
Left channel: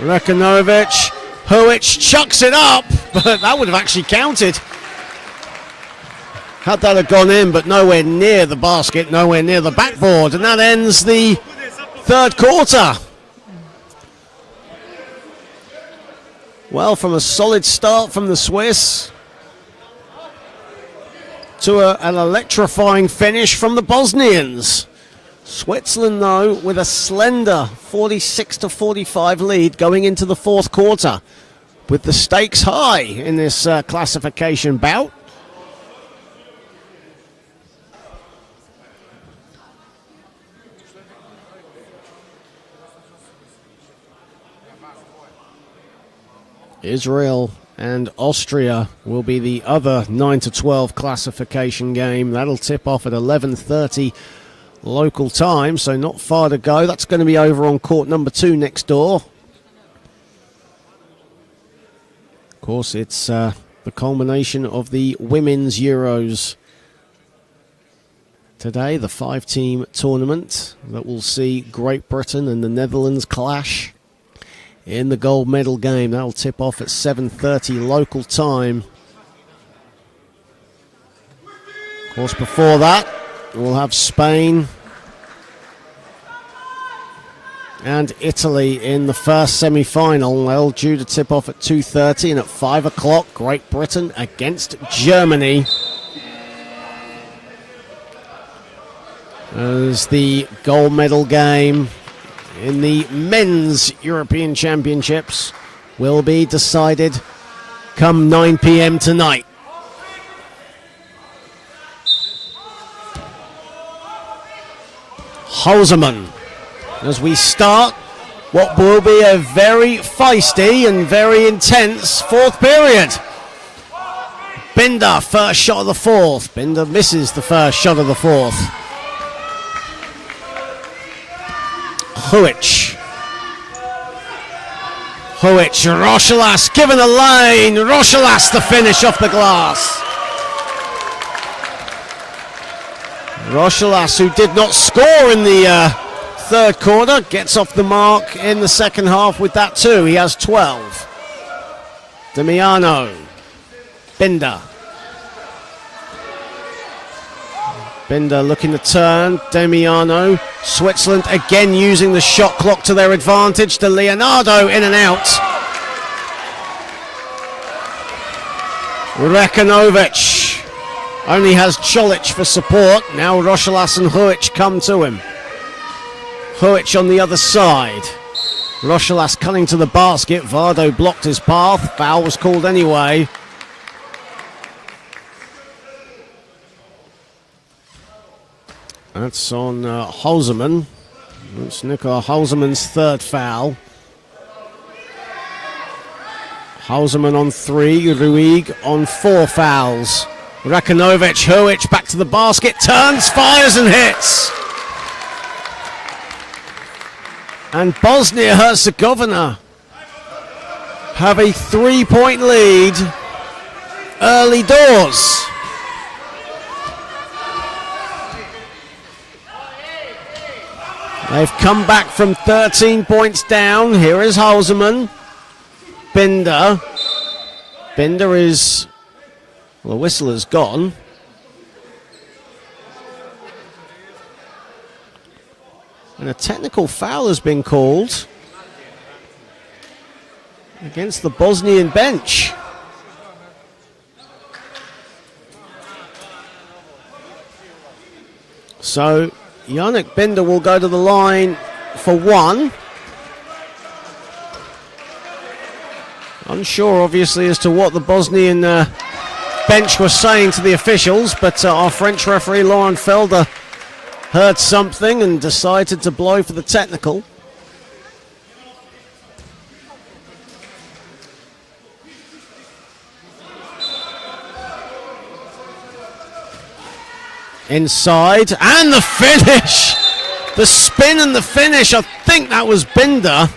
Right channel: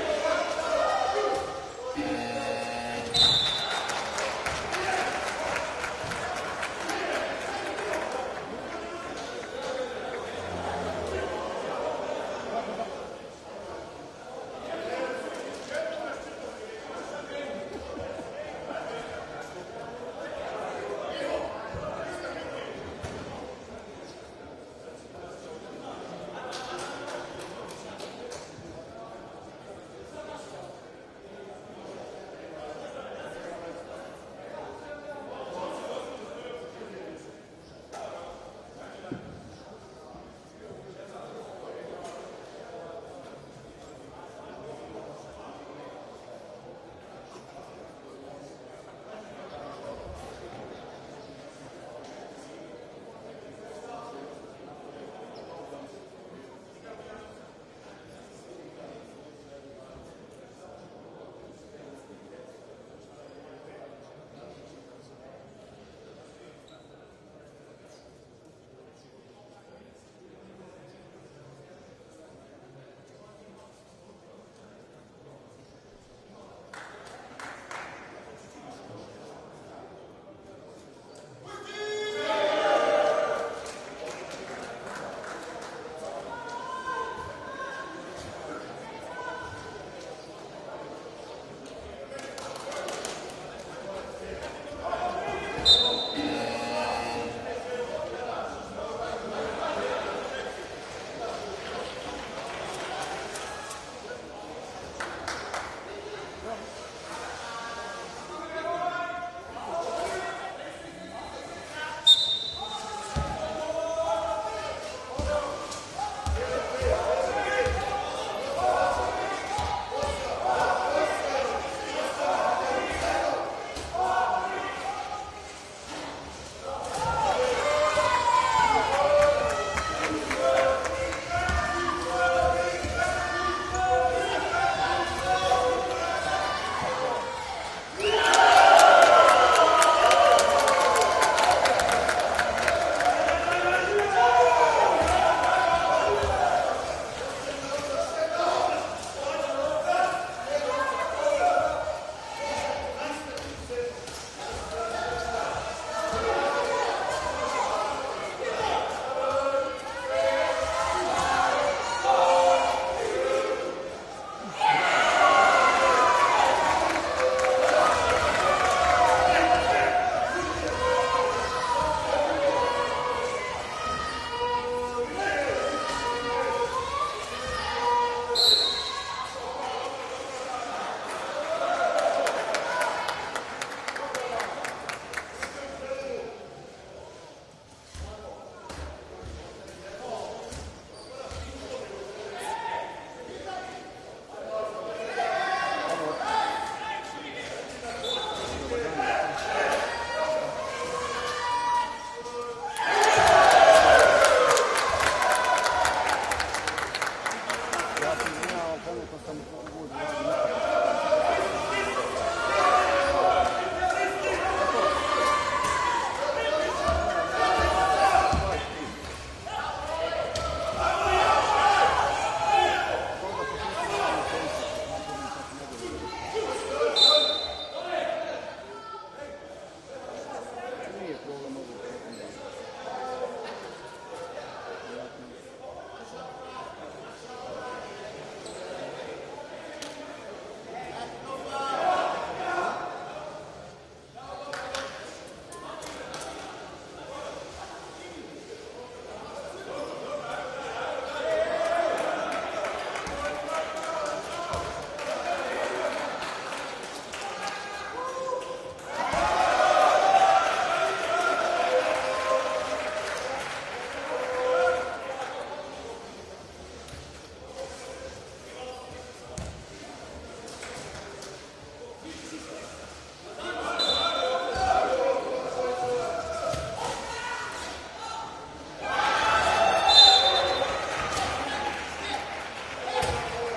Rekanovic, Huic chucks it up, but that would have actually counted. Had that have gone in, but nowhere near the basket, nowhere near the backboard, and that ends the third quarter. Well, from a solid start from the Swiss to an electrifying finish from the Bosnians. Switzerland, though, with a slender 46-45 lead going into the fourth quarter, with the stakes high in this classification bout. Israel and Austria will be the other 9-12 classification game. That'll tip off at 11:30 local time, so not far to go. That's going to be over on court number 2 next door. Of course, it's the culmination of the Women's Euros today, the 5-team tournament that will see Great Britain and the Netherlands clash in the gold medal game. That'll tip off at 7:30 local time. Of course, before that, we'll have Spain and Italy in the first semi-final. They'll due to tip off at 2:30, and at 5 o'clock, Great Britain against Germany. As the gold medal game in the men's European Championships will be decided come 9 p.m. tonight. Hausermann, as we start what will be a very feisty and very intense fourth period. Binder, first shot of the fourth. Binder misses the first shot of the fourth. Huic, Rochelas given a lane. Rochelas the finish off the glass. Rochelas, who did not score in the third quarter, gets off the mark in the second half with that too. He has 12. Demiano, Binder. Binder looking to turn. Demiano. Switzerland again using the shot clock to their advantage. De Leonardo in and out. Rekanovic only has Cholic for support. Now Rochelas and Huic come to him. Huic on the other side. Rochelas cutting to the basket. Vardo blocked his path. Foul was called anyway. That's on Holzman. It's Nikola Holzman's third foul. Holzman on 3, Ruig on 4 fouls. Rakanovic, Huic back to the basket, turns, fires and hits. And Bosnia Herzegovina have a 3-point lead early doors. They've come back from 13 points down. Here is Holzman. Binder. Binder is... Well, the whistle has gone. And a technical foul has been called against the Bosnian bench. So Yannick Binder will go to the line for 1. Unsure, obviously, as to what the Bosnian bench was saying to the officials, but our French referee, Laurent Felder, heard something and decided to blow for the technical. Inside, and the finish! The spin and the finish, I think that was Binder.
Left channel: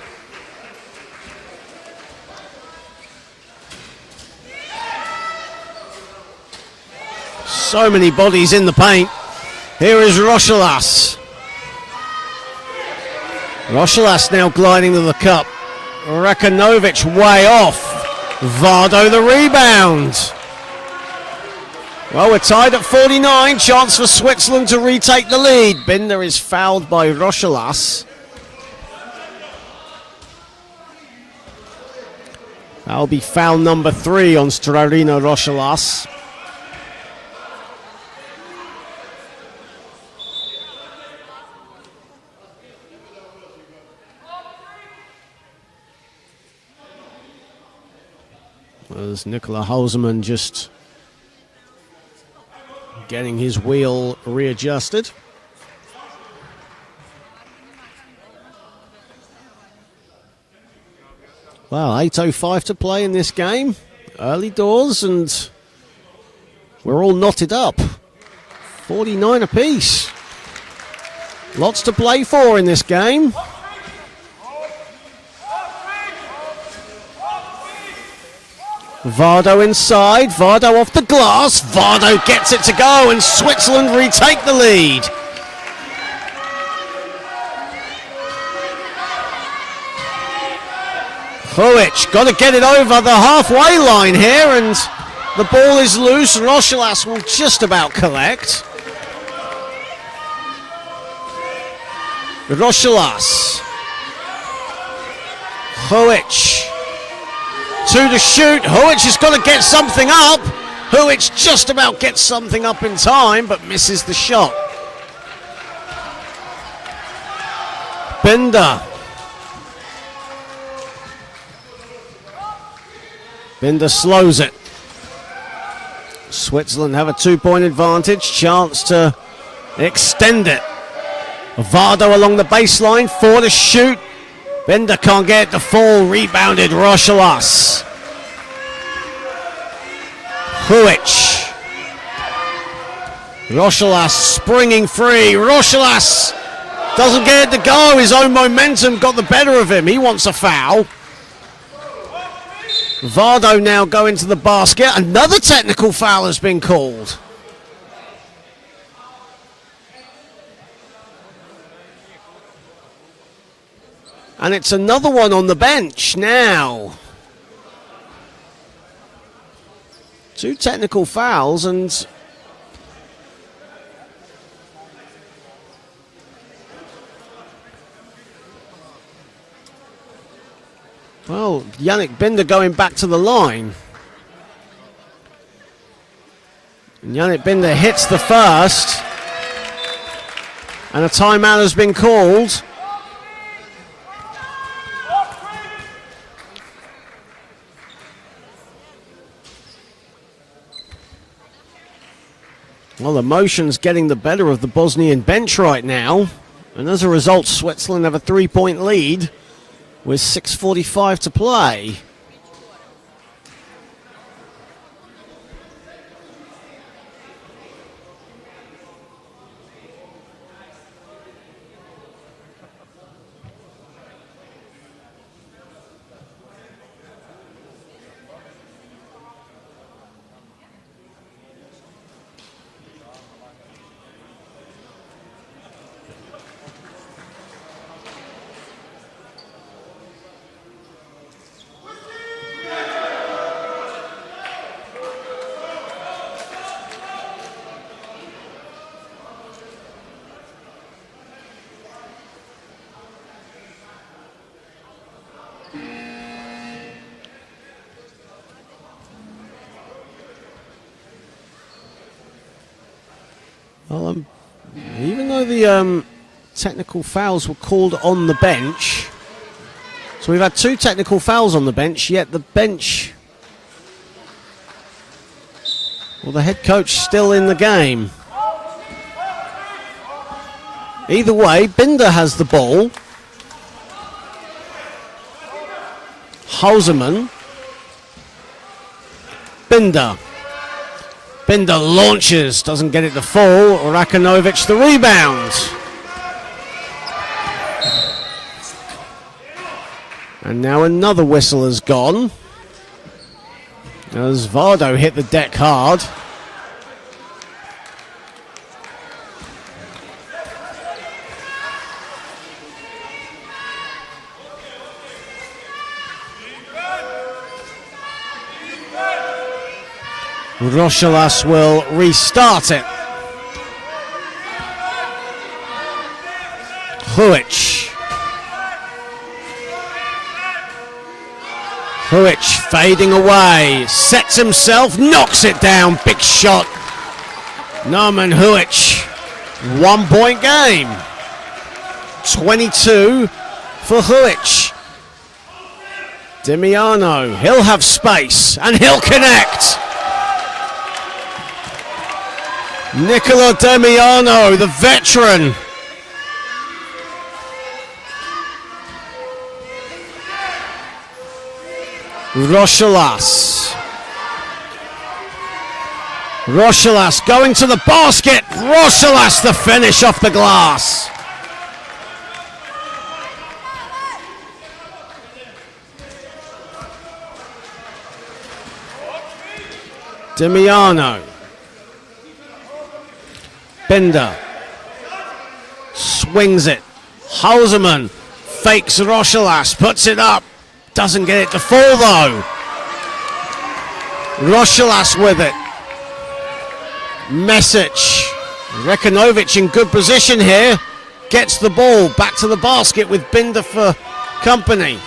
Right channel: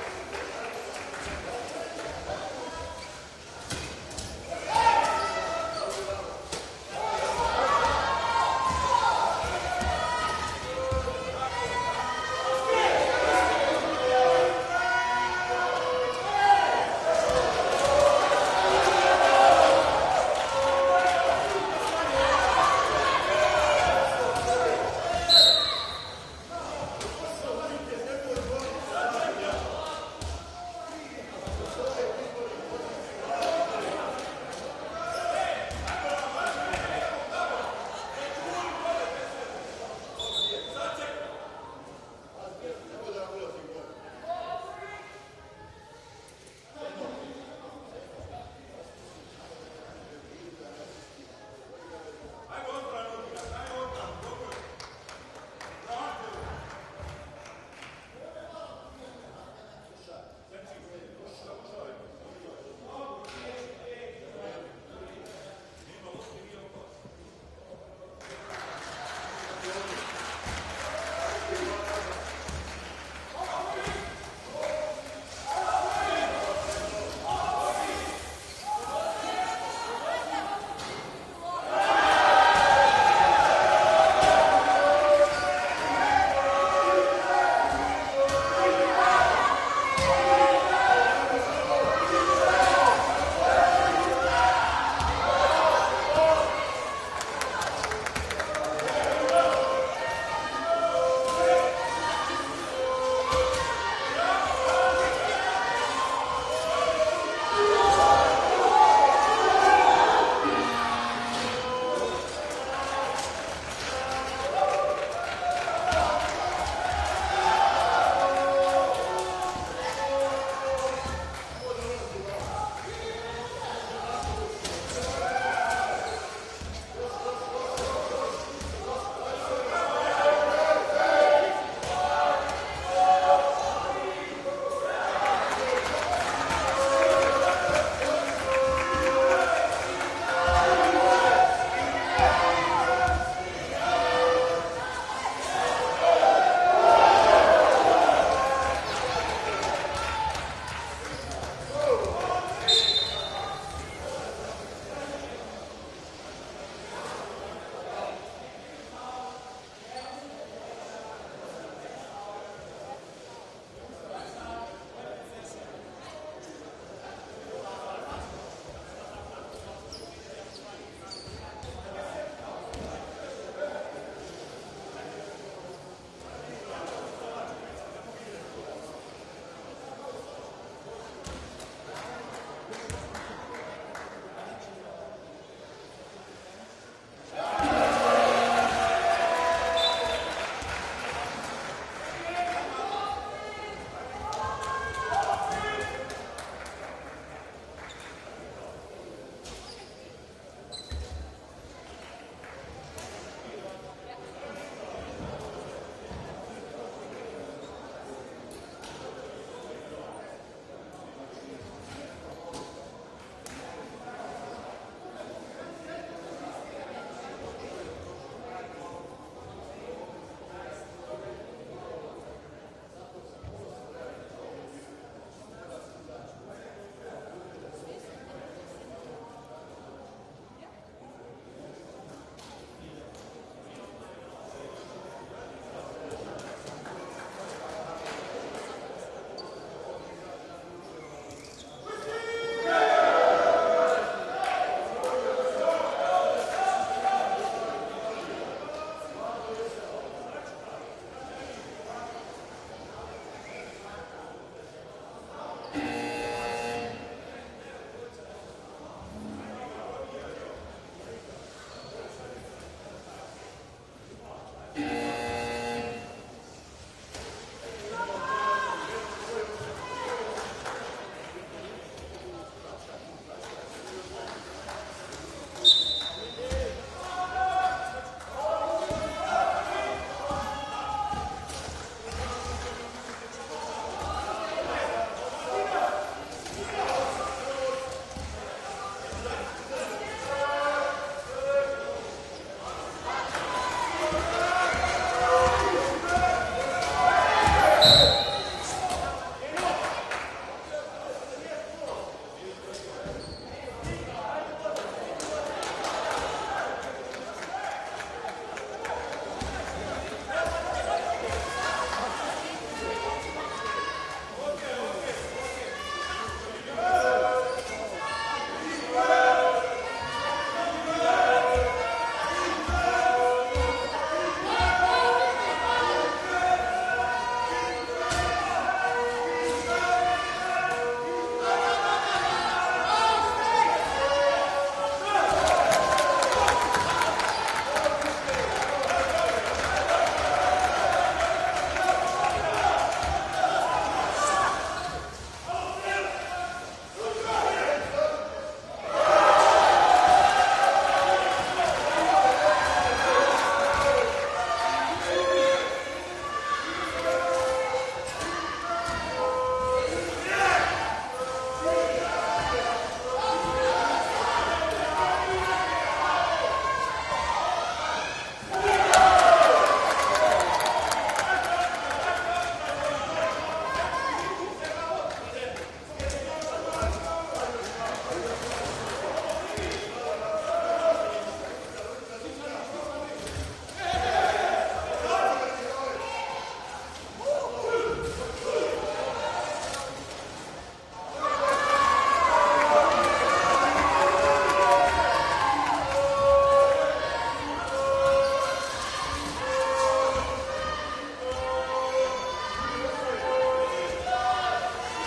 So many bodies in the paint. Here is Rochelas. Rochelas now gliding to the cup. Rakanovic way off. Vardo the rebound. Well, we're tied at 49. Chance for Switzerland to retake the lead. Binder is fouled by Rochelas. That'll be foul number 3 on Strarino Rochelas. As Nikola Holzman just getting his wheel readjusted. Well, 8:05 to play in this game. Early doors, and we're all knotted up. 49 apiece. Lots to play for in this game. Vardo inside, Vardo off the glass, Vardo gets it to go, and Switzerland retake the lead. Huic got to get it over the halfway line here, and the ball is loose. Rochelas will just about collect. Rochelas. Huic. 2 to shoot. Huic has got to get something up. Huic just about gets something up in time, but misses the shot. Binder. Binder slows it. Switzerland have a 2-point advantage. Chance to extend it. Vardo along the baseline. 4 to shoot. Binder can't get it to fall. Rebounded Rochelas. Huic. Rochelas springing free. Rochelas doesn't get it to go. His own momentum got the better of him. He wants a foul. Vardo now going to the basket. Another technical foul has been called. And it's another one on the bench now. 2 technical fouls, and well, Yannick Binder going back to the line. And Yannick Binder hits the first, and a timeout has been called. Well, emotion's getting the better of the Bosnian bench right now. And as a result, Switzerland have a 3-point lead with 6:45 to play. Well, even though the technical fouls were called on the bench, so we've had 2 technical fouls on the bench, yet the bench, well, the head coach still in the game. Either way, Binder has the ball. Hausermann. Binder. Binder launches, doesn't get it to fall. Rakanovic the rebound. And now another whistle has gone, as Vardo hit the deck hard. Rochelas will restart it. Huic. Huic fading away, sets himself, knocks it down, big shot. Norman Huic, 1-point game. 22 for Huic. Dimiano, he'll have space and he'll connect. Nicola Demiano, the veteran. Rochelas. Rochelas going to the basket. Rochelas the finish off the glass. Demiano. Binder swings it. Hausermann fakes Rochelas, puts it up, doesn't get it to fall though. Rochelas with it. Mesic. Rekanovic in good position here. Gets the ball back to the basket with Binder for company.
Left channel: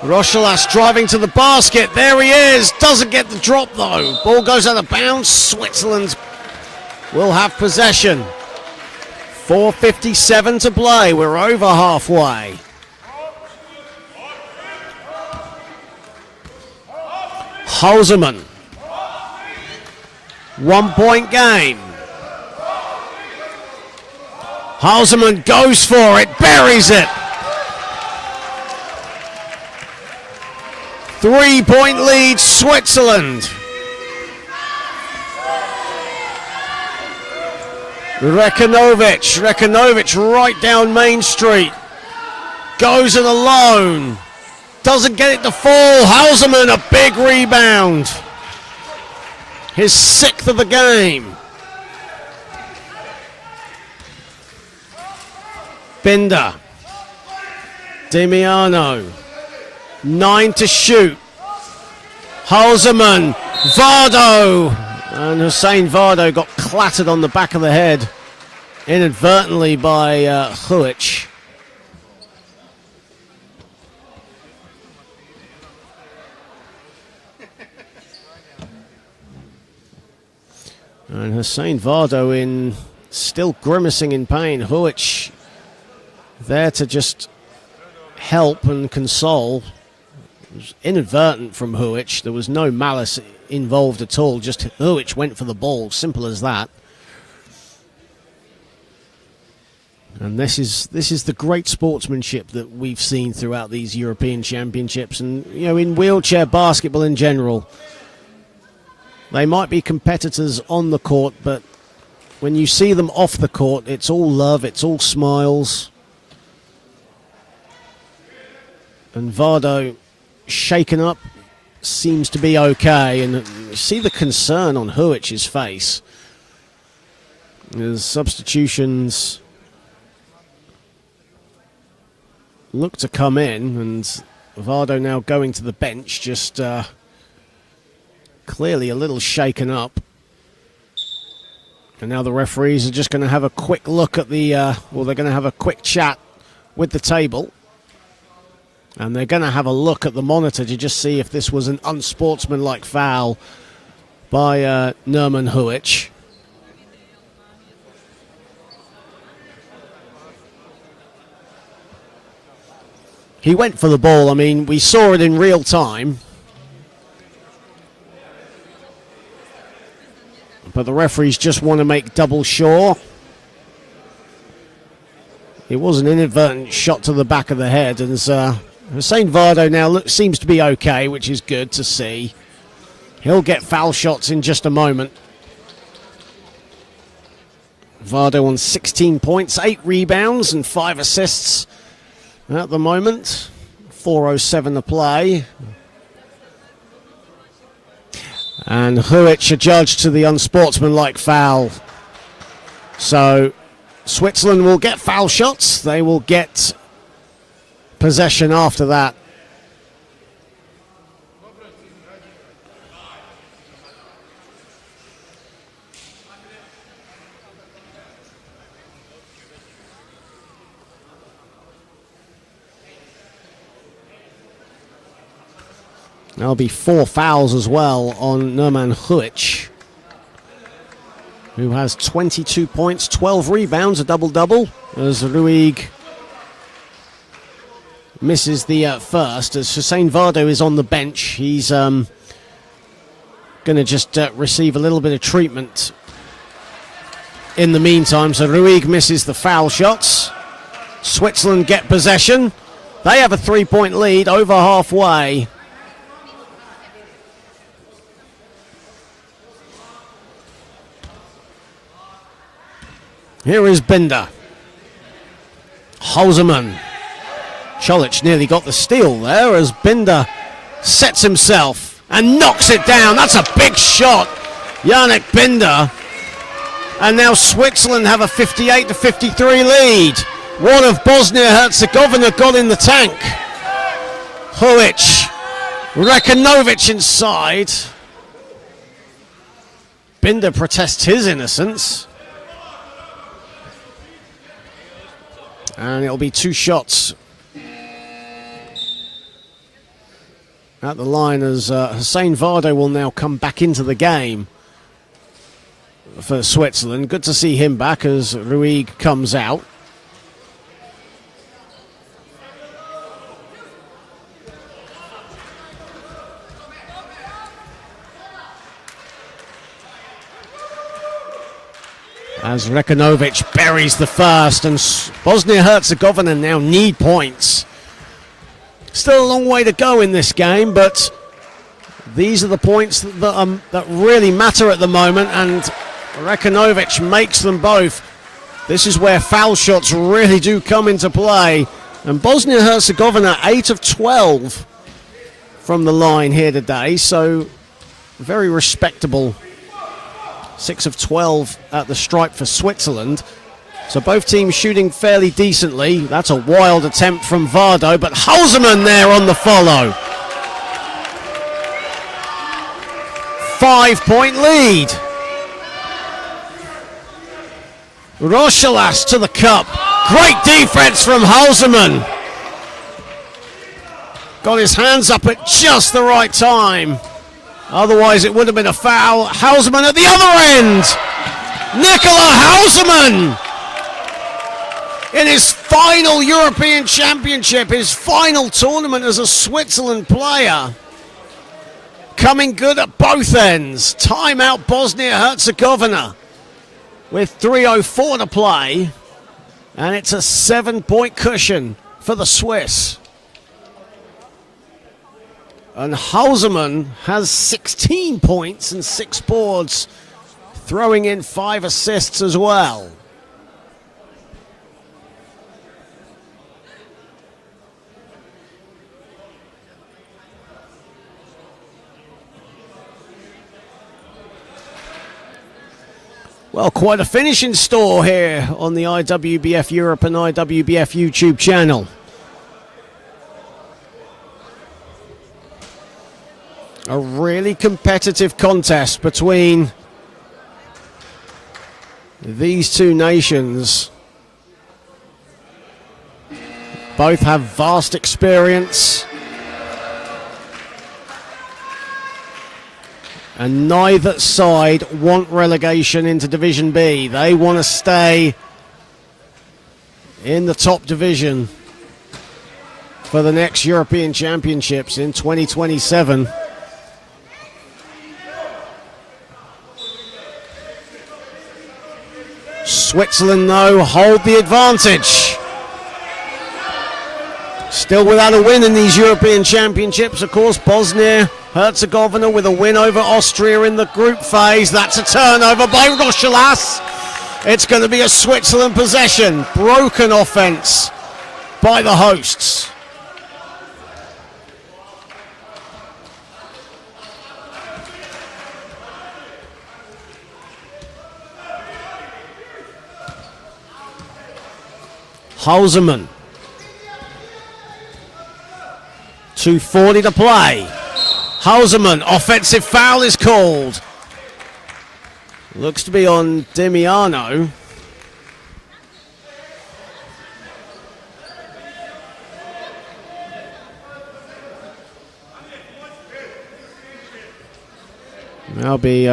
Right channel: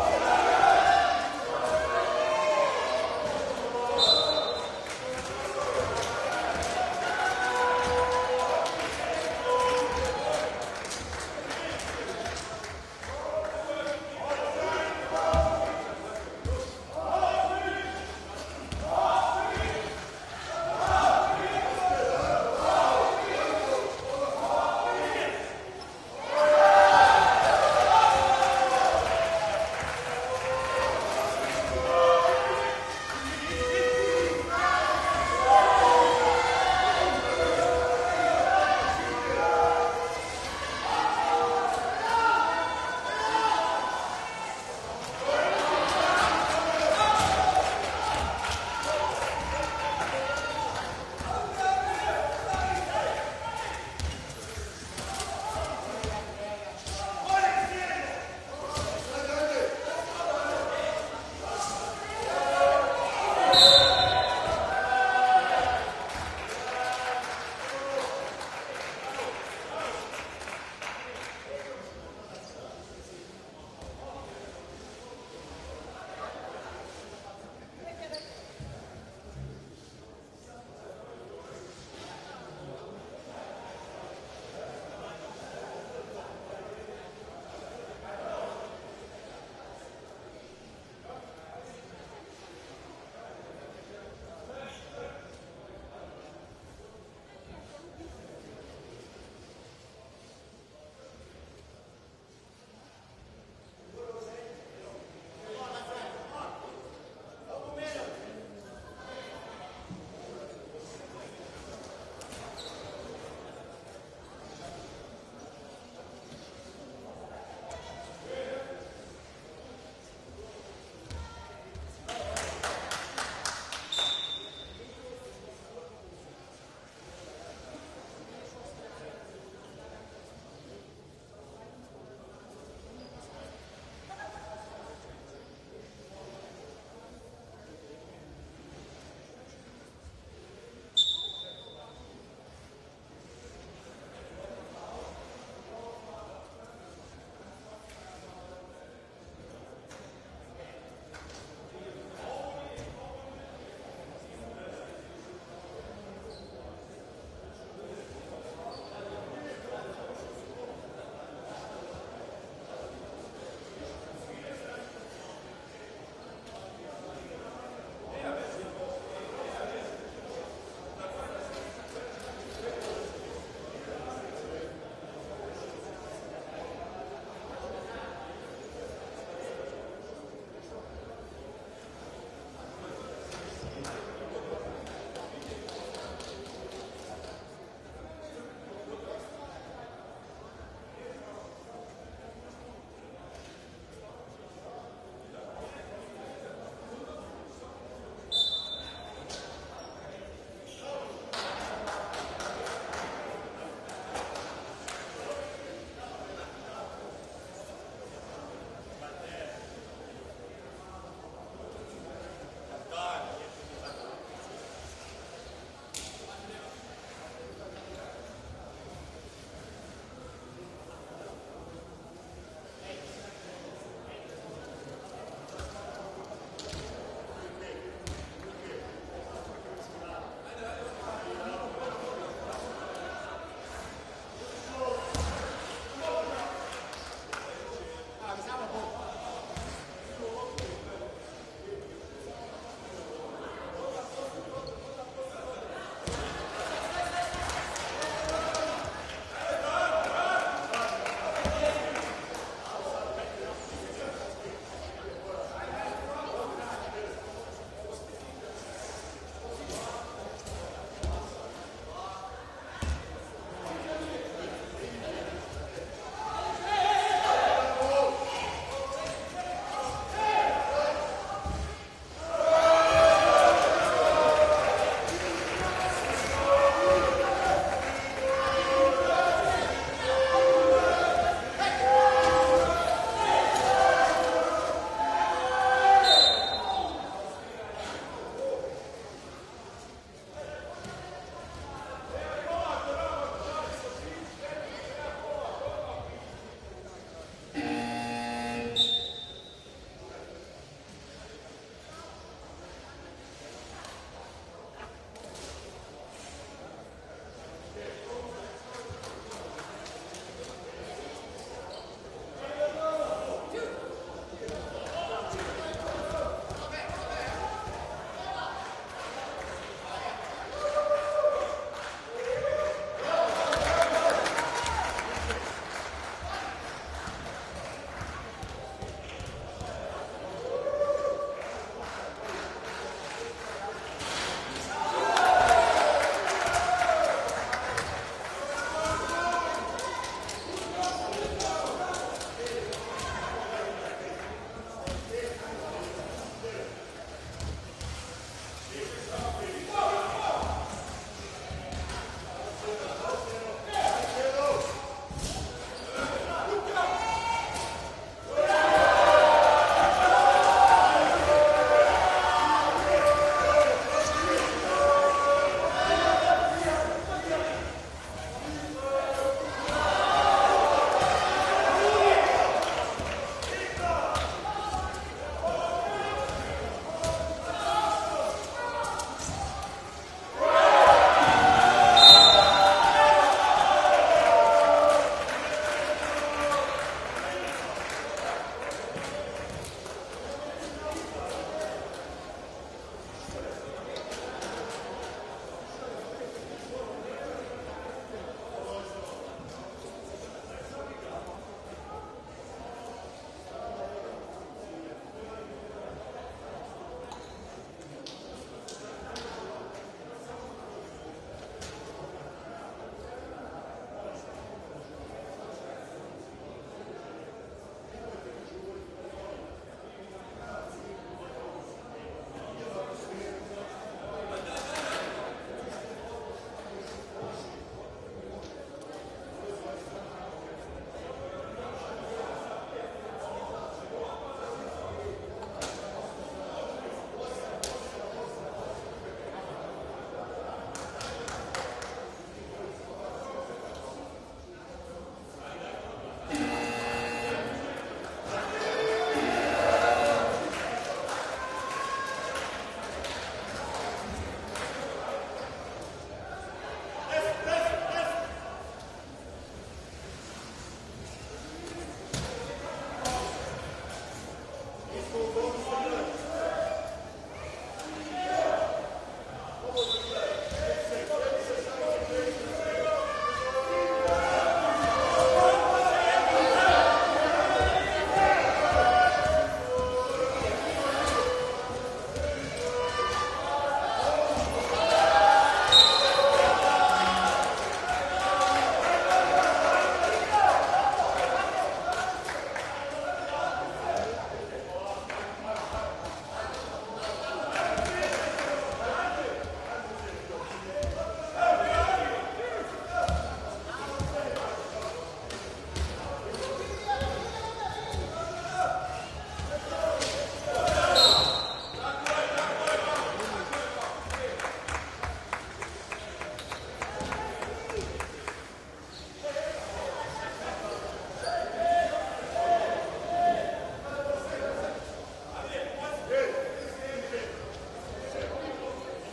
Rochelas driving to the basket. There he is. Doesn't get the drop though. Ball goes out of bounds. Switzerland will have possession. 4:57 to play. We're over halfway. Hausermann. 1-point game. Hausermann goes for it. Buries it. 3-point lead, Switzerland. Rekanovic right down Main Street. Goes it alone. Doesn't get it to fall. Hausermann, a big rebound. His 6th of the game. Binder. Demiano. 9 to shoot. Hausermann, Vardo, and Hussein Vardo got clattered on the back of the head inadvertently by Huic. And Hussein Vardo in still grimacing in pain. Huic there to just help and console. It was inadvertent from Huic. There was no malice involved at all. Just Huic went for the ball. Simple as that. And this is the great sportsmanship that we've seen throughout these European Championships, and in wheelchair basketball in general. They might be competitors on the court, but when you see them off the court, it's all love, it's all smiles. And Vardo, shaken up, seems to be okay, and you see the concern on Huic's face. There's substitutions look to come in, and Vardo now going to the bench, just clearly a little shaken up. And now the referees are just going to have a quick look at the, they're going to have a quick chat with the table. And they're going to have a look at the monitor to just see if this was an unsportsmanlike foul by Nerman Huic. He went for the ball. I mean, we saw it in real time. But the referees just want to make double sure. It was an inadvertent shot to the back of the head. And Hussein Vardo now seems to be okay, which is good to see. He'll get foul shots in just a moment. Vardo on 16 points, 8 rebounds and 5 assists. At the moment, 4:07 to play. And Huic adjudged to the unsportsmanlike foul. So Switzerland will get foul shots. They will get possession after that. There'll be 4 fouls as well on Nerman Huic, who has 22 points, 12 rebounds, a double-double, as Ruig misses the first. As Hussein Vardo is on the bench, he's going to just receive a little bit of treatment in the meantime. So Ruig misses the foul shots. Switzerland get possession. They have a 3-point lead over halfway. Here is Binder. Holzerman. Čolić nearly got the steal there as Binder sets himself and knocks it down. That's a big shot. Yannick Binder. And now Switzerland have a 58-53 lead. One of Bosnia Herzegovina got in the tank. Huic. Rekanovic inside. Binder protests his innocence. And it'll be 2 shots at the line as Hussein Vardo will now come back into the game for Switzerland. Good to see him back as Ruig comes out. As Rekanovic buries the first, and Bosnia-Herzegovina now need points. Still a long way to go in this game, but these are the points that really matter at the moment, and Rekanovic makes them both. This is where foul shots really do come into play. And Bosnia-Herzegovina 8 of 12 from the line here today, so very respectable. 6 of 12 at the stripe for Switzerland. So both teams shooting fairly decently. That's a wild attempt from Vardo, but Holzerman there on the follow. 5-point lead. Rochelas to the cup. Great defense from Holzerman. Got his hands up at just the right time. Otherwise, it would have been a foul. Holzerman at the other end. Nikola Holzerman. in his final European Championship, his final tournament as a Switzerland player. Coming good at both ends. Timeout Bosnia Herzegovina with 3:04 to play. And it's a 7-point cushion for the Swiss. And Hausermann has 16 points and 6 boards, throwing in 5 assists as well. Well, quite a finish in store here on the IWBF Europe and IWBF YouTube channel. A really competitive contest between these two nations. Both have vast experience. And neither side want relegation into Division B. They want to stay in the top division for the next European Championships in 2027. Switzerland, though, hold the advantage. Still without a win in these European Championships. Of course, Bosnia Herzegovina with a win over Austria in the group phase. That's a turnover by Rochelas. It's going to be a Switzerland possession. Broken offense by the hosts. Hausermann. 2:40 to play. Hausermann, offensive foul is called. Looks to be on Demiano. That'll be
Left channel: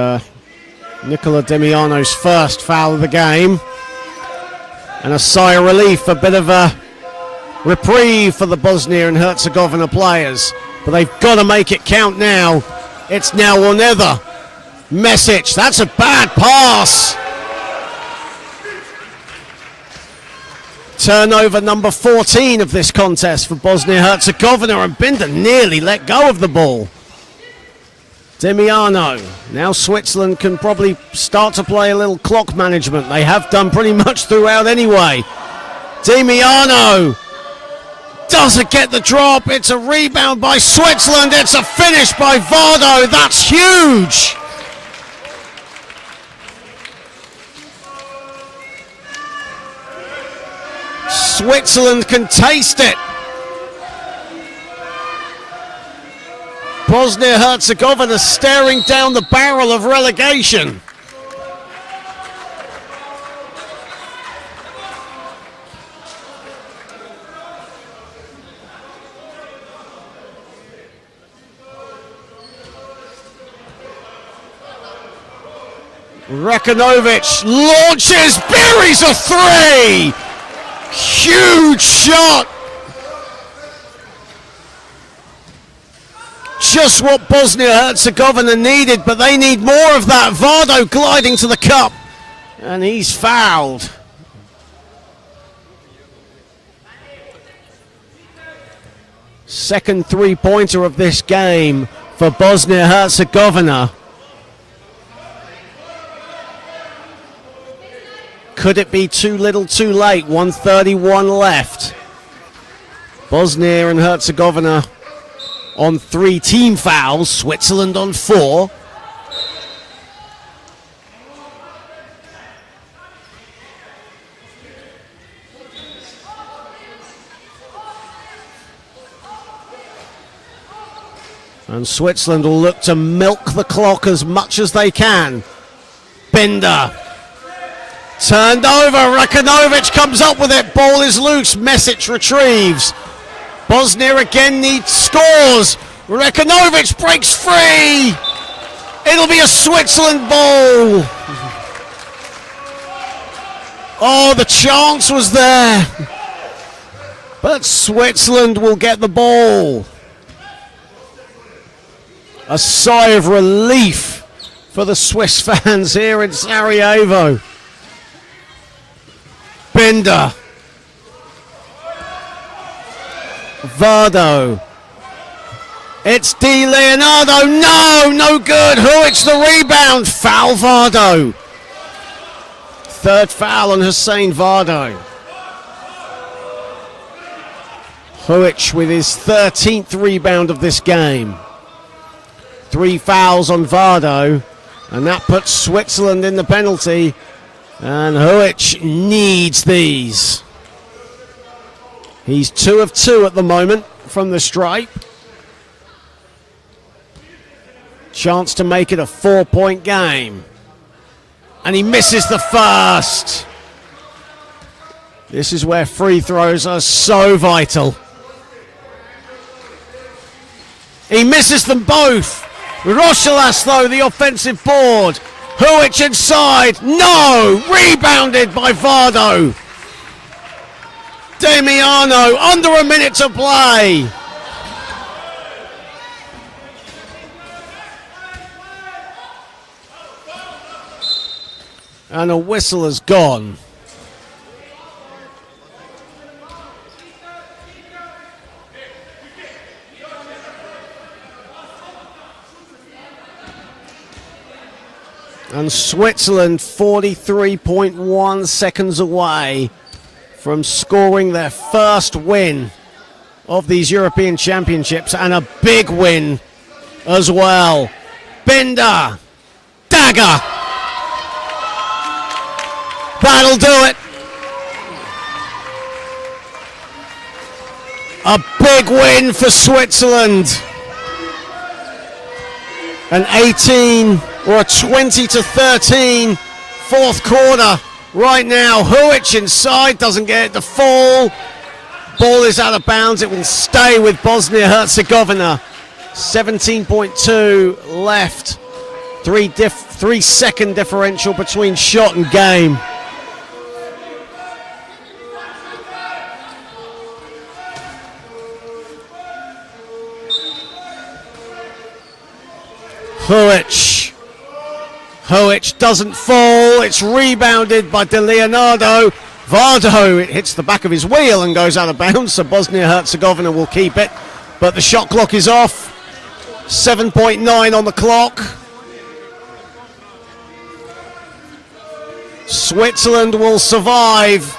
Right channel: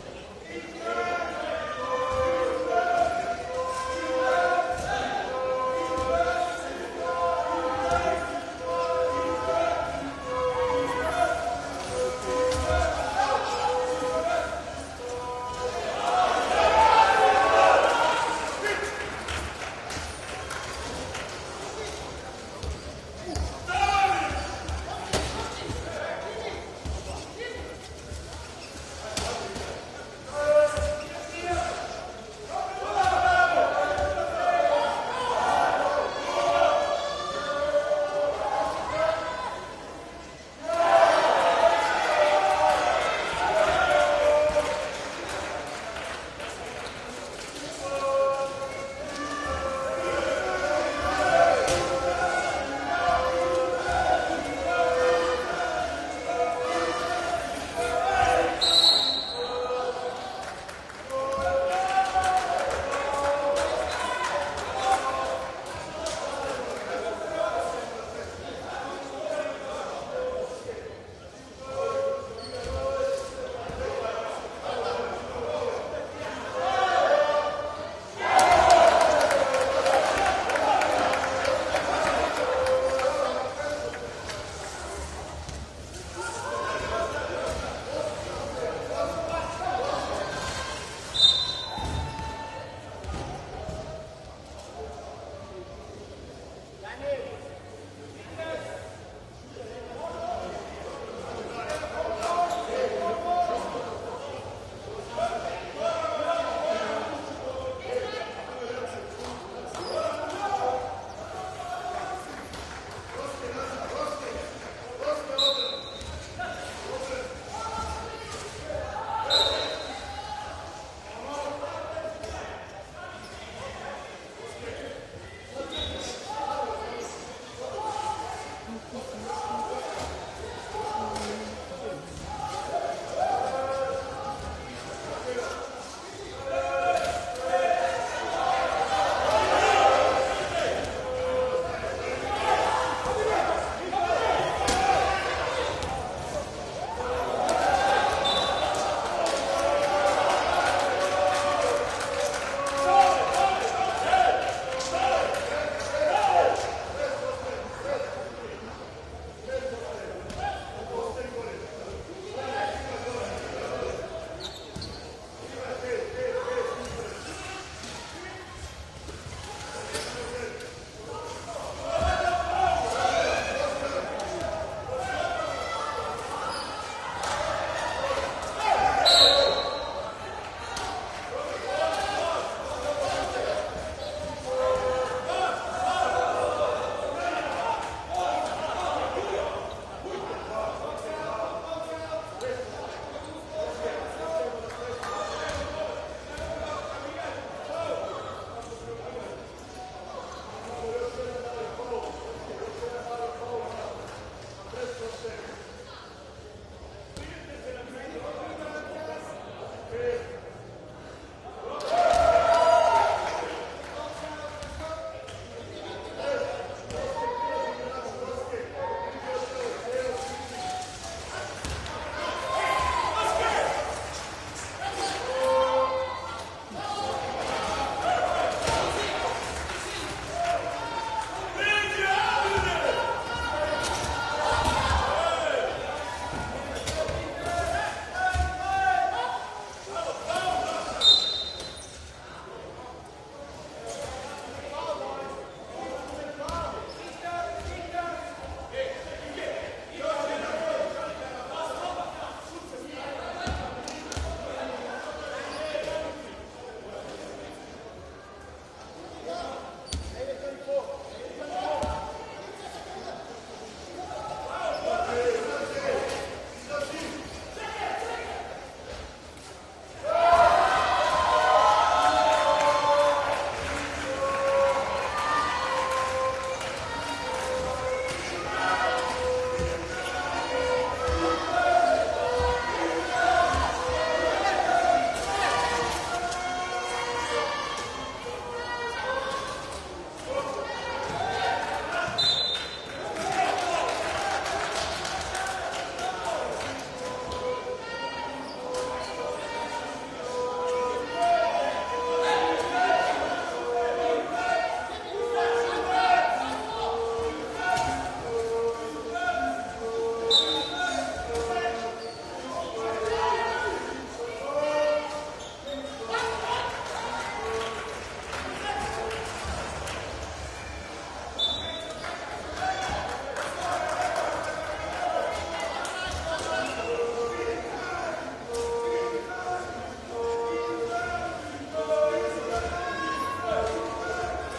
Nicola Demiano's first foul of the game. And a sigh of relief, a bit of a reprieve for the Bosnia and Herzegovina players. But they've got to make it count now. It's now or never. Mesic, that's a bad pass. Turnover number 14 of this contest for Bosnia Herzegovina, and Binder nearly let go of the ball. Demiano. Now Switzerland can probably start to play a little clock management. They have done pretty much throughout anyway. Demiano doesn't get the drop. It's a rebound by Switzerland. It's a finish by Vardo. That's huge. Switzerland can taste it. Bosnia-Herzegovina staring down the barrel of relegation. Rekanovic launches, buries a three! Huge shot! Just what Bosnia-Herzegovina needed, but they need more of that. Vardo gliding to the cup, and he's fouled. Second three-pointer of this game for Bosnia-Herzegovina. Could it be too little too late? 1:31 left. Bosnia and Herzegovina on 3 team fouls, Switzerland on 4. And Switzerland will look to milk the clock as much as they can. Binder. Turned over, Rekanovic comes up with it, ball is loose, Mesic retrieves. Bosnia again needs scores. Rekanovic breaks free. It'll be a Switzerland ball. Oh, the chance was there. But Switzerland will get the ball. A sigh of relief for the Swiss fans here in Sarajevo. Binder. Vardo. It's Di Leonardo. No good. Huic the rebound. Foul Vardo. Third foul on Hussein Vardo. Huic with his 13th rebound of this game. 3 fouls on Vardo, and that puts Switzerland in the penalty. And Huic needs these. He's 2 of 2 at the moment from the stripe. Chance to make it a 4-point game. And he misses the first. This is where free throws are so vital. He misses them both. Rochelas, though, the offensive board. Huic inside. No! Rebounded by Vardo. Damiano, under a minute to play. And a whistle has gone. And Switzerland 43.1 seconds away from scoring their first win of these European Championships, and a big win as well. Binder, dagger. That'll do it. A big win for Switzerland. An 18 or a 20-13 fourth quarter right now. Huic inside, doesn't get it to fall. Ball is out of bounds. It will stay with Bosnia Herzegovina. 17.2 left. 3 second differential between shot and game. Huic doesn't fall. It's rebounded by Di Leonardo. Vardo, it hits the back of his wheel and goes out of bounds, so Bosnia Herzegovina will keep it. But the shot clock is off. 7.9 on the clock. Switzerland will survive,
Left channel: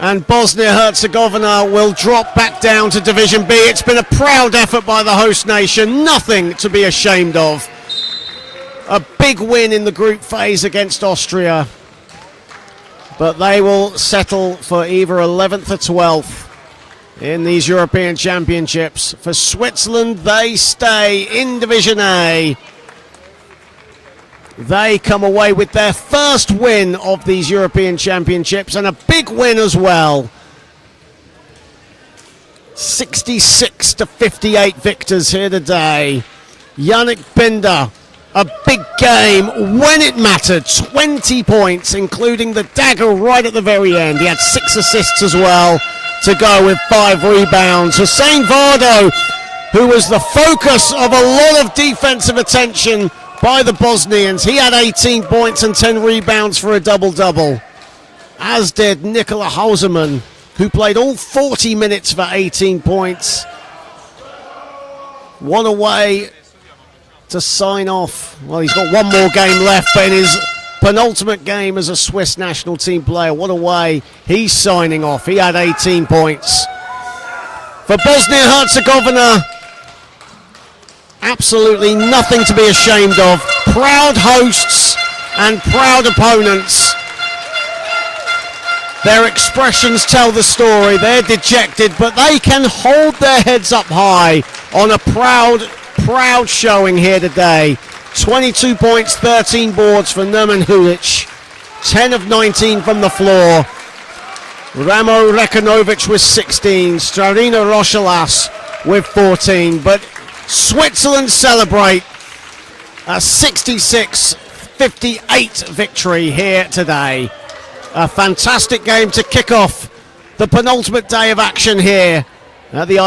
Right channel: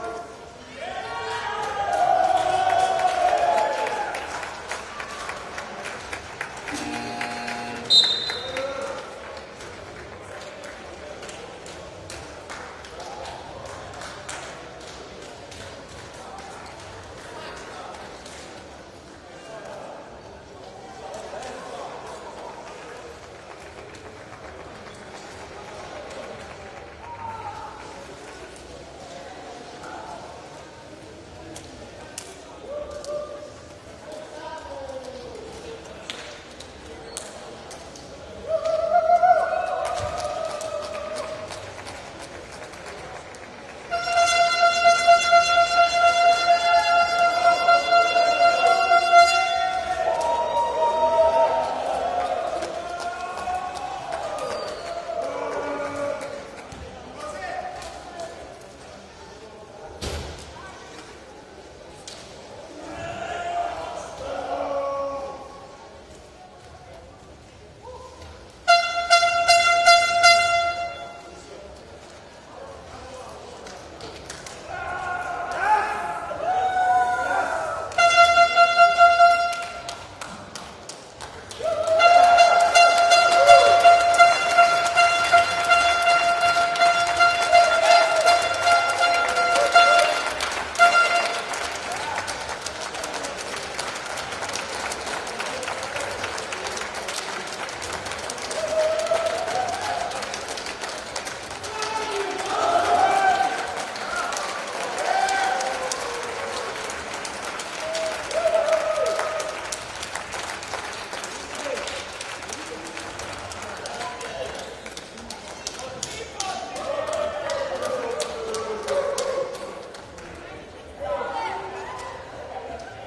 and Bosnia Herzegovina will drop back down to Division B. It's been a proud effort by the host nation. Nothing to be ashamed of. A big win in the group phase against Austria, but they will settle for either 11th or 12th in these European Championships. For Switzerland, they stay in Division A. They come away with their first win of these European Championships, and a big win as well. 66-58 victors here today. Yannick Binder, a big game when it mattered. 20 points, including the dagger right at the very end. He had 6 assists as well to go with 5 rebounds. Hussein Vardo, who was the focus of a lot of defensive attention by the Bosnians. He had 18 points and 10 rebounds for a double-double, as did Nikola Hausermann, who played all 40 minutes for 18 points. One away to sign off. Well, he's got one more game left, but in his penultimate game as a Swiss national team player, what a way he's signing off. He had 18 points. For Bosnia-Herzegovina, absolutely nothing to be ashamed of. Proud hosts and proud opponents. Their expressions tell the story. They're dejected, but they can hold their heads up high on a proud showing here today. 22 points, 13 boards for Nerman Huic. 10 of 19 from the floor. Ramo Rekanovic with 16. Starina Rochelas with 14. But Switzerland celebrate a 66-58 victory here today. A fantastic game to kick off the penultimate day of action here at the